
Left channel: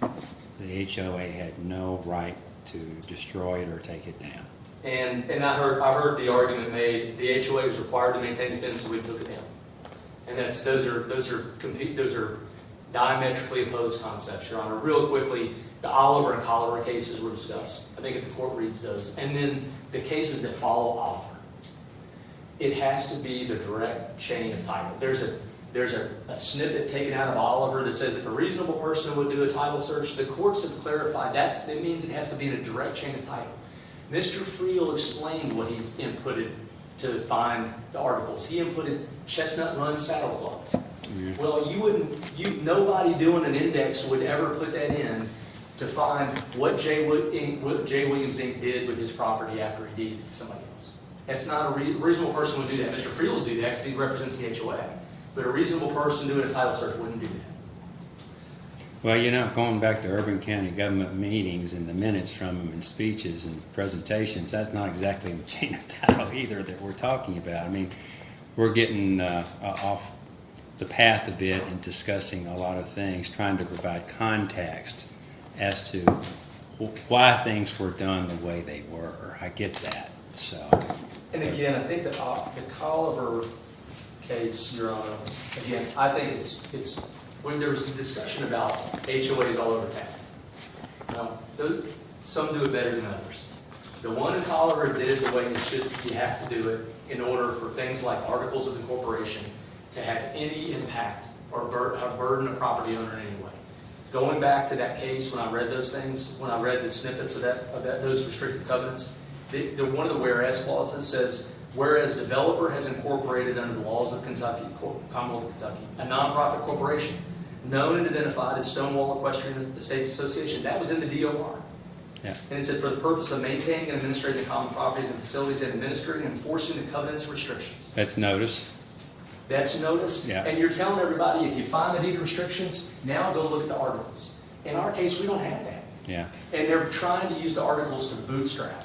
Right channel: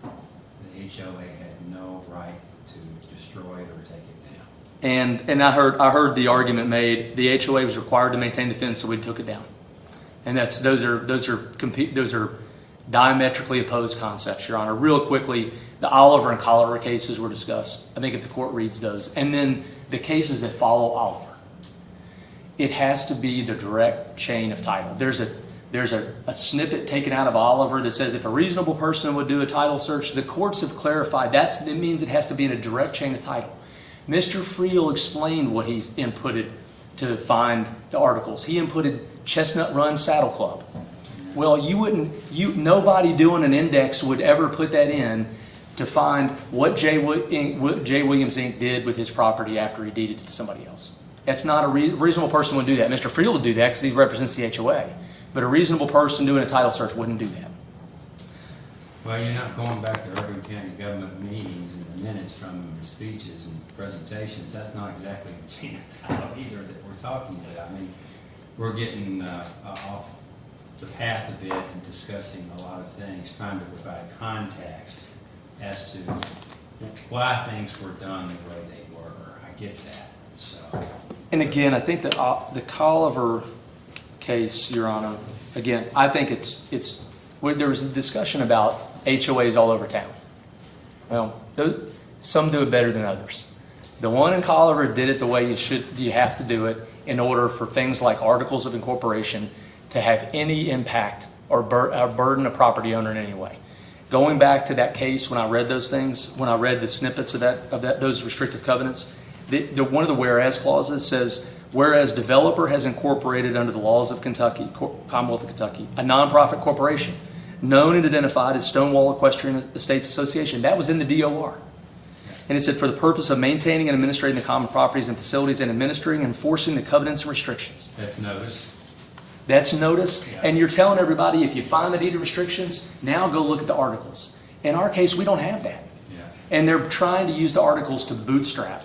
the HOA had no right to destroy it or take it down. And I heard the argument made, the HOA was required to maintain the fence, so we took it down. And those are diametrically opposed concepts, Your Honor. Real quickly, the Oliver and Colliver cases were discussed. I think if the court reads those. And then the cases that follow Oliver. It has to be the direct chain of title. There's a snippet taken out of Oliver that says if a reasonable person would do a title search, the courts have clarified it means it has to be in a direct chain of title. Mr. Friel explained what he's inputted to find the articles. He inputted Chestnut Run Saddle Club. Well, nobody doing an index would ever put that in to find what J. Williams Inc. did with his property after he deeded it to somebody else. That's not a reasonable person would do that. Mr. Friel would do that because he represents the HOA. But a reasonable person doing a title search wouldn't do that. Well, going back to Urban County government meetings and the minutes from them and speeches and presentations, that's not exactly the chain of title either that we're talking about. I mean, we're getting off the path a bit in discussing a lot of things, trying to provide context as to why things were done the way they were. I get that. So, and again, I think that the Colliver case, Your Honor, again, I think there was a discussion about HOAs all over town. Well, some do it better than others. The one in Colliver did it the way you have to do it in order for things like articles of incorporation to have any impact or burden a property owner in any way. Going back to that case, when I read those things, when I read the snippets of those restrictive covenants, one of the whereas clauses says, whereas developer has incorporated under the laws of Kentucky, Commonwealth of Kentucky, a nonprofit corporation known and identified as Stonewall Equestrian Estates Association. That was in the DOR. Yeah. And it said, for the purpose of maintaining and administrating the common properties and facilities and administering and enforcing the covenants and restrictions. That's notice. That's notice. Yeah. And you're telling everybody, if you find the deed of restrictions, now go look at the articles. In our case, we don't have that. Yeah. And they're trying to use the articles to bootstrap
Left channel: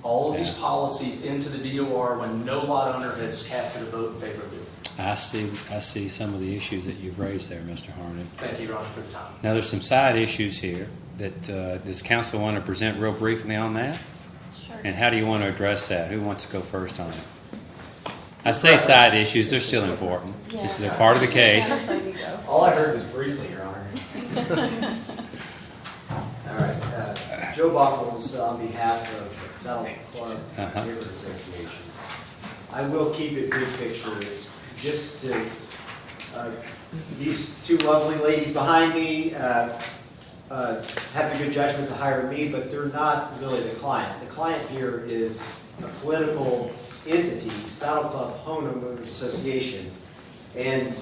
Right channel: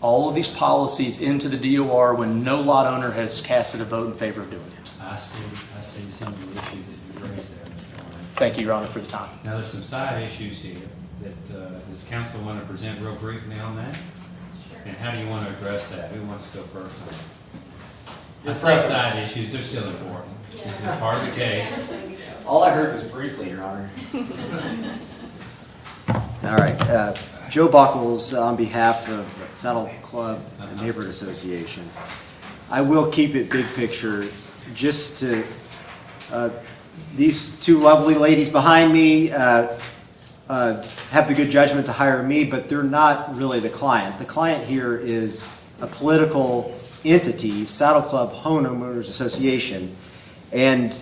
all of these policies into the DOR when no lot owner has casted a vote in favor of doing it. I see some of the issues that you've raised there, Mr. Harmon. Thank you, Your Honor, for the time. Now, there's some side issues here that, does council want to present real briefly on that? Sure. And how do you want to address that? Who wants to go first on it? I say side issues, they're still important. They're part of the case. There you go. All I heard was briefly, Your Honor. All right, Joe Buckles on behalf of Saddle Club Uh-huh. Neighborhood Association. I will keep it big picture, just to, these two lovely ladies behind me have the good judgment to hire me, but they're not really the client. The client here is a political entity, Saddle Club Homeowners Association, and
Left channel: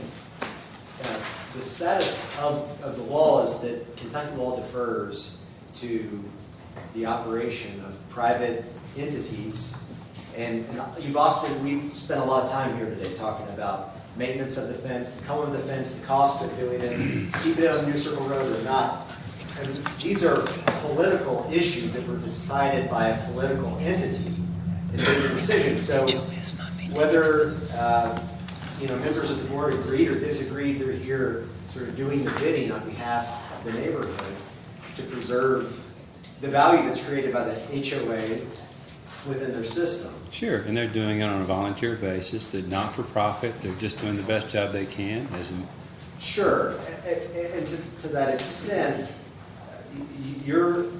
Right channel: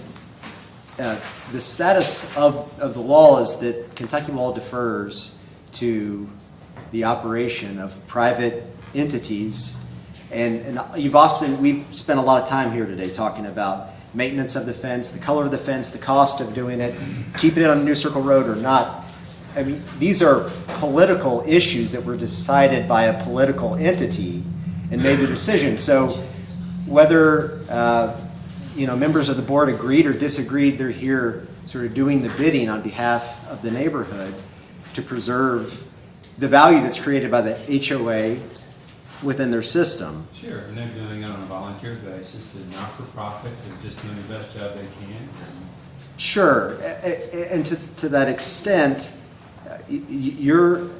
the status of the law is that Kentucky law defers to the operation of private entities. And we've spent a lot of time here today talking about maintenance of the fence, the color of the fence, the cost of doing it, keeping it on New Circle Road or not. I mean, these are political issues that were decided by a political entity and made the decision. So whether members of the board agreed or disagreed, they're here sort of doing the bidding on behalf of the neighborhood to preserve the value that's created by the HOA within their system. Sure, and they're doing it on a volunteer basis. They're not for profit. They're just doing the best job they can. Sure, and to that extent, Ms.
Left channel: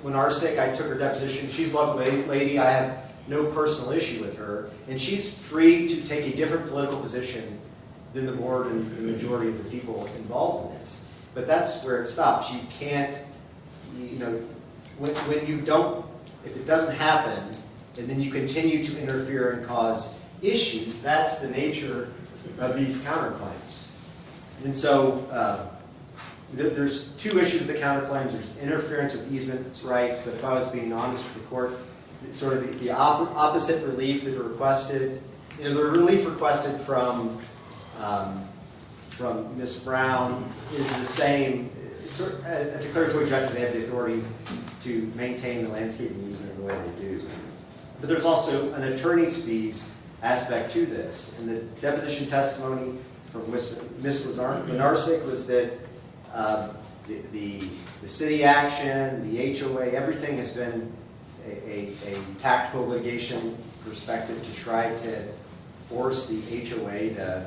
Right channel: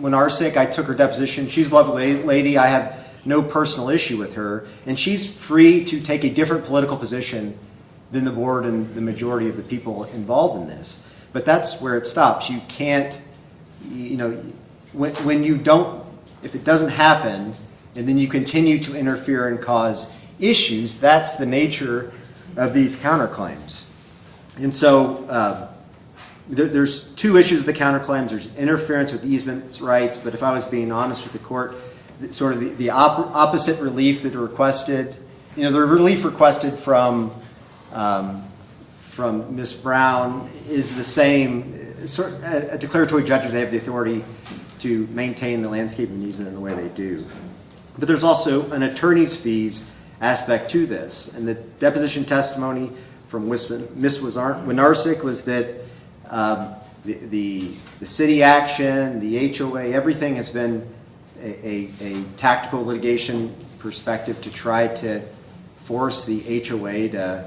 Winarsic, I took her deposition. She's a lovely lady. I have no personal issue with her, and she's free to take a different political position than the board and the majority of the people involved in this. But that's where it stops. You can't, when you don't, if it doesn't happen, and then you continue to interfere and cause issues, that's the nature of these counterclaims. And so there's two issues with the counterclaims. There's interference with easement rights, but if I was being honest with the court, sort of the opposite relief that are requested, the relief requested from Ms. Brown is the same, a declaratory judgment. They have the authority to maintain the landscaping easement in the way they do. But there's also an attorney's fees aspect to this. And the deposition testimony from Ms. Winarsic was that the city action, the HOA, everything has been a tactical litigation perspective to try to force the HOA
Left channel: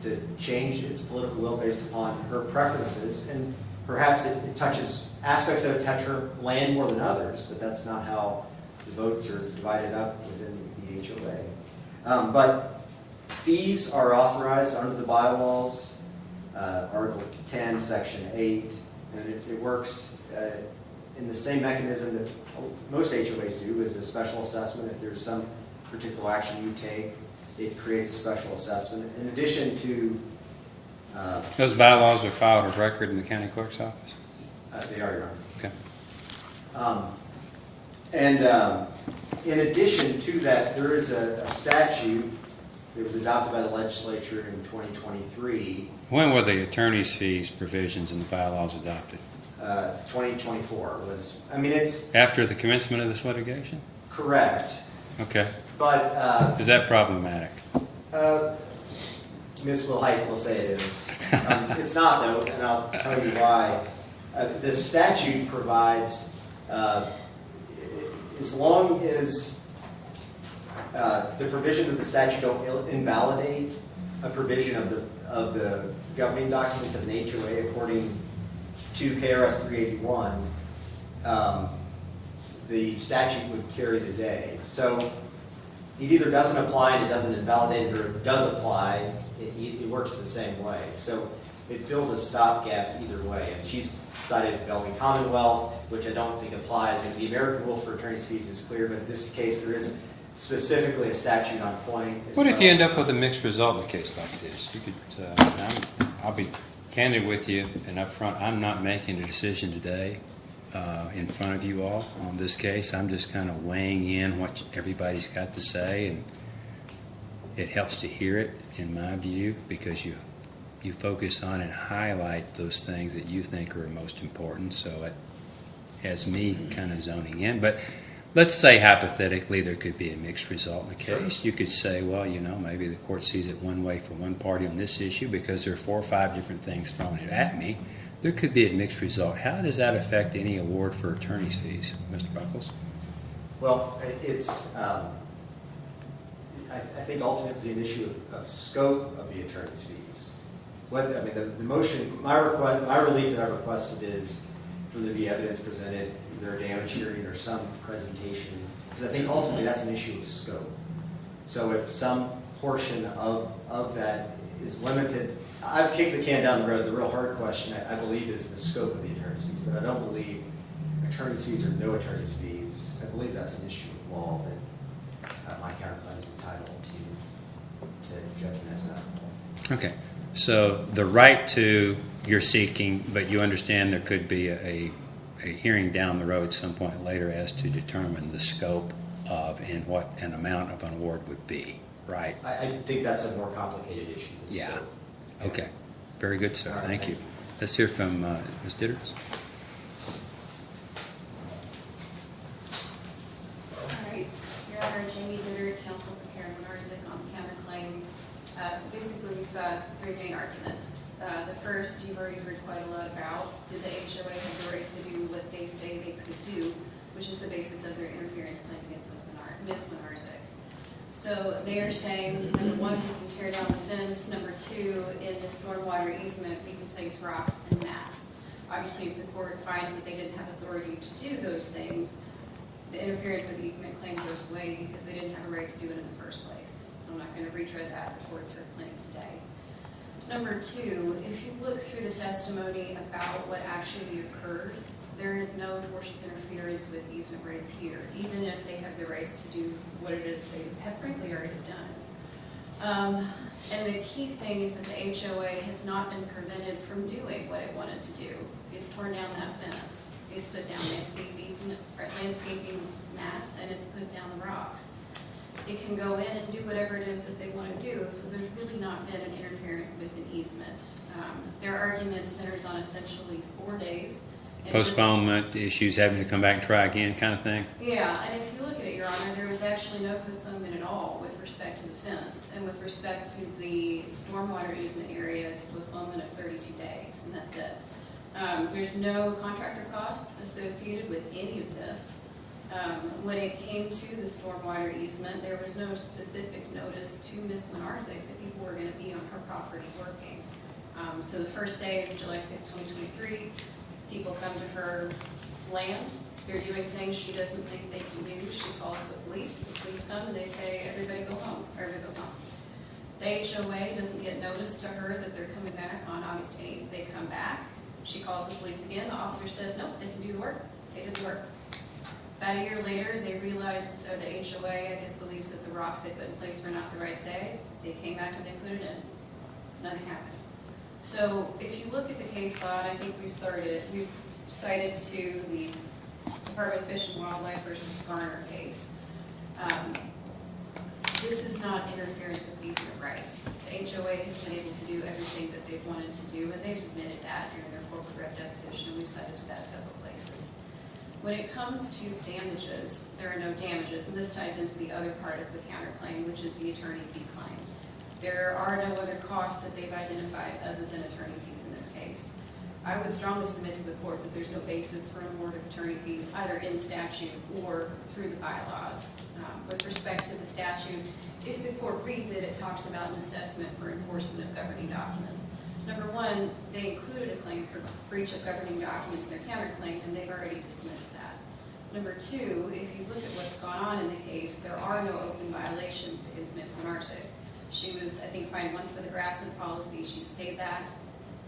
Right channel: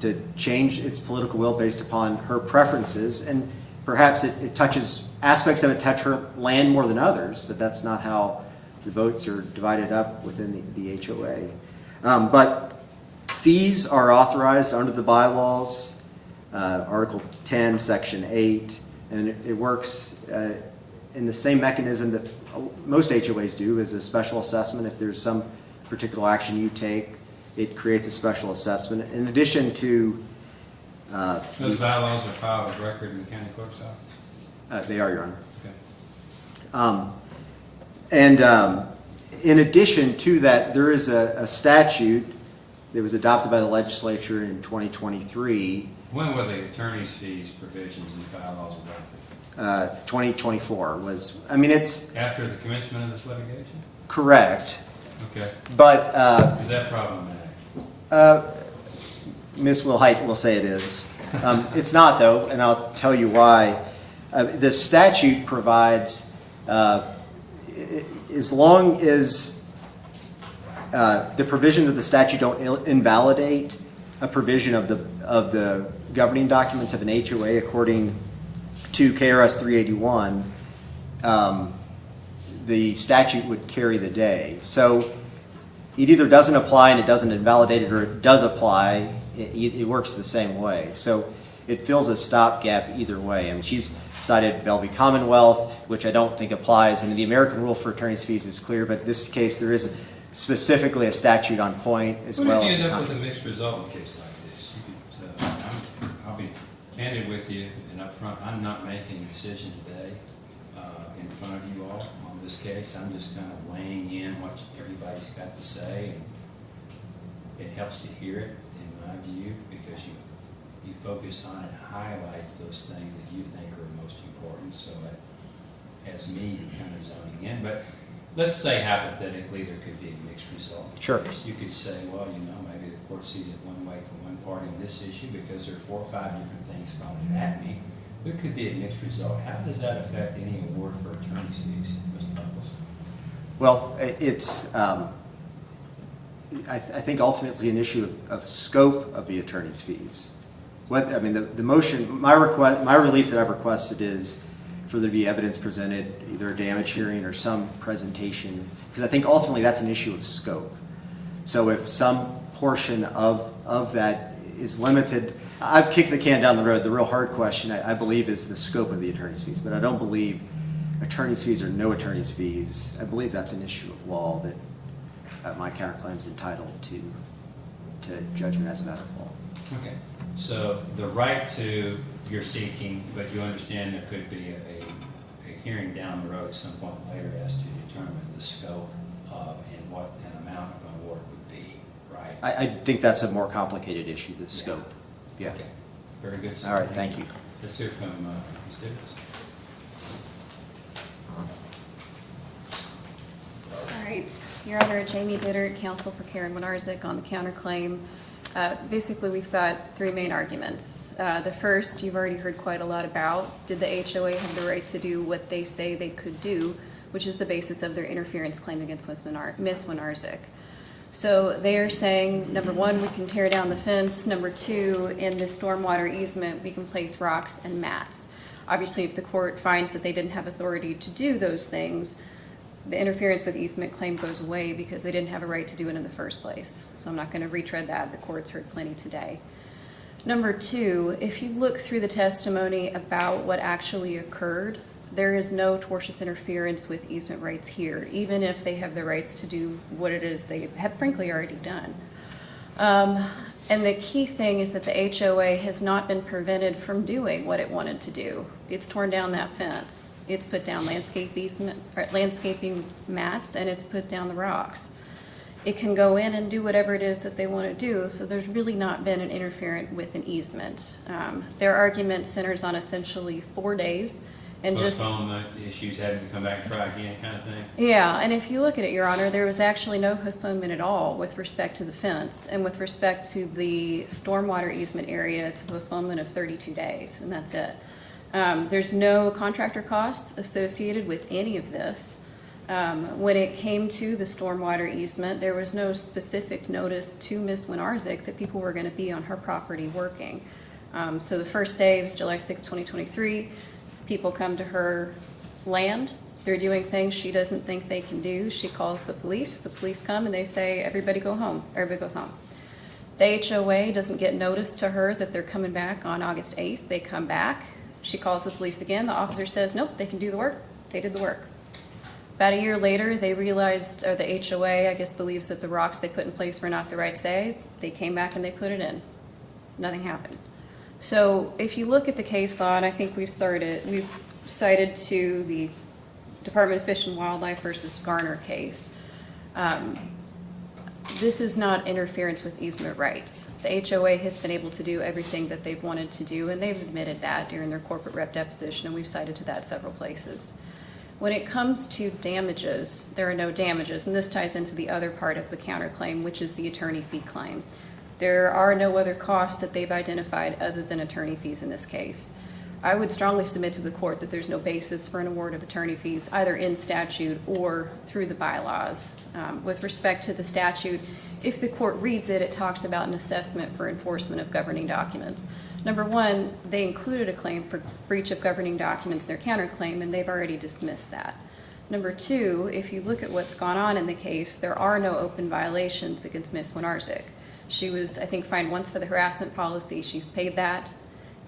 to change its political will based upon her preferences. And perhaps it touches, aspects of it touch her land more than others, but that's not how the votes are divided up within the HOA. But fees are authorized under the bylaws, Article 10, Section 8, and it works in the same mechanism that most HOAs do, is a special assessment. If there's some particular action you take, it creates a special assessment. In addition to... Those bylaws are filed of record in the county clerk's office? They are, Your Honor. Okay. In addition to that, there is a statute that was adopted by the legislature in 2023. When were the attorney's fees provisions in the bylaws adopted? 2024 was, it's... After the commencement of this litigation? Correct. Okay. But... Is that problematic? Ms. Wilhite will say it is. It's not, though, and I'll tell you why. The statute provides, as long as the provisions of the statute don't invalidate a provision of the governing documents of an HOA according to KRS 381, the statute would carry the day. So it either doesn't apply and it doesn't invalidate it, or it does apply, it works the same way. So it fills a stopgap either way. And she's cited Bellevue Commonwealth, which I don't think applies. And the American rule for attorney's fees is clear, but in this case, there isn't specifically a statute on point. What if you end up with a mixed result in a case like this? You could, I'll be candid with you and upfront, I'm not making a decision today in front of you all on this case. I'm just kind of weighing in what everybody's got to say, and it helps to hear it, in my view, because you focus on and highlight those things that you think are most important, so it has me kind of zoning in. But let's say hypothetically there could be a mixed result in the Sure. case. You could say, well, maybe the court sees it one way for one party on this issue because there are 4 or 5 different things thrown at me. There could be a mixed result. How does that affect any award for attorney's fees, Mr. Buckles? Well, it's, I think ultimately an issue of scope of the attorney's fees. The motion, my relief that I've requested is for there to be evidence presented, either a damage hearing or some presentation, because I think ultimately that's an issue of scope. So if some portion of that is limited, I've kicked the can down the road. The real hard question, I believe, is the scope of the attorney's fees, but I don't believe attorney's fees or no attorney's fees. I believe that's an issue of law that my counterclaim is entitled to judgment as a matter of law. Okay, so the right to you're seeking, but you understand there could be a hearing down the road some point later as to determine the scope of and what an amount of an award would be, right? I think that's a more complicated issue than Yeah. scope. Yeah. Okay, very good, sir. All right, Thank thank you. you. Let's hear from Ms. Ditters. All right, Your Honor, Jamie Dittert, counsel for Karen Winarzik on the counterclaim. Basically, we've got 3 main arguments. The first, you've already heard quite a lot about. Did the HOA have the right to do what they say they could do, which is the basis of their interference claim against Ms. Winarzik? So they are saying, number 1, we can tear down the fence. Number 2, in the stormwater easement, we can place rocks and mats. Obviously, if the court finds that they didn't have authority to do those things, the interference with easement claim goes away because they didn't have a right to do it in the first place. So I'm not going to retread that. The court's heard plenty today. Number 2, if you look through the testimony about what actually occurred, there is no tortious interference with easement rights here, even if they have the rights to do what it is they have frankly already done. And the key thing is that the HOA has not been prevented from doing what it wanted to do. It's torn down that fence. It's put down landscaping mats, and it's put down the rocks. It can go in and do whatever it is that they want to do, so there's really not been an interference with an easement. Their argument centers on essentially 4 days. And Postponement issues, having to come back and try again kind of thing? Yeah, and if you look at it, Your Honor, there was actually no postponement at all with respect to the fence. And with respect to the stormwater easement area, it's a postponement of 32 days, and that's it. There's no contractor costs associated with any of this. When it came to the stormwater easement, there was no specific notice to Ms. Winarzik that people were going to be on her property working. So the first day was July 6, 2023. People come to her land. They're doing things she doesn't think they can do. She calls the police come and they say, everybody go home. Everybody goes home. The HOA doesn't get notice to her that they're coming back on August 8th. They come back. She calls the police again. The officer says, nope, they can do the work. They did the work. About a year later, they realized, or the HOA, I guess, believes that the rocks they put in place were not the right size. They came back and they put it in. Nothing happened. So if you look at the case law, and I think we've cited to the Department of Fish and Wildlife versus Garner case, this is not interference with easement rights. The HOA has been able to do everything that they've wanted to do, and they've admitted that during their corporate rep deposition, and we've cited to that several places. When it comes to damages, there are no damages, and this ties into the other part of the counterclaim, which is the attorney fee claim. There are no other costs that they've identified other than attorney fees in this case. I would strongly submit to the court that there's no basis for an award of attorney fees, either in statute or through the bylaws. With respect to the statute, if the court reads it, it talks about an assessment for enforcement of governing documents. Number 1, they included a claim for breach of governing documents in their counterclaim, and they've already dismissed that. Number two, if you look at what's gone on in the case, there are no open violations against Ms. Winarzik. She was, I think, fined once for the harassment policy. She's paid that.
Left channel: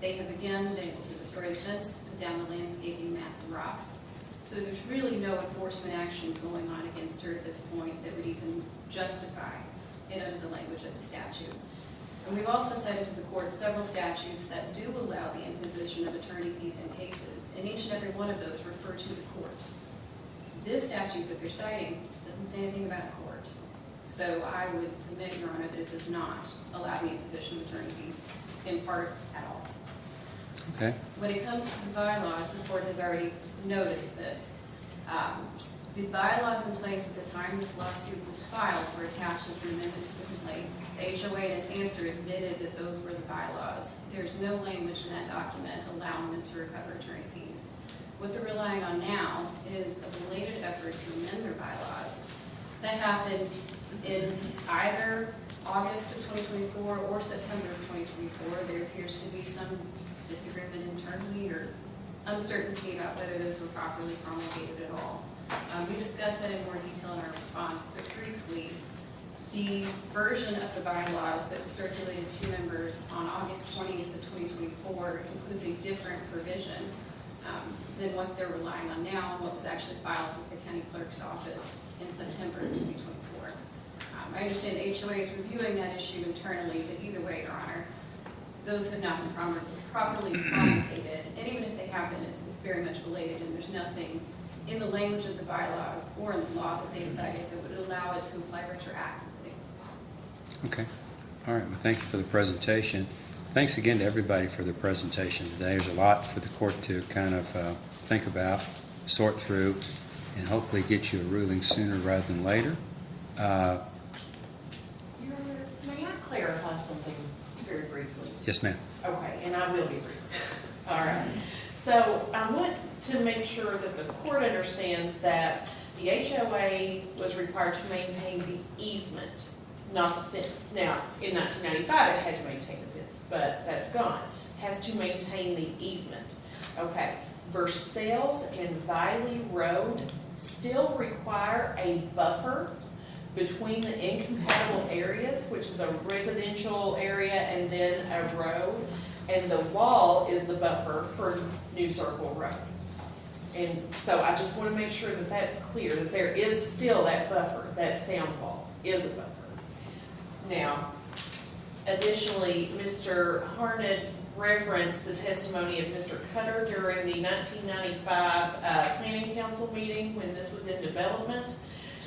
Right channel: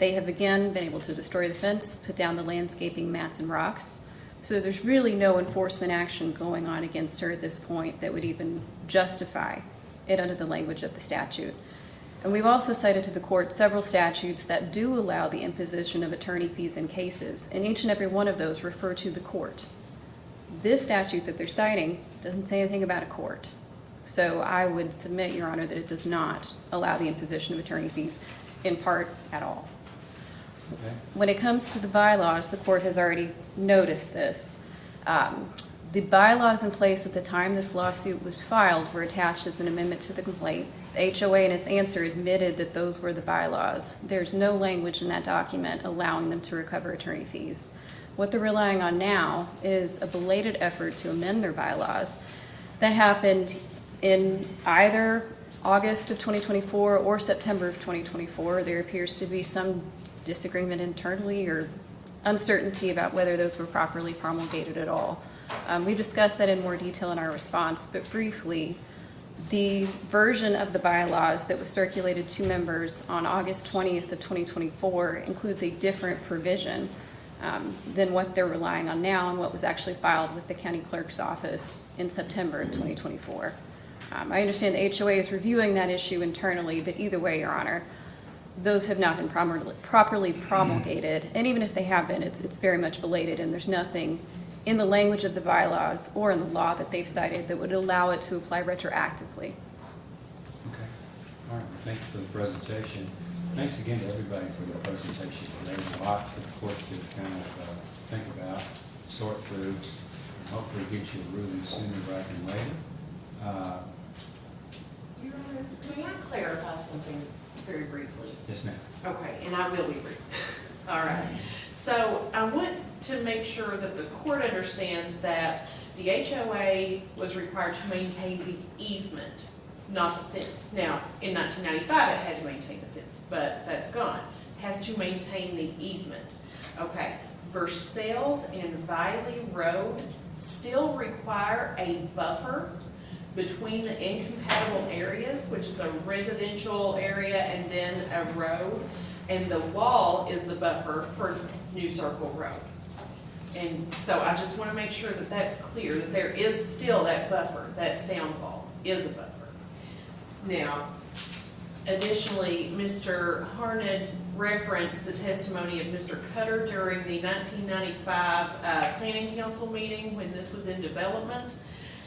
They have again been able to destroy the fence, put down the landscaping mats and rocks. So there's really no enforcement action going on against her at this point that would even justify it under the language of the statute. And we've also cited to the court several statutes that do allow the imposition of attorney fees in cases, and each and every one of those refer to the court. This statute that they're citing doesn't say anything about a court. So I would submit, Your Honor, that it does not allow the imposition of attorney fees in part at all. Okay. When it comes to the bylaws, the court has already noticed this. The bylaws in place at the time this lawsuit was filed were attached as an amendment to the complaint. The HOA in its answer admitted that those were the bylaws. There's no language in that document allowing them to recover attorney fees. What they're relying on now is a belated effort to amend their bylaws that happened in either August of 2024 or September of 2024. There appears to be some disagreement internally or uncertainty about whether those were properly promulgated at all. We discussed that in more detail in our response, but briefly, the version of the bylaws that was circulated to members on August 20th of 2024 includes a different provision than what they're relying on now and what was actually filed with the county clerk's office in September of 2024. I understand the HOA is reviewing that issue internally, but either way, Your Honor, those have not been properly promulgated, and even if they have been, it's very much belated, and there's nothing in the language of the bylaws or in the law that they've cited that would allow it to apply retroactively. Okay. All right. Well, thank you for the presentation. Thanks again to everybody for the presentation today. There's a lot for the court to kind of think about, sort through, and hopefully get you a ruling sooner rather than later. Your Honor, may I clarify something very briefly? Yes, ma'am. Okay, and I will be brief. All right. So I want to make sure that the court understands that the HOA was required to maintain the easement, not the fence. Now, in 1995, it had to maintain the fence, but that's gone. It has to maintain the easement. Okay. Versailles and Viley Road still require a buffer between the incompatible areas, which is a residential area and then a road, and the wall is the buffer for New Circle Road. And so I just want to make sure that that's clear, that there is still that buffer, that sound wall is a buffer. Now, additionally, Mr. Harned referenced the testimony of Mr. Cutter during the 1995 Planning Council meeting when this was in development.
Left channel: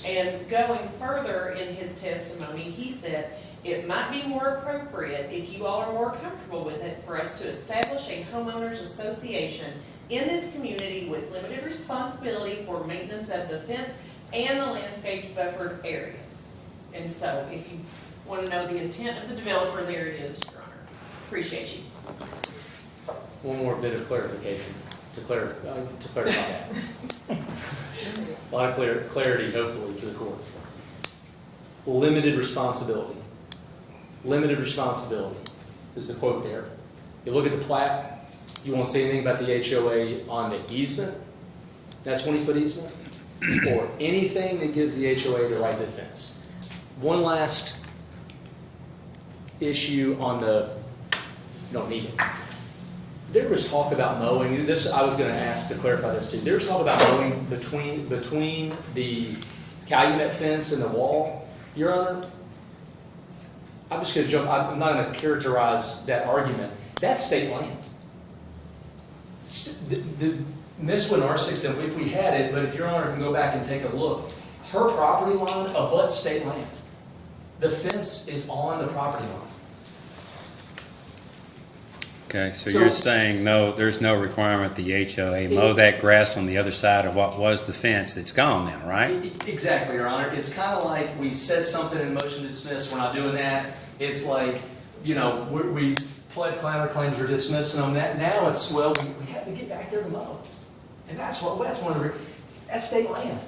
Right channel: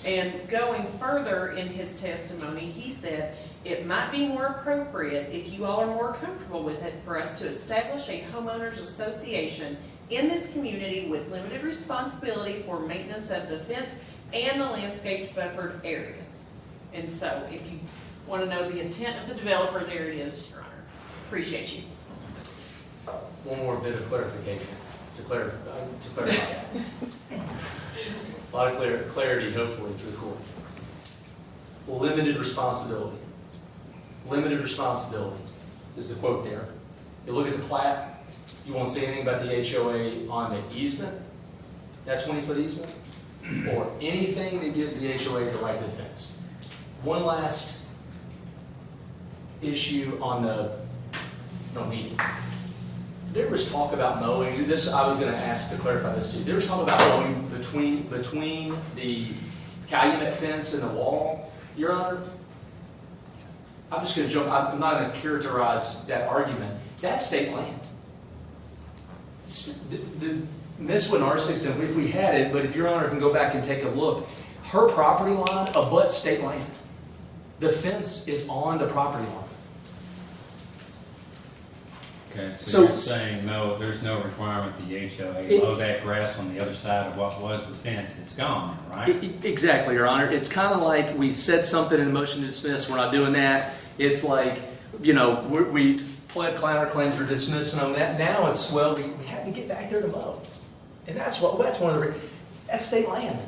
And going further in his testimony, he said, it might be more appropriate, if you all are more comfortable with it, for us to establish a homeowners association in this community with limited responsibility for maintenance of the fence and the landscaped buffered areas. And so if you want to know the intent of the developer, there it is, Your Honor. Appreciate you. One more bit of clarification to clarify that. A lot of clarity, hopefully, to the court. Limited responsibility. Limited responsibility is the quote there. You look at the plat, you won't see anything about the HOA on the easement, that 20-foot easement, or anything that gives the HOA the right to the fence. One last issue on the, you don't need it. There was talk about mowing, and this, I was going to ask to clarify this too. There was talk about mowing between the Calumet fence and the wall. Your Honor, I'm just going to jump, I'm not going to characterize that argument. That's state land. The Ms. Winarzik, and if we had it, but if Your Honor can go back and take a look, her property line abuts state land. The fence is on the property line. Okay, so So- you're saying no, there's no requirement the HOA mow that grass on the other side of what was the fence that's gone now, right? Exactly, Your Honor. It's kind of like we said something in the motion to dismiss. We're not doing that. It's like, you know, we pled counterclaims, we're dismissing them. Now it's, well, we have to get back there to mow. And that's one of the, that's state land.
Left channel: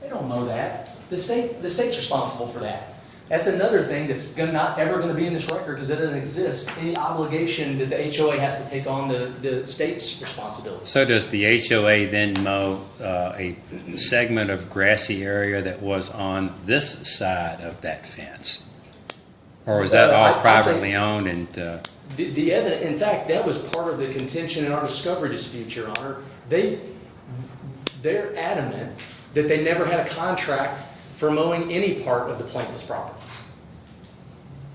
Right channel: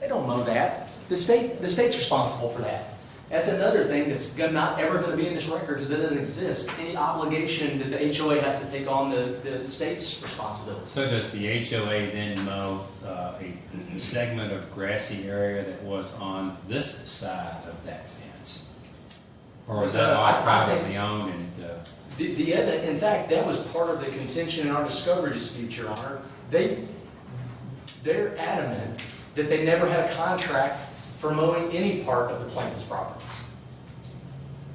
They don't mow that. The state's responsible for that. That's another thing that's not ever gonna be in this record, because it doesn't exist. Any obligation that the HOA has to take on the state's responsibility. So does the HOA then mow a segment of grassy area that was on this side of that fence? Or was that all I think- privately owned and, The evidence, in fact, that was part of the contention in our discovery dispute, Your Honor. They're adamant that they never had a contract for mowing any part of the plaintiff's properties.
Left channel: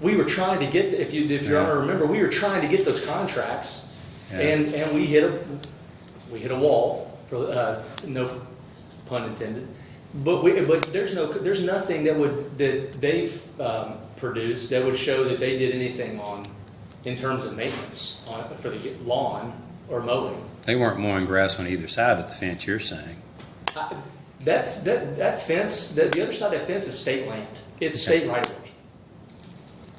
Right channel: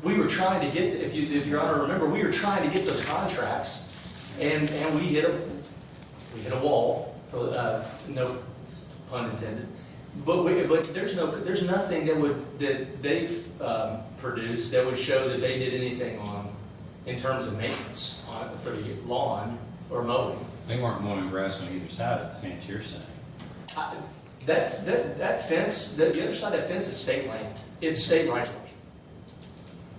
We were trying to get, if Your Honor remember, we were trying to get those contracts, Yeah. and we hit a wall, for no pun intended. But there's nothing that they've produced that would show that they did anything in terms of maintenance for the lawn or mowing. they weren't mowing grass on either side of the fence, you're saying? That fence, the other side of that fence is state land. It's state right of way.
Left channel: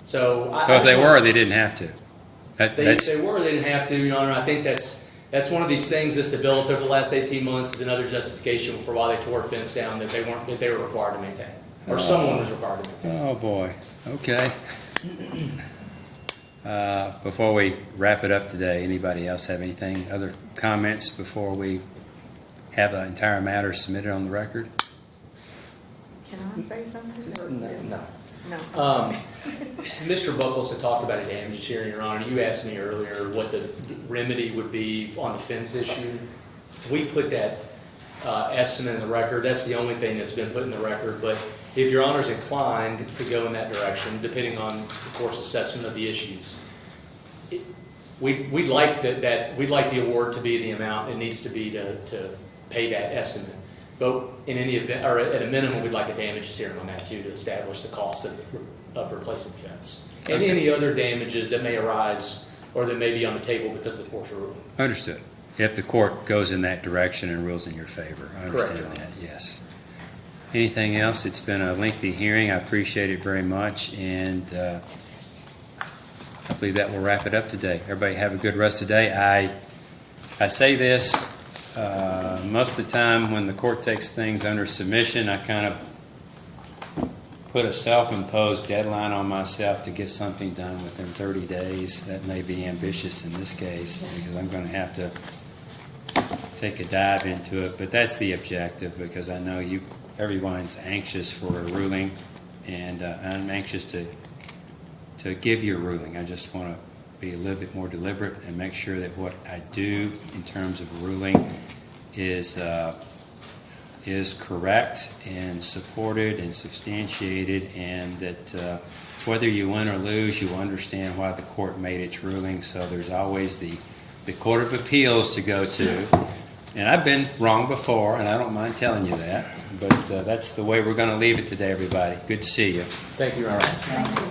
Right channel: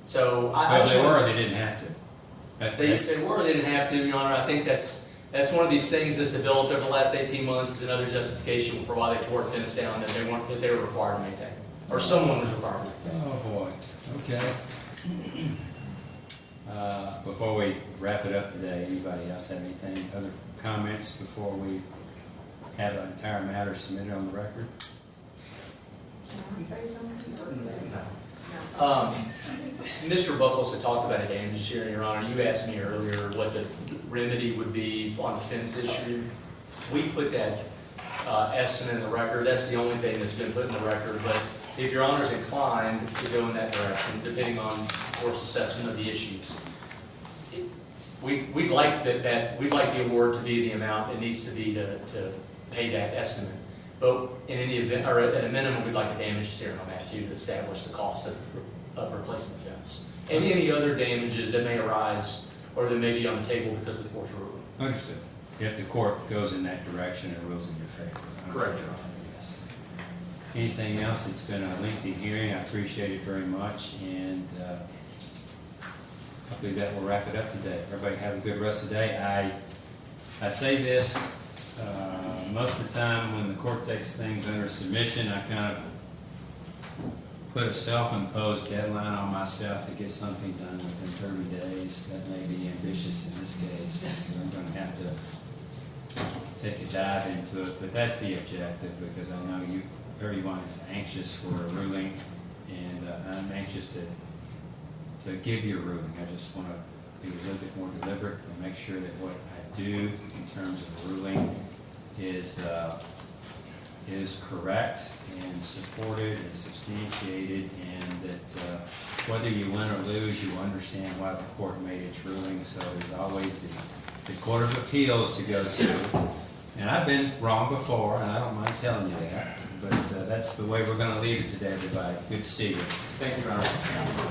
So I. So if they just were, want- they didn't have to. If That's, they were, they didn't have to, Your Honor. I think that's one of these things that's developed over the last 18 months as another justification for why they tore a fence down that they were required to maintain. Or someone was required to maintain. oh boy, okay. Before we wrap it up today, anybody else have anything, other comments before we have the entire matter submitted on the record? Can I say something? No. No. Mr. Buckles had talked about a damages hearing, Your Honor. You asked me earlier what the remedy would be on the fence issue. We put that estimate in the record. That's the only thing that's been put in the record. But if Your Honor's inclined to go in that direction, depending on, of course, assessment of the issues, we'd like we'd like the award to be the amount it needs to be to pay that estimate. But in any event, or at a minimum, we'd like a damages hearing on that too, to establish the cost of replacing the fence. And any other damages that may arise or that may be on the table because of the court's ruling. Understood. If the court goes in that direction and rules in your favor, I Correct, understand Your that, yes. Anything else? It's been a lengthy hearing. I appreciate it very much, and I believe that will wrap it up today. Everybody have a good rest of the day. I say this, most of the time when the court takes things under submission, I kind of put a self-imposed deadline on myself to get something done within 30 days. That may be ambitious in this case, because I'm going to have to take a dive into it, but that's the objective, because I know everyone's anxious for a ruling, and I'm anxious to give you a ruling. I just want to be a little bit more deliberate and make sure that what I do in terms of ruling is correct and supported and substantiated, and that whether you win or lose, you understand why the court made its ruling. So there's always the Court of Appeals to go to. And I've been wrong before, and I don't mind telling you that. But that's the way we're going to leave it today, everybody. Good to see you. Thank you, Your Honor.